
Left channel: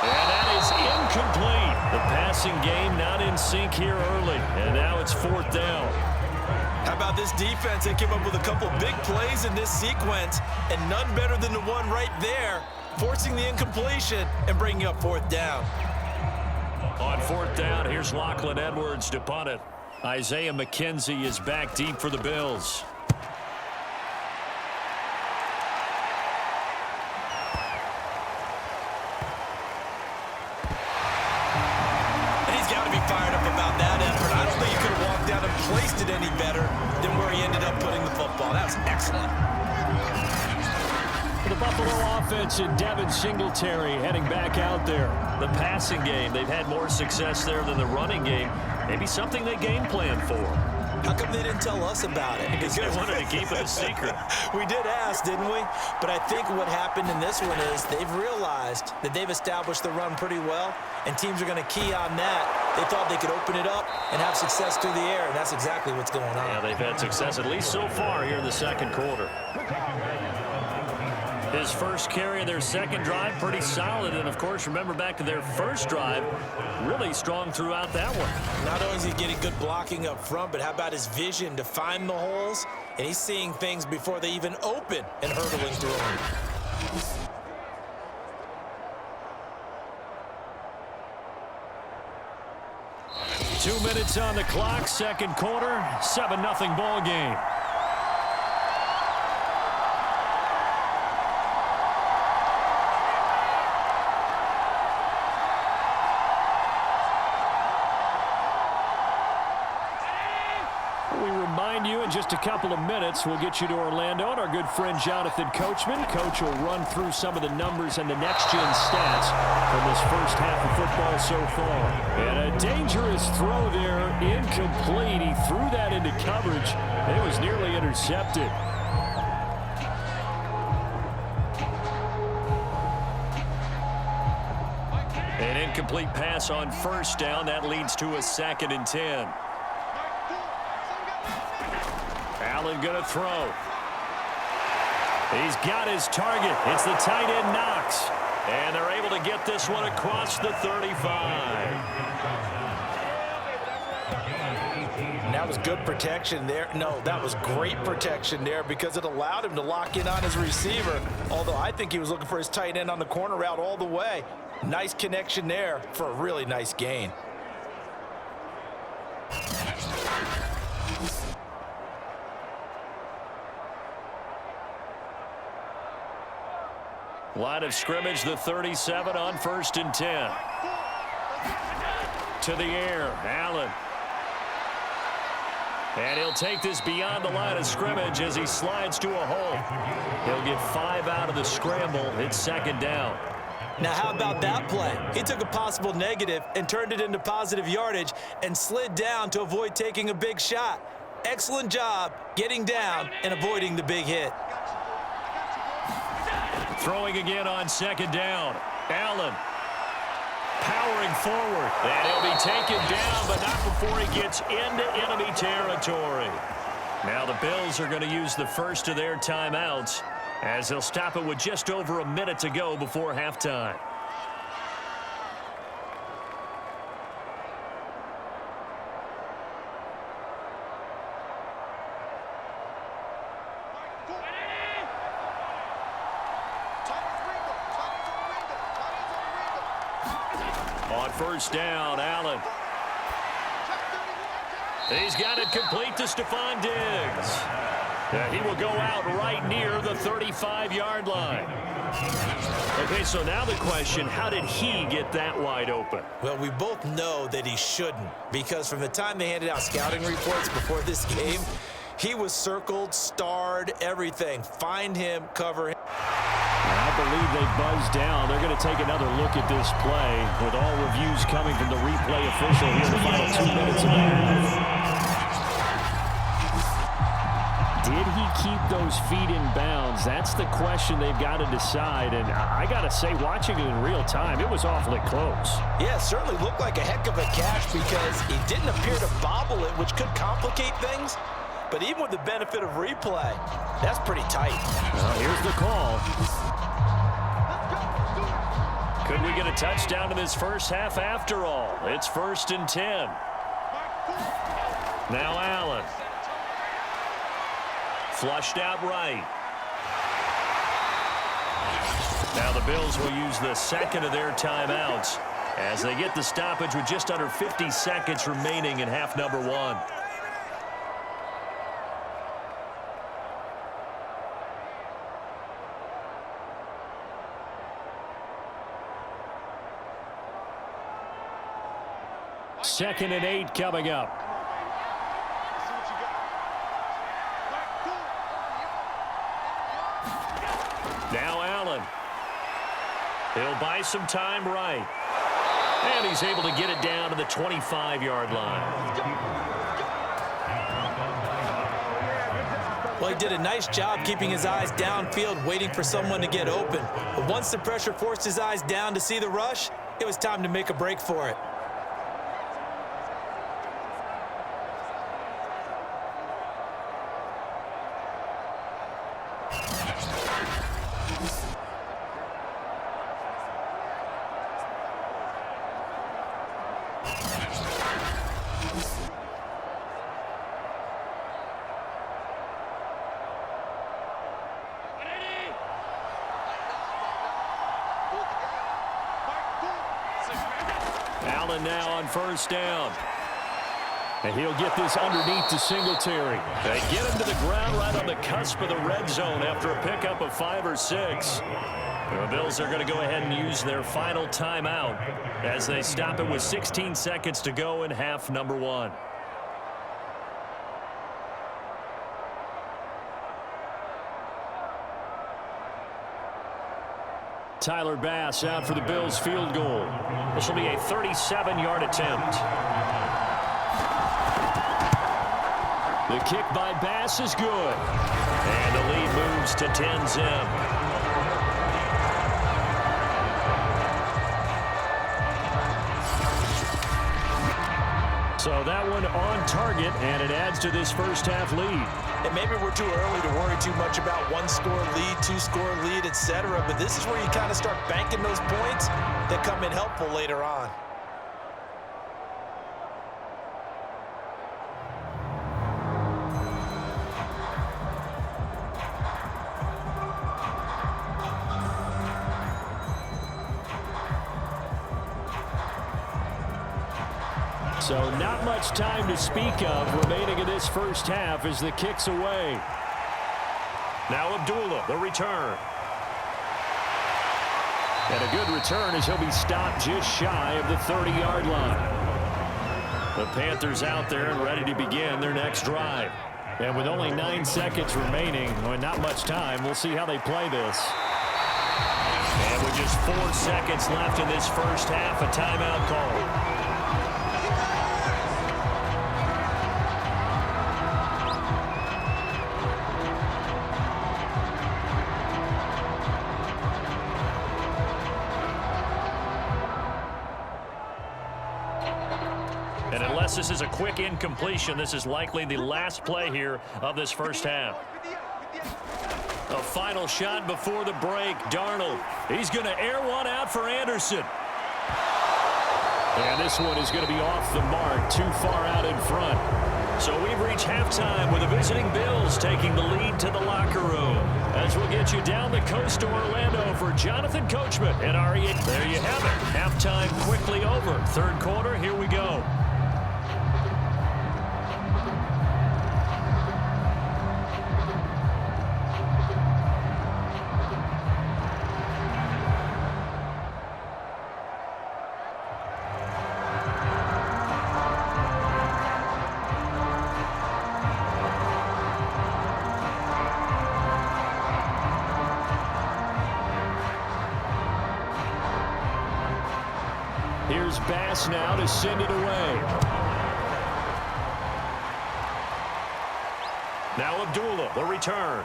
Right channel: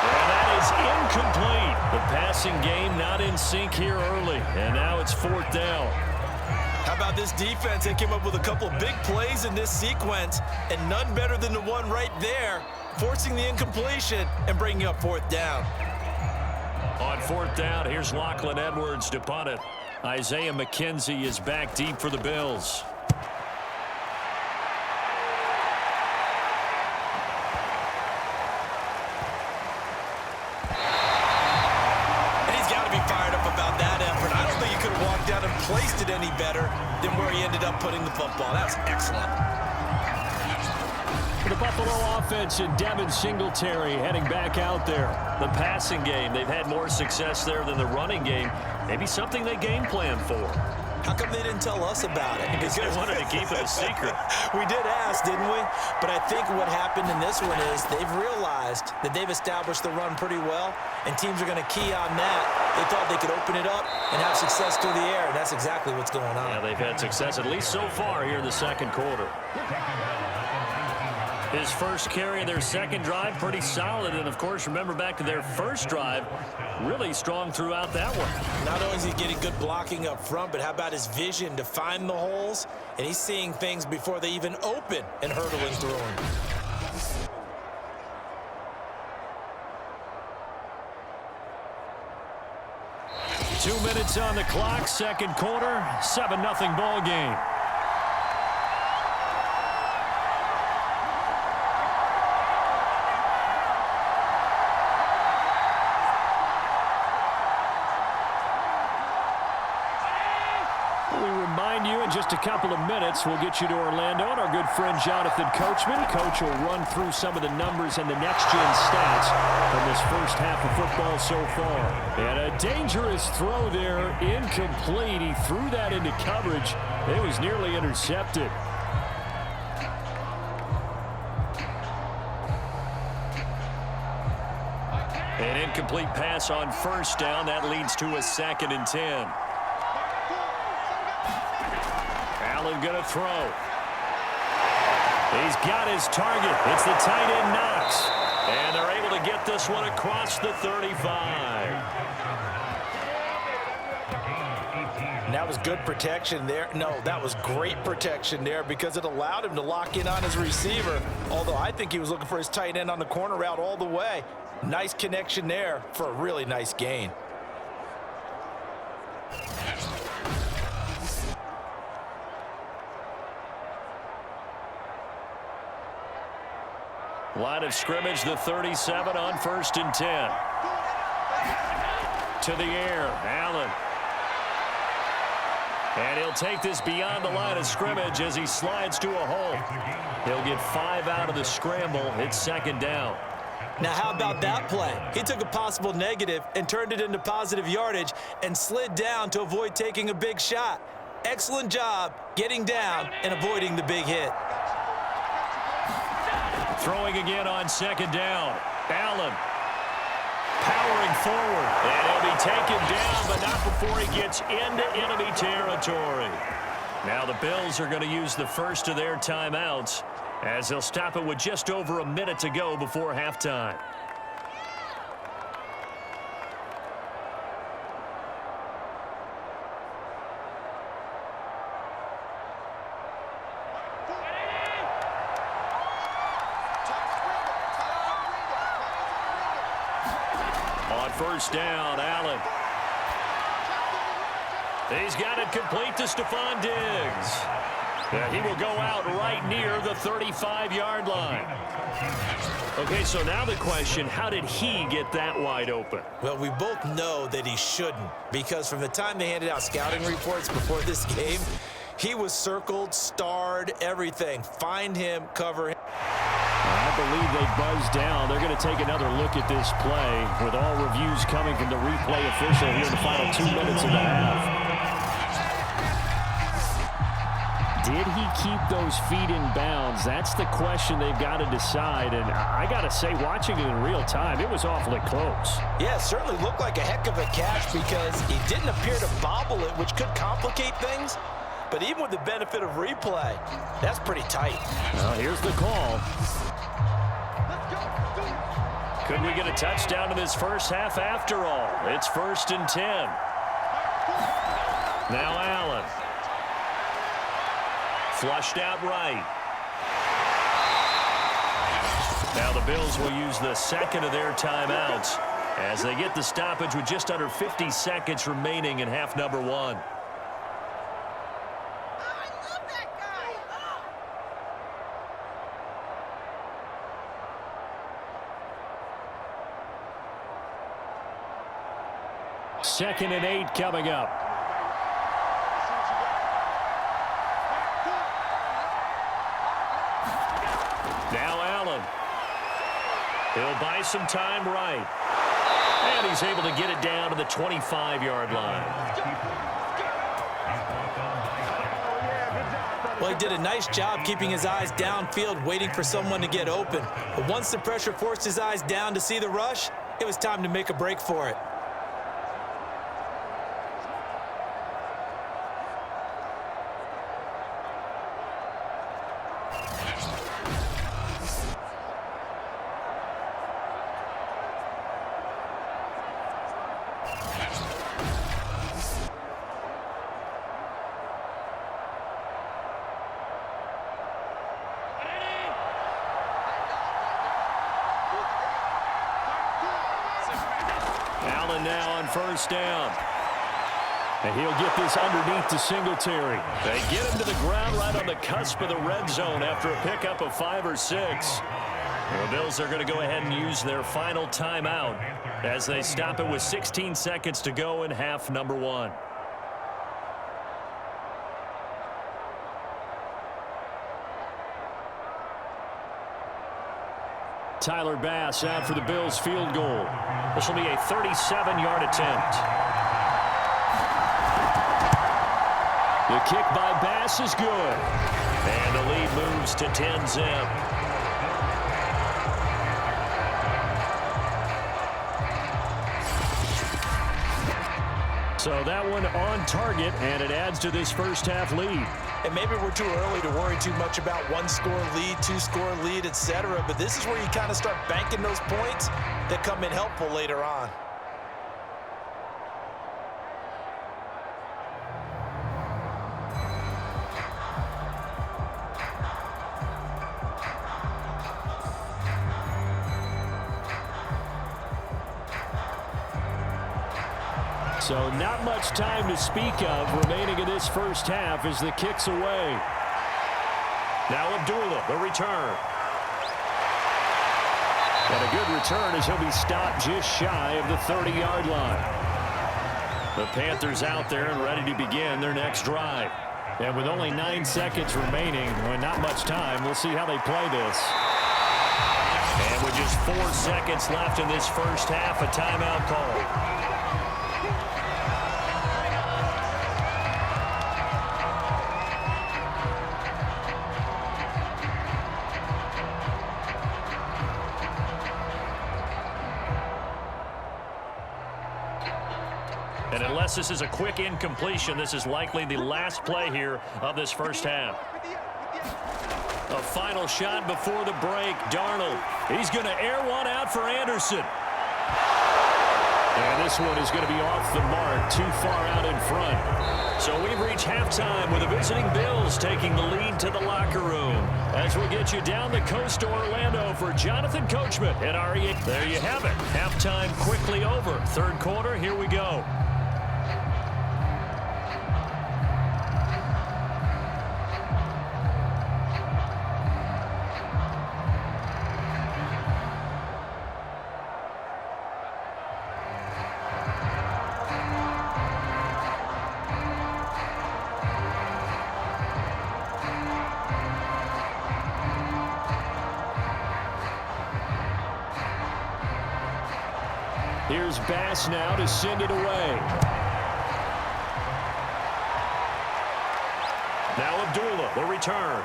And that is incomplete. The passing game not in sync here early. And now it's 4th down. How about this defense? They came up with a couple big plays in this sequence, and none better than the one right there, forcing the incompletion and bringing up 4th down. On 4th down, here's Lachlan Edwards to punt it. Isaiah McKenzie is back deep for the Bills. And he's got to be fired up about that effort. I don't think he could have walked out and placed it any better than where he ended up putting the football. That was excellent. For the Buffalo offense and Devin Singletary heading back out there. The passing game, they've had more success there than the running game. Maybe something they game plan for. How come they didn't tell us about it? Because they wanted to keep it a secret. We did ask, didn't we? But I think what happened in this one is they've realized that they've established the run pretty well, and teams are going to key on that. They thought they could open it up and have success through the air, and that's exactly what's going on. Yeah, they've had success, at least so far here in the second quarter. His first carry of their second drive, pretty solid. And, of course, remember back to their first drive, really strong throughout that one. Not only is he getting good blocking up front, but how about his vision to find the holes? And he's seeing things before they even open and hurdling through them. Two minutes on the clock, second quarter, 7-0 ball game. in just a couple of minutes, we'll get you to Orlando and our good friend Jonathan Coachman. Coach will run through some of the numbers and the next-gen stats from this first half of football so far. And a dangerous throw there, incomplete. He threw that into coverage. It was nearly intercepted. An incomplete pass on first down. That leads to a 2nd and 10. Allen going to throw. He's got his target. It's the tight end Knox. And they're able to get this one across the 35. And that was good protection there. No, that was great protection there because it allowed him to lock in on his receiver. Although I think he was looking for his tight end on the corner route all the way. Nice connection there for a really nice gain. Line of scrimmage, the 37 on 1st and 10. To the air, Allen. And he'll take this beyond the line of scrimmage as he slides to a hole. He'll get 5 out of the scramble. It's 2nd down. Now, how about that play? He took a possible negative and turned it into positive yardage and slid down to avoid taking a big shot. Excellent job getting down and avoiding the big hit. Throwing again on 2nd down. Allen powering forward. And he'll be taken down, but not before he gets into enemy territory. Now the Bills are going to use the first of their timeouts as they'll stop it with just over a minute to go before halftime. On 1st down, Allen. He's got it complete to Stephon Diggs. He will go out right near the 35-yard line. Okay, so now the question, how did he get that wide open? Well, we both know that he shouldn't, because from the time they handed out scouting reports before this game, he was circled, starred, everything. Find him, cover him. I believe they buzzed down. They're going to take another look at this play with all reviews coming from the replay official here in the final 2 minutes of the half. Did he keep those feet in bounds? That's the question they've got to decide. And I got to say, watching it in real time, it was awfully close. Yeah, it certainly looked like a heck of a catch because he didn't appear to bobble it, which could complicate things. But even with the benefit of replay, that's pretty tight. Well, here's the call. Could we get a touchdown in this first half after all? It's 1st and 10. Now Allen. Flushed out right. Now the Bills will use the 2nd of their timeouts as they get the stoppage with just under 50 seconds remaining in half number 1. Second and 8 coming up. Now Allen. He'll buy some time right. And he's able to get it down to the 25-yard line. Well, he did a nice job keeping his eyes downfield, waiting for someone to get open. But once the pressure forced his eyes down to see the rush, it was time to make a break for it. Allen now on 1st down. And he'll get this underneath to Singletary. They get him to the ground right on the cusp of the red zone after a pickup of 5 or 6. The Bills are going to go ahead and use their final timeout as they stop it with 16 seconds to go in half number 1. Tyler Bass out for the Bills field goal. This will be a 37-yard attempt. The kick by Bass is good. And the lead moves to 10-zip. So that one on target, and it adds to this first-half lead. And maybe we're too early to worry too much about one-score lead, two-score lead, etc. But this is where you kind of start banking those points that come in helpful later on. So not much time to speak of remaining in this first half as the kick's away. Now Abdullah, the return. And a good return as he'll be stopped just shy of the 30-yard line. The Panthers out there and ready to begin their next drive. And with only 9 seconds remaining, well, not much time, we'll see how they play this. And with just 4 seconds left in this first half, a timeout call. And unless this is a quick incompletion, this is likely the last play here of this first half. A final shot before the break. Darnold, he's going to air one out for Anderson. And this one is going to be off the mark, too far out in front. So we've reached halftime with the visiting Bills taking the lead to the locker room. As we'll get you down the coast to Orlando for Jonathan Coachman at REA. There you have it. Halftime quickly over. Third quarter, here we go. Here's Bass now to send it away. Now Abdullah, the return.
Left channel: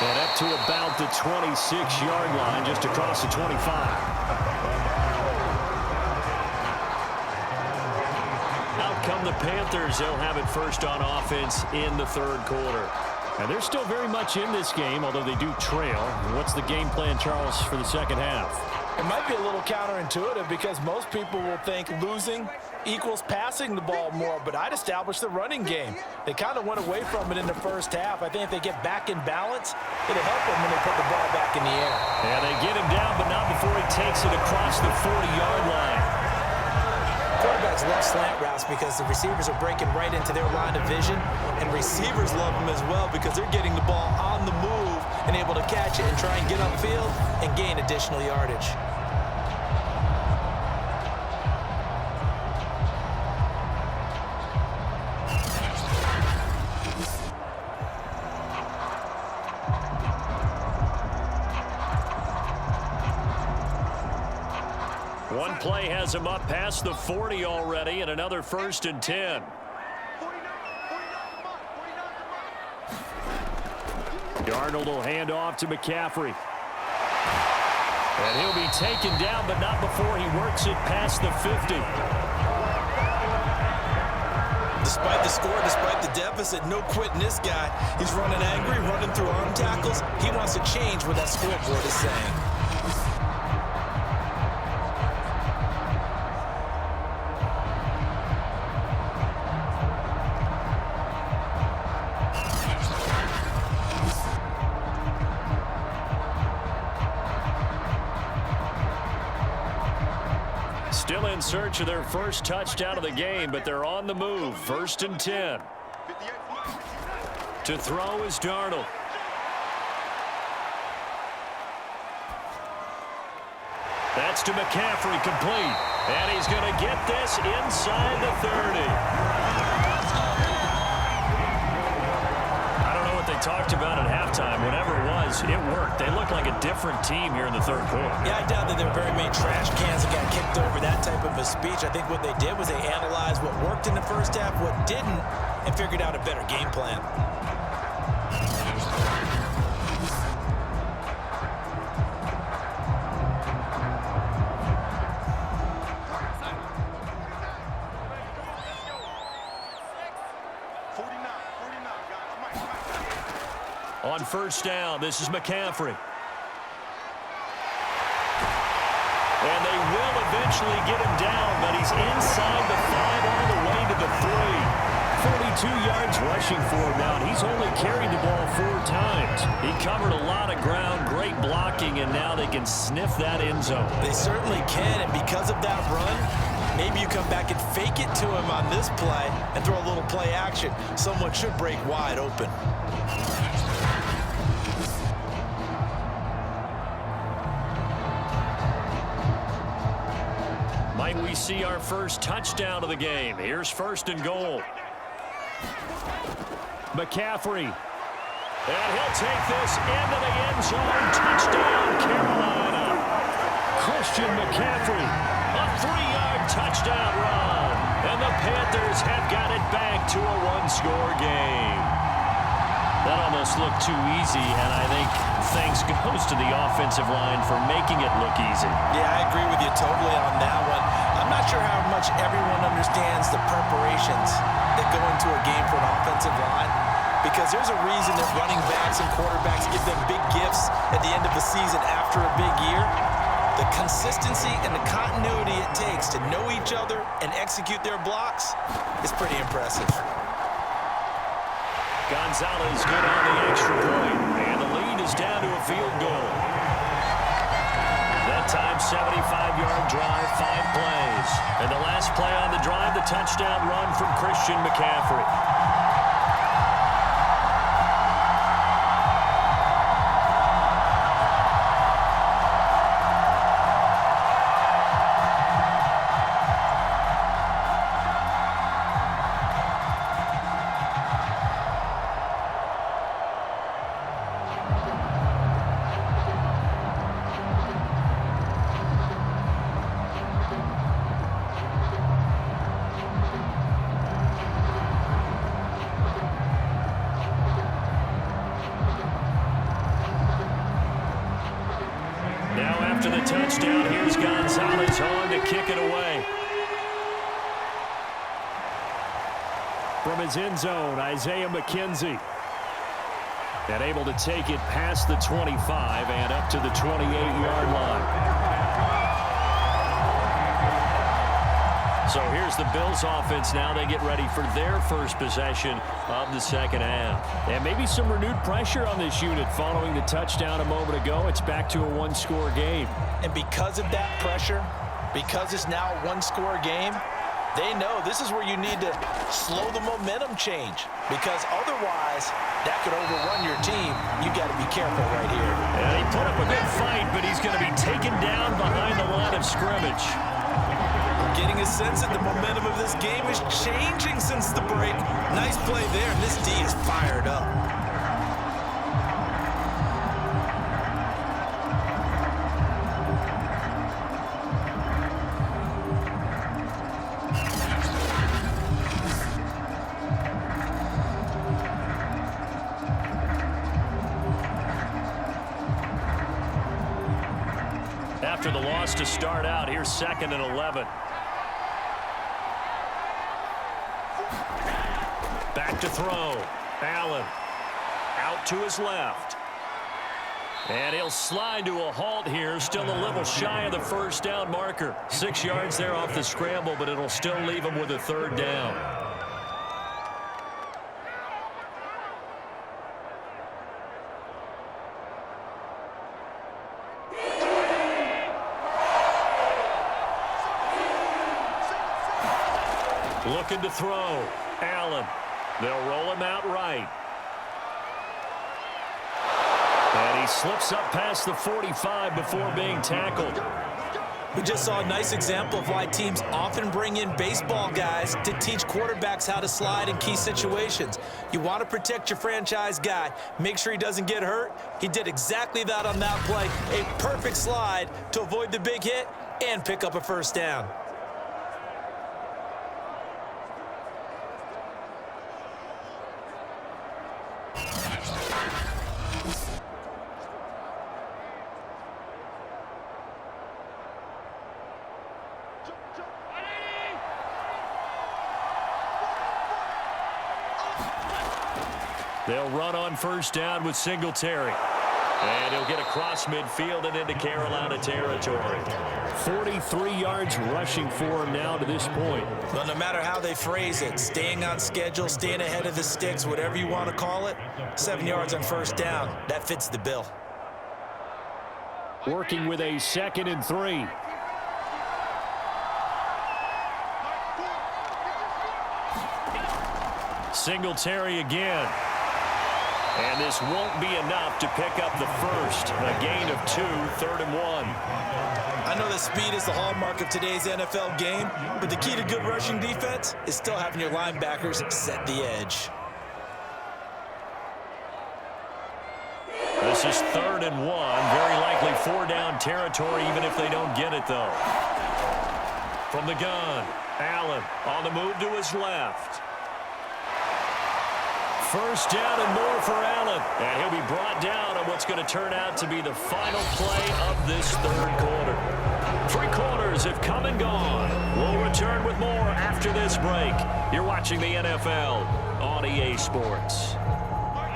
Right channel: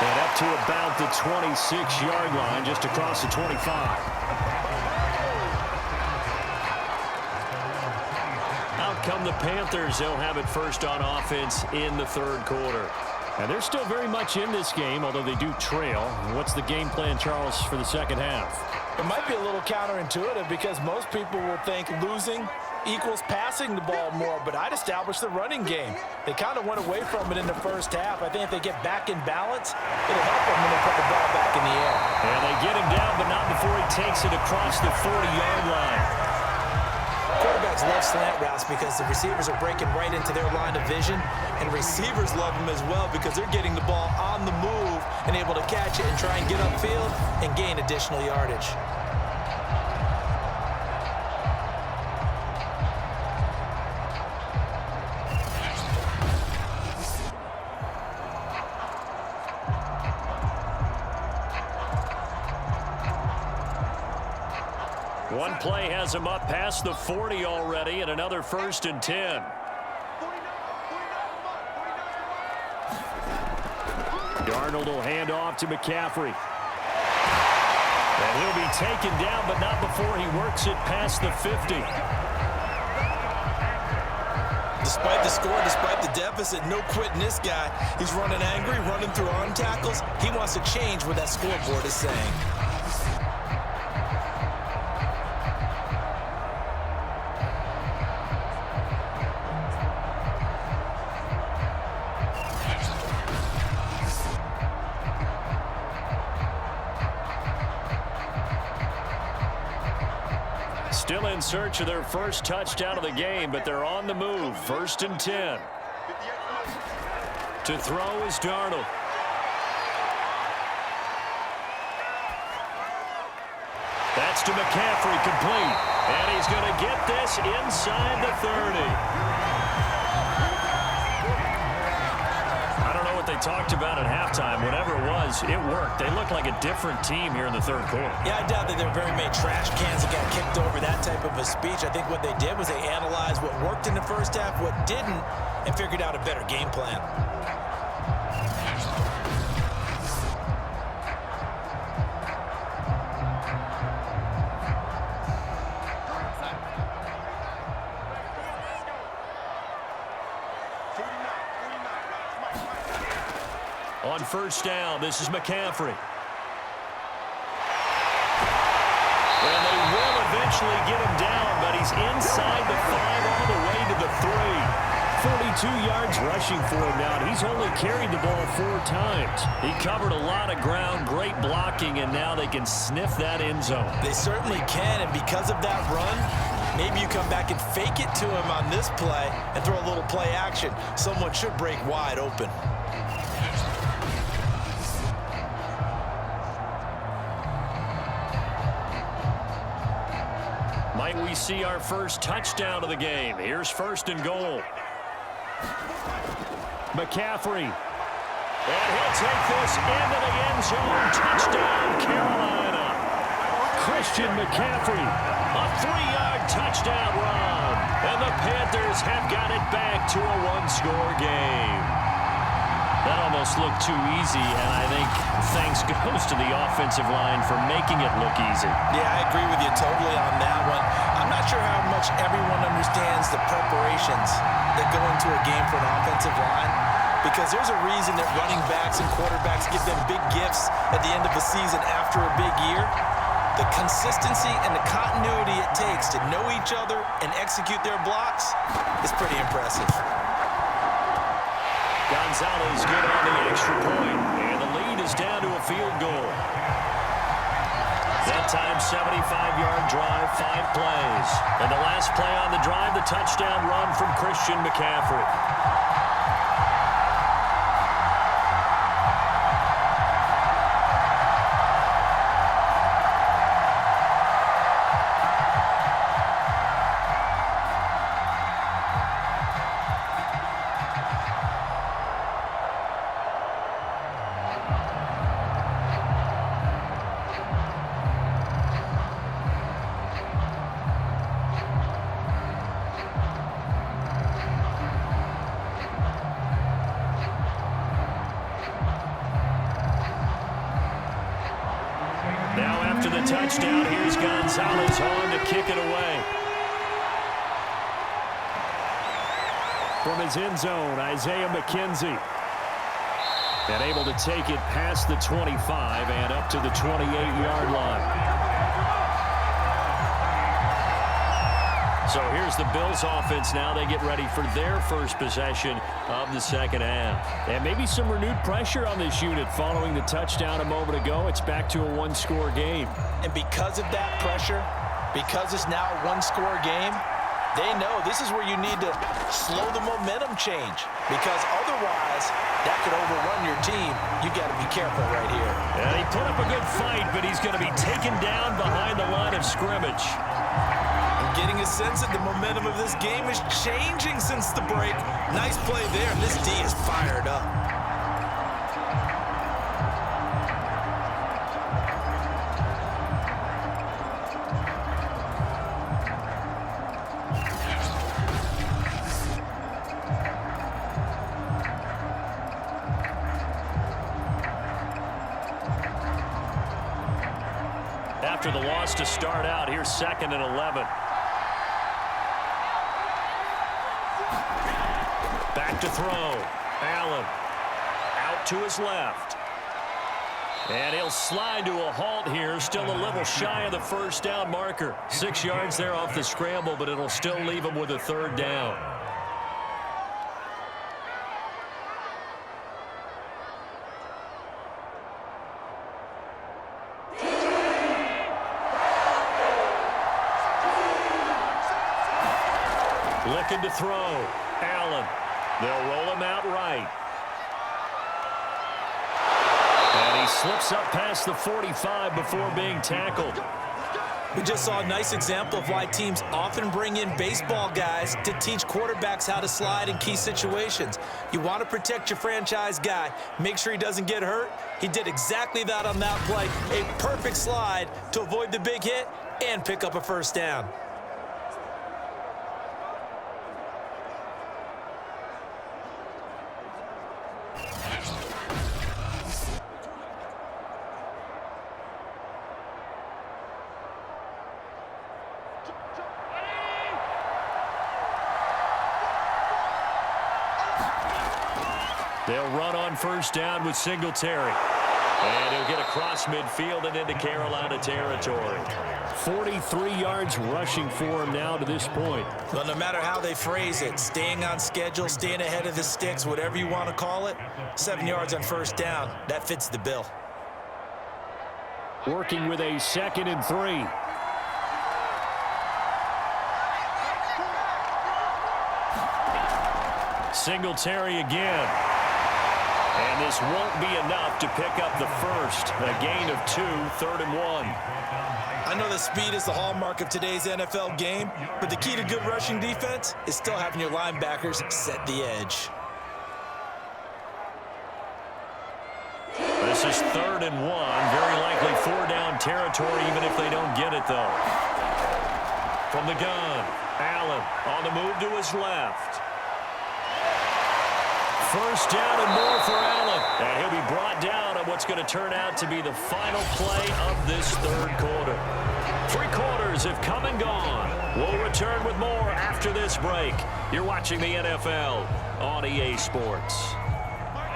And up to about the 26-yard line, just across the 25. Out come the Panthers. They'll have it first on offense in the third quarter. And they're still very much in this game, although they do trail. What's the game plan, Charles, for the second half? It might be a little counterintuitive because most people will think losing equals passing the ball more, but I'd establish the running game. They kind of went away from it in the first half. I think if they get back in balance, it'll help them when they put the ball back in the air. And they get him down, but not before he takes it across the 40-yard line. Quarterbacks love slant routes because the receivers are breaking right into their line of vision, and receivers love them as well because they're getting the ball on the move and able to catch it and try and get upfield and gain additional yardage. One play has him up past the 40 already, and another 1st and 10. Darnold will hand off to McCaffrey. And he'll be taken down, but not before he works it past the 50. Despite the score, despite the deficit, no quitting this guy. He's running angry, running through arm tackles. He wants to change what that scoreboard is saying. Still in search of their first touchdown of the game, but they're on the move. 1st and 10. To throw is Darnold. That's to McCaffrey, complete. And he's going to get this inside the 30. I don't know what they talked about at halftime, whatever it was, it worked. They looked like a different team here in the third quarter. Yeah, I doubt that there were very many trash cans that got kicked over, that type of a speech. I think what they did was they analyzed what worked in the first half, what didn't, and figured out a better game plan. On first down, this is McCaffrey. And they will eventually get him down, but he's inside the 5 all the way to the 3. 42 yards rushing for him now, and he's only carried the ball 4 times. He covered a lot of ground, great blocking, and now they can sniff that end zone. They certainly can, and because of that run, maybe you come back and fake it to him on this play and throw a little play action. Someone should break wide open. Might we see our first touchdown of the game? Here's first and goal. McCaffrey. And he'll take this into the end zone. Touchdown, Carolina. Christian McCaffrey. A 3-yard touchdown run. And the Panthers have got it back to a 1-score game. That almost looked too easy, and I think thanks goes to the offensive line for making it look easy. Yeah, I agree with you totally on that one. I'm not sure how much everyone understands the preparations that go into a game for an offensive line, because there's a reason that running backs and quarterbacks give them big gifts at the end of the season after a big year. The consistency and the continuity it takes to know each other and execute their blocks is pretty impressive. Gonzalez good on the extra point, and the lead is down to a field goal. That time, 75-yard drive, 5 plays. And the last play on the drive, the touchdown run from Christian McCaffrey. Now after the touchdown, here's Gonzalez on to kick it away. From his end zone, Isaiah McKenzie. And able to take it past the 25 and up to the 28-yard line. So here's the Bills offense now. They get ready for their first possession of the second half. And maybe some renewed pressure on this unit following the touchdown a moment ago. It's back to a 1-score game. And because of that pressure, because it's now a 1-score game, they know this is where you need to slow the momentum change, because otherwise that could overrun your team. You got to be careful right here. And he put up a good fight, but he's going to be taken down behind the line of scrimmage. I'm getting a sense that the momentum of this game is changing since the break. Nice play there, and this D is fired up. After the loss to start out, here's 2nd and 11. Back to throw. Allen out to his left. And he'll slide to a halt here. Still a little shy of the first down marker. 6 yards there off the scramble, but it'll still leave him with a 3rd down. Looking to throw. Allen. They'll roll him out right. And he slips up past the 45 before being tackled. We just saw a nice example of why teams often bring in baseball guys to teach quarterbacks how to slide in key situations. You want to protect your franchise guy. Make sure he doesn't get hurt. He did exactly that on that play. A perfect slide to avoid the big hit and pick up a first down. They'll run on first down with Singletary. And he'll get across midfield and into Carolina territory. 43 yards rushing for him now to this point. Well, no matter how they phrase it, staying on schedule, staying ahead of the sticks, whatever you want to call it, 7 yards on first down, that fits the bill. Working with a 2nd and 3. Singletary again. And this won't be enough to pick up the first. A gain of 2, 3rd and 1. I know that speed is the hallmark of today's NFL game, but the key to good rushing defense is still having your linebackers set the edge. This is 3rd and 1. Very likely 4-down territory, even if they don't get it, though. From the gun, Allen on the move to his left. First down and more for Allen. And he'll be brought down on what's going to turn out to be the final play of this 3rd quarter. 3 quarters have come and gone. We'll return with more after this break. You're watching the NFL on EA Sports.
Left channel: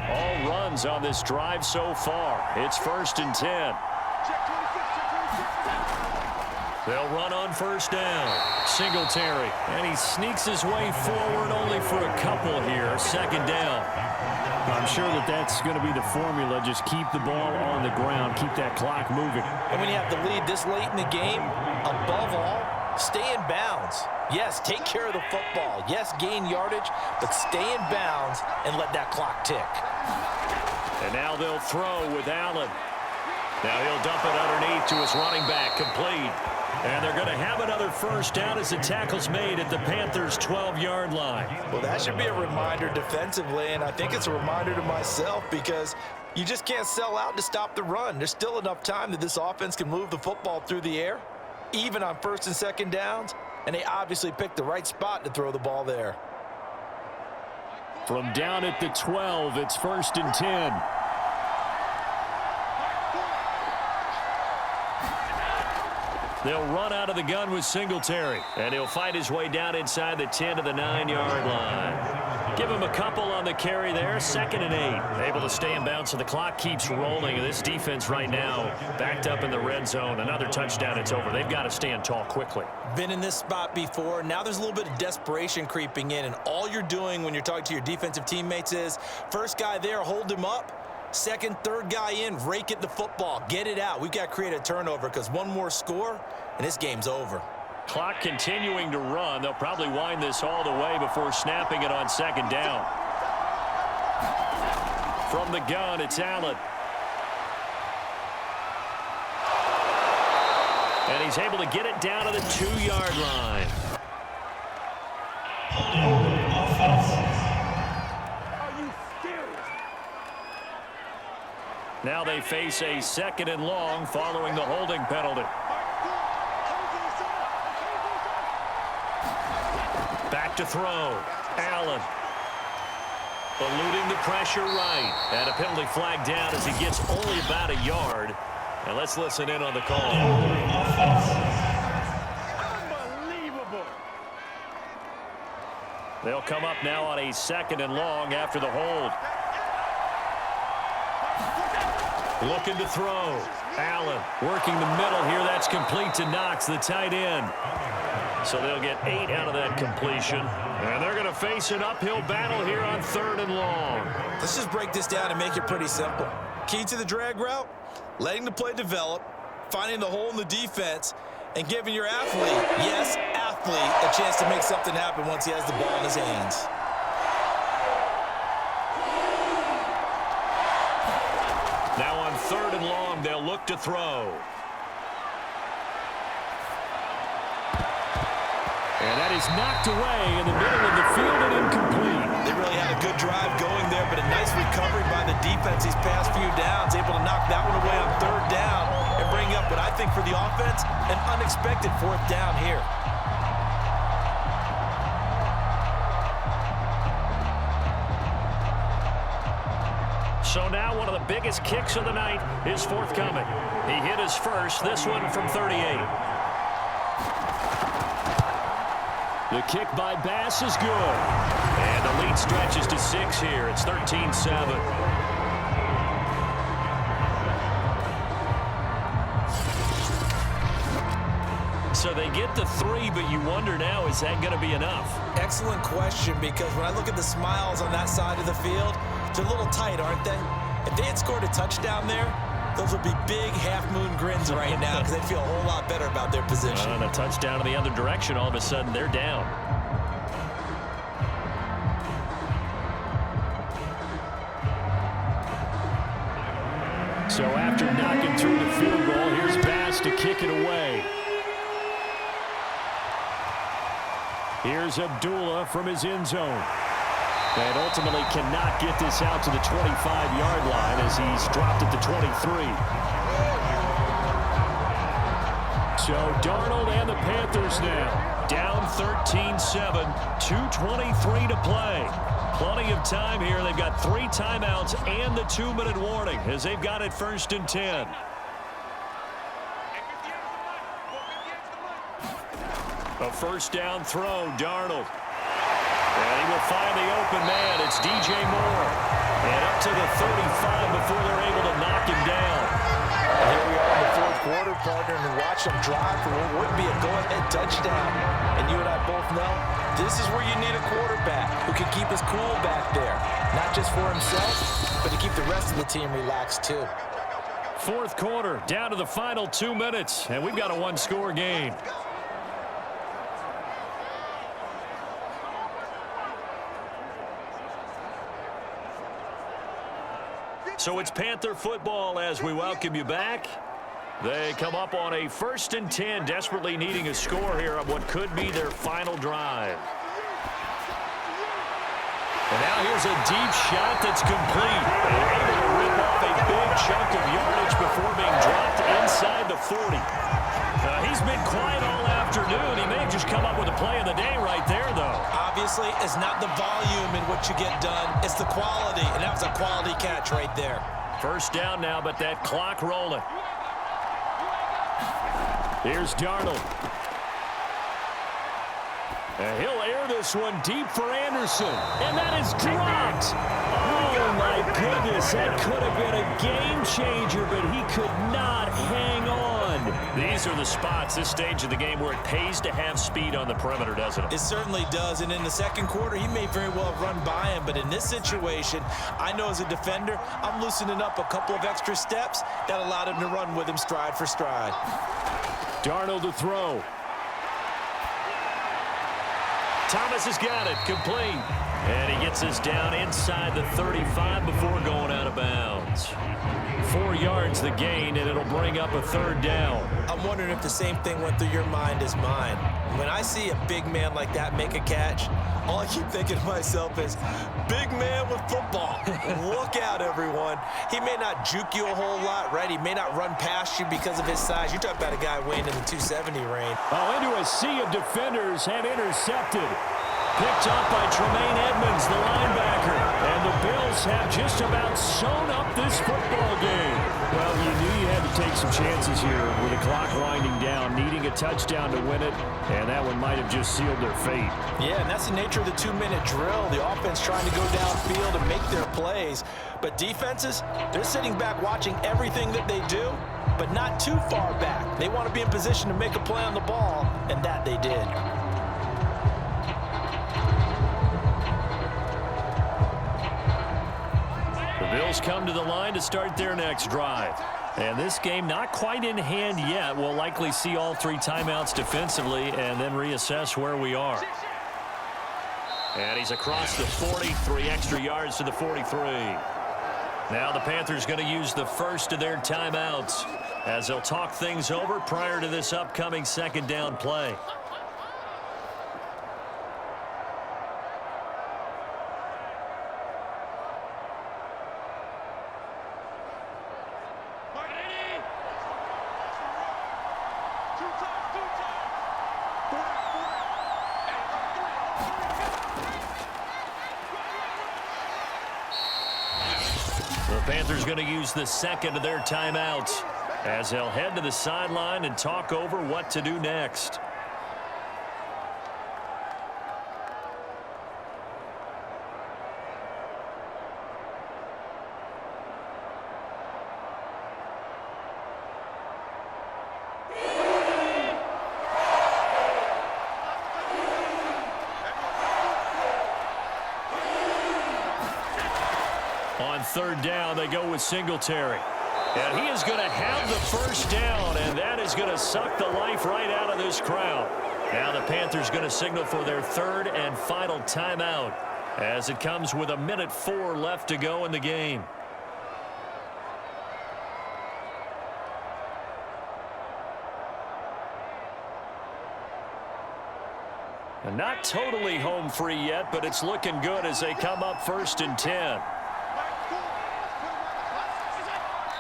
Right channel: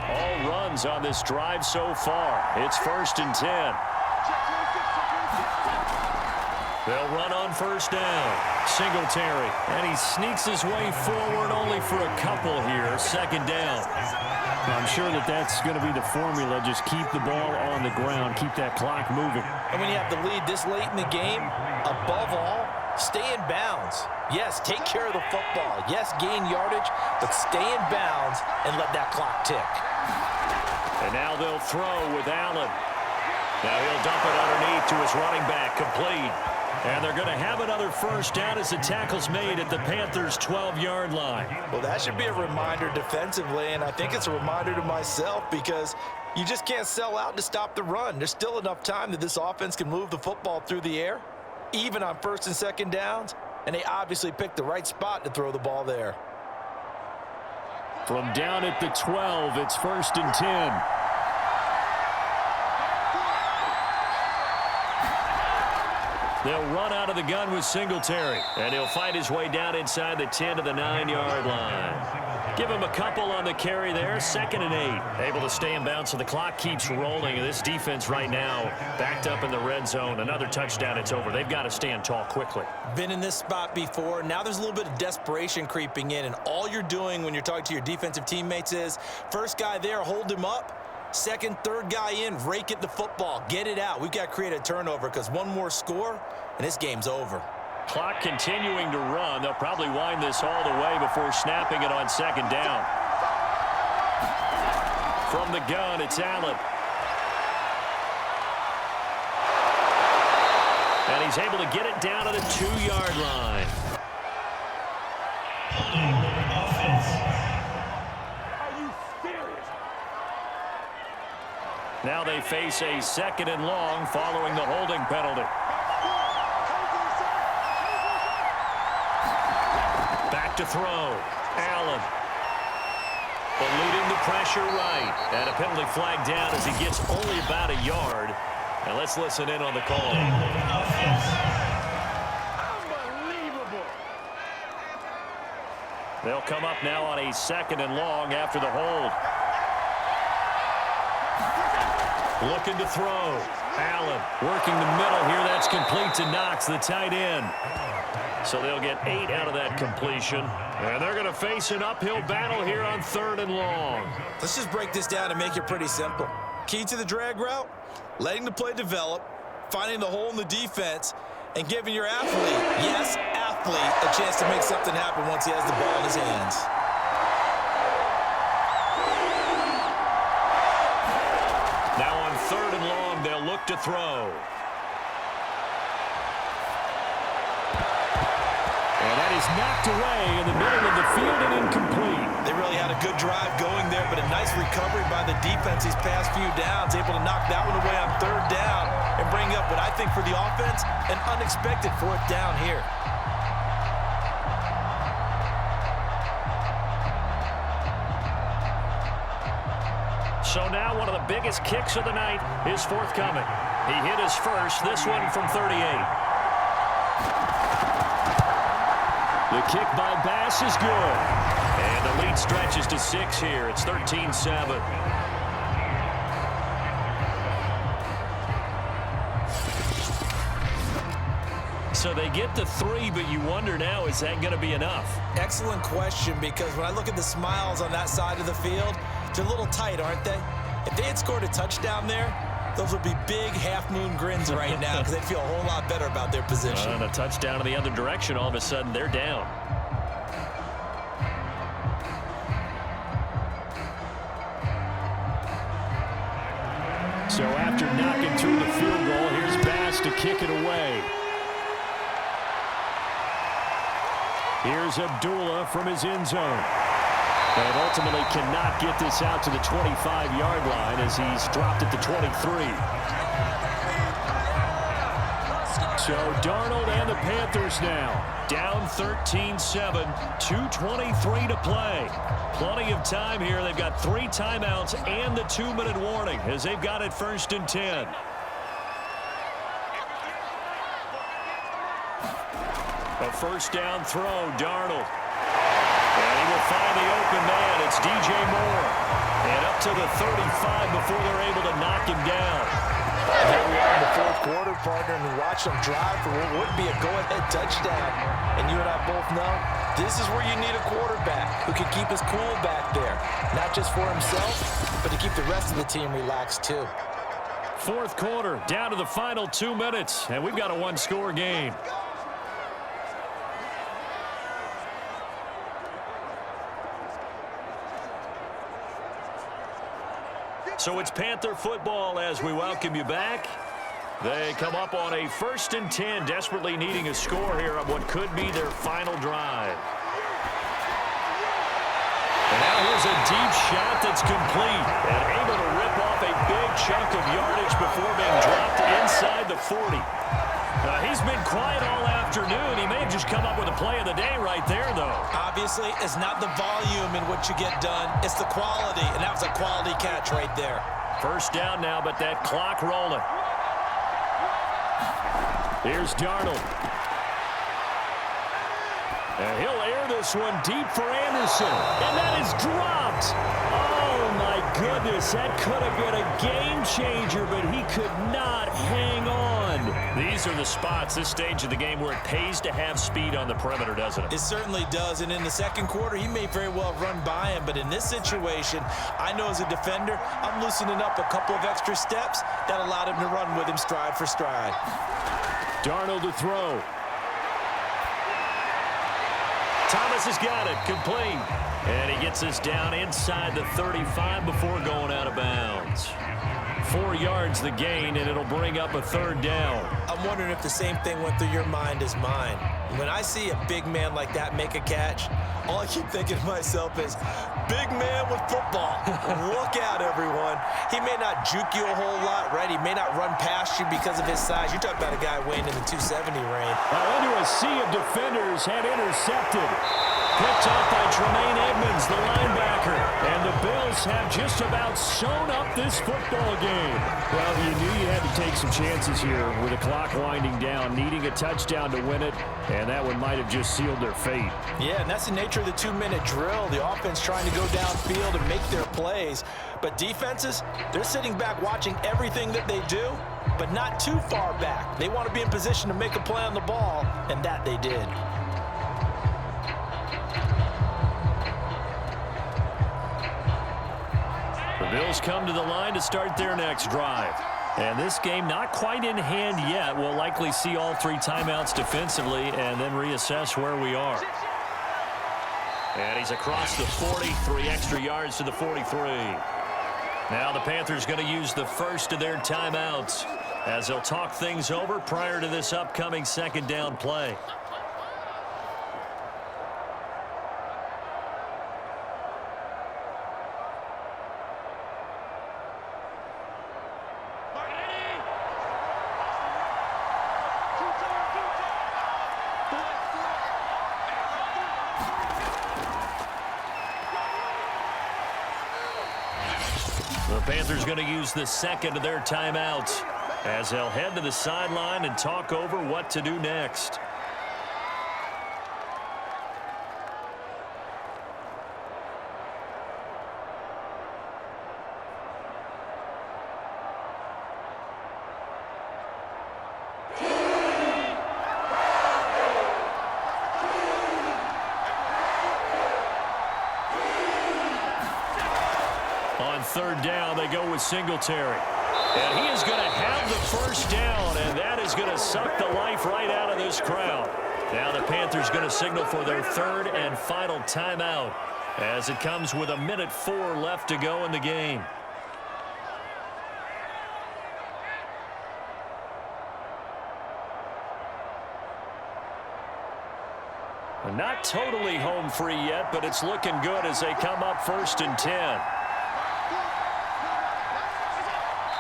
All runs on this drive so far. It's 1st and 10. They'll run on first down. Singletary. And he sneaks his way forward only for a couple here. 2nd down. I'm sure that that's going to be the formula. Just keep the ball on the ground. Keep that clock moving. And when you have the lead this late in the game, above all, stay in bounds. Yes, take care of the football. Yes, gain yardage, but stay in bounds and let that clock tick. And now they'll throw with Allen. Now he'll dump it underneath to his running back, complete. And they're going to have another first down as the tackle's made at the Panthers' 12-yard line. Well, that should be a reminder defensively, and I think it's a reminder to myself because you just can't sell out to stop the run. There's still enough time that this offense can move the football through the air, even on 1st and 2nd downs, and they obviously picked the right spot to throw the ball there. From down at the 12, it's 1st and 10. They'll run out of the gun with Singletary. And he'll fight his way down inside the 10 to the 9-yard line. Give him a couple on the carry there. 2nd and 8. Able to stay in bounds so the clock keeps rolling. And this defense right now backed up in the red zone. Another touchdown, it's over. They've got to stand tall quickly. Been in this spot before. Now there's a little bit of desperation creeping in. And all you're doing when you're talking to your defensive teammates is, first guy there, hold him up. 2nd, 3rd guy in, rake at the football. Get it out. We've got to create a turnover because one more score, and this game's over. Clock continuing to run. They'll probably wind this all the way before snapping it on 2nd down. From the gun, it's Allen. And he's able to get it down to the 2-yard line. Now they face a 2nd and long following the holding penalty. Back to throw. Allen. Eluding the pressure right. And a penalty flag down as he gets only about a yard. And let's listen in on the call. Unbelievable. They'll come up now on a 2nd and long after the hold. Looking to throw. Allen working the middle here. That's complete to Knox, the tight end. So they'll get 8 out of that completion. And they're going to face an uphill battle here on 3rd and long. Let's just break this down and make it pretty simple. Key to the drag route, letting the play develop, finding the hole in the defense, and giving your athlete, yes, athlete, a chance to make something happen once he has the ball in his hands. Now on 3rd and long, they'll look to throw. And that is knocked away in the middle of the field and incomplete. They really had a good drive going there, but a nice recovery by the defense these past few downs, able to knock that one away on 3rd down and bring up what I think for the offense, an unexpected 4th down here. So now one of the biggest kicks of the night is forthcoming. He hit his first, this one from 38. The kick by Bass is good. And the lead stretches to 6 here. It's 13-7. So they get to 3, but you wonder now, is that going to be enough? Excellent question, because when I look at the smiles on that side of the field, they're a little tight, aren't they? If they had scored a touchdown there, those would be big half-moon grins right now because they'd feel a whole lot better about their position. And a touchdown in the other direction, all of a sudden they're down. So after knocking through the field goal, here's Bass to kick it away. Here's Abdullah from his end zone. And ultimately cannot get this out to the 25-yard line as he's dropped at the 23. So Darnold and the Panthers now down 13-7, 2:23 to play. Plenty of time here. They've got 3 timeouts and the 2-minute warning as they've got it 1st and 10. A 1st down throw, Darnold. And he will find the open man. It's DJ Moore. And up to the 35 before they're able to knock him down. And here we are in the 4th quarter, partner, and watch them drive for what would be a go-ahead touchdown. And you and I both know this is where you need a quarterback who can keep his cool back there. Not just for himself, but to keep the rest of the team relaxed too. 4th quarter, down to the final 2 minutes. And we've got a 1-score game. So it's Panther football as we welcome you back. They come up on a 1st and 10, desperately needing a score here on what could be their final drive. And now here's a deep shot that's complete and able to rip off a big chunk of yardage before being dropped inside the 40. He's been quiet all afternoon. He may have just come up with a play of the day right there, though. Obviously, it's not the volume in what you get done. It's the quality, and that was a quality catch right there. 1st down now, but that clock rolling. Here's Darnold. And he'll air this one deep for Anderson. And that is dropped. Oh, my goodness. That could have been a game changer, but he could not hang on. These are the spots, this stage of the game, where it pays to have speed on the perimeter, doesn't it? It certainly does. And in the 2nd quarter, he may very well run by him. But in this situation, I know as a defender, I'm loosening up a couple of extra steps that allowed him to run with him stride for stride. Darnold to throw. Thomas has got it, complete. And he gets us down inside the 35 before going out of bounds. 4 yards the gain, and it'll bring up a 3rd down. I'm wondering if the same thing went through your mind as mine. When I see a big man like that make a catch, all I keep thinking to myself is, big man with football. Look out, everyone. He may not juke you a whole lot, right? He may not run past you because of his size. You're talking about a guy weighing in the 270 range. Oh, into a sea of defenders and intercepted. Picked up by Tremaine Edmonds, the linebacker. And the Bills have just about sewn up this football game. Well, you knew you had to take some chances here with the clock winding down, needing a touchdown to win it, and that one might have just sealed their fate. Yeah, and that's the nature of the 2-minute drill. The offense trying to go downfield and make their plays. But defenses, they're sitting back watching everything that they do, but not too far back. They want to be in position to make a play on the ball, and that they did. The Bills come to the line to start their next drive. And this game not quite in hand yet. We'll likely see all 3 timeouts defensively and then reassess where we are. And he's across the 40, 3 extra yards to the 43. Now the Panthers going to use the first of their timeouts as they'll talk things over prior to this upcoming 2nd down play. The Panthers going to use the second of their timeouts as they'll head to the sideline and talk over what to do next. On third down, they go with Singletary. And he is going to have the first down, and that is going to suck the life right out of this crowd. Now the Panthers going to signal for their third and final timeout as it comes with 1:04 left to go in the game. Not totally home free yet, but it's looking good as they come up 1st and 10.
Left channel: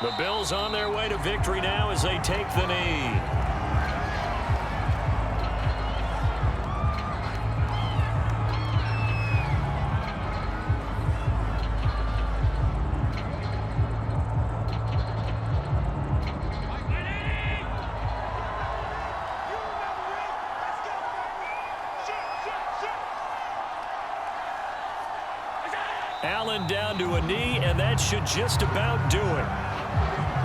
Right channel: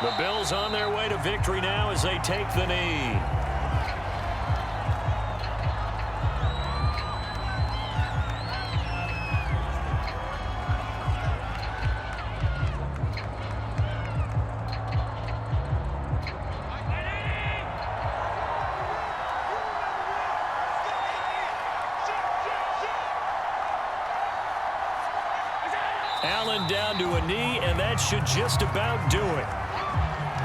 The Bills on their way to victory now as they take the knee. Allen down to a knee, and that should just about do it.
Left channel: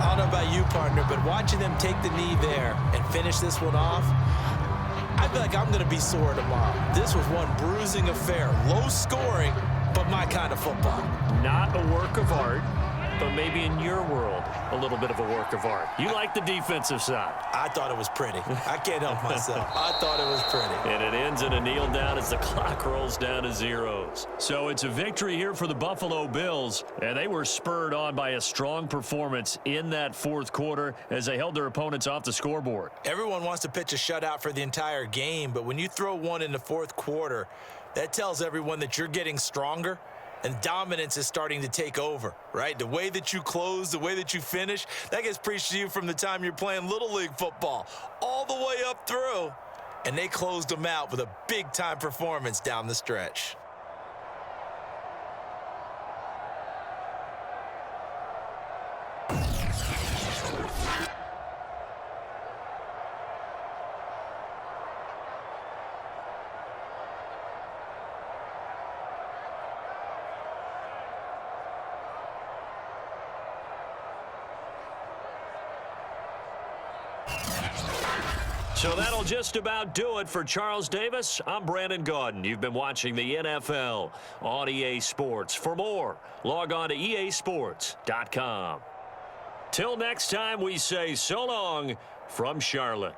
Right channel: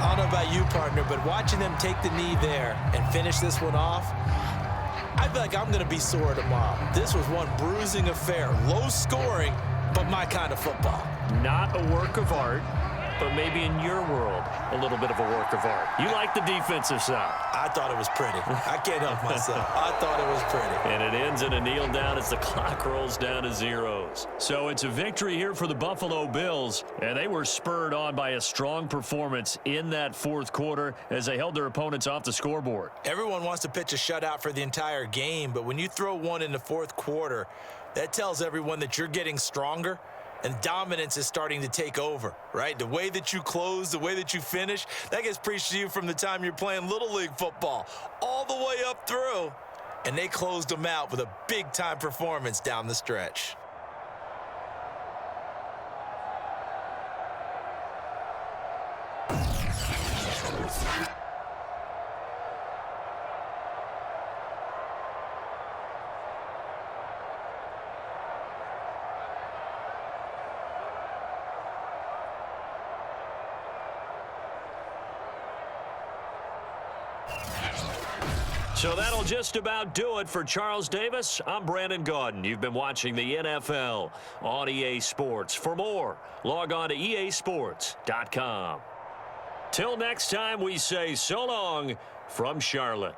I don't know about you, partner, but watching them take the knee there and finish this one off, I feel like I'm going to be sore tomorrow. This was one bruising affair. Low scoring, but my kind of football. Not a work of art, but maybe in your world, a little bit of a work of art. You like the defensive side. I thought it was pretty. I can't help myself. I thought it was pretty. And it ends in a kneel down as the clock rolls down to zeros. So it's a victory here for the Buffalo Bills, and they were spurred on by a strong performance in that fourth quarter as they held their opponents off the scoreboard. Everyone wants to pitch a shutout for the entire game, but when you throw one in the fourth quarter, that tells everyone that you're getting stronger and dominance is starting to take over, right? The way that you close, the way that you finish, that gets preached to you from the time you're playing Little League football all the way up through. And they closed them out with a big-time performance down the stretch. So that'll just about do it for Charles Davis. I'm Brandon Gaudin. You've been watching the NFL on EA Sports. For more, log on to easports.com. Till next time, we say so long from Charlotte.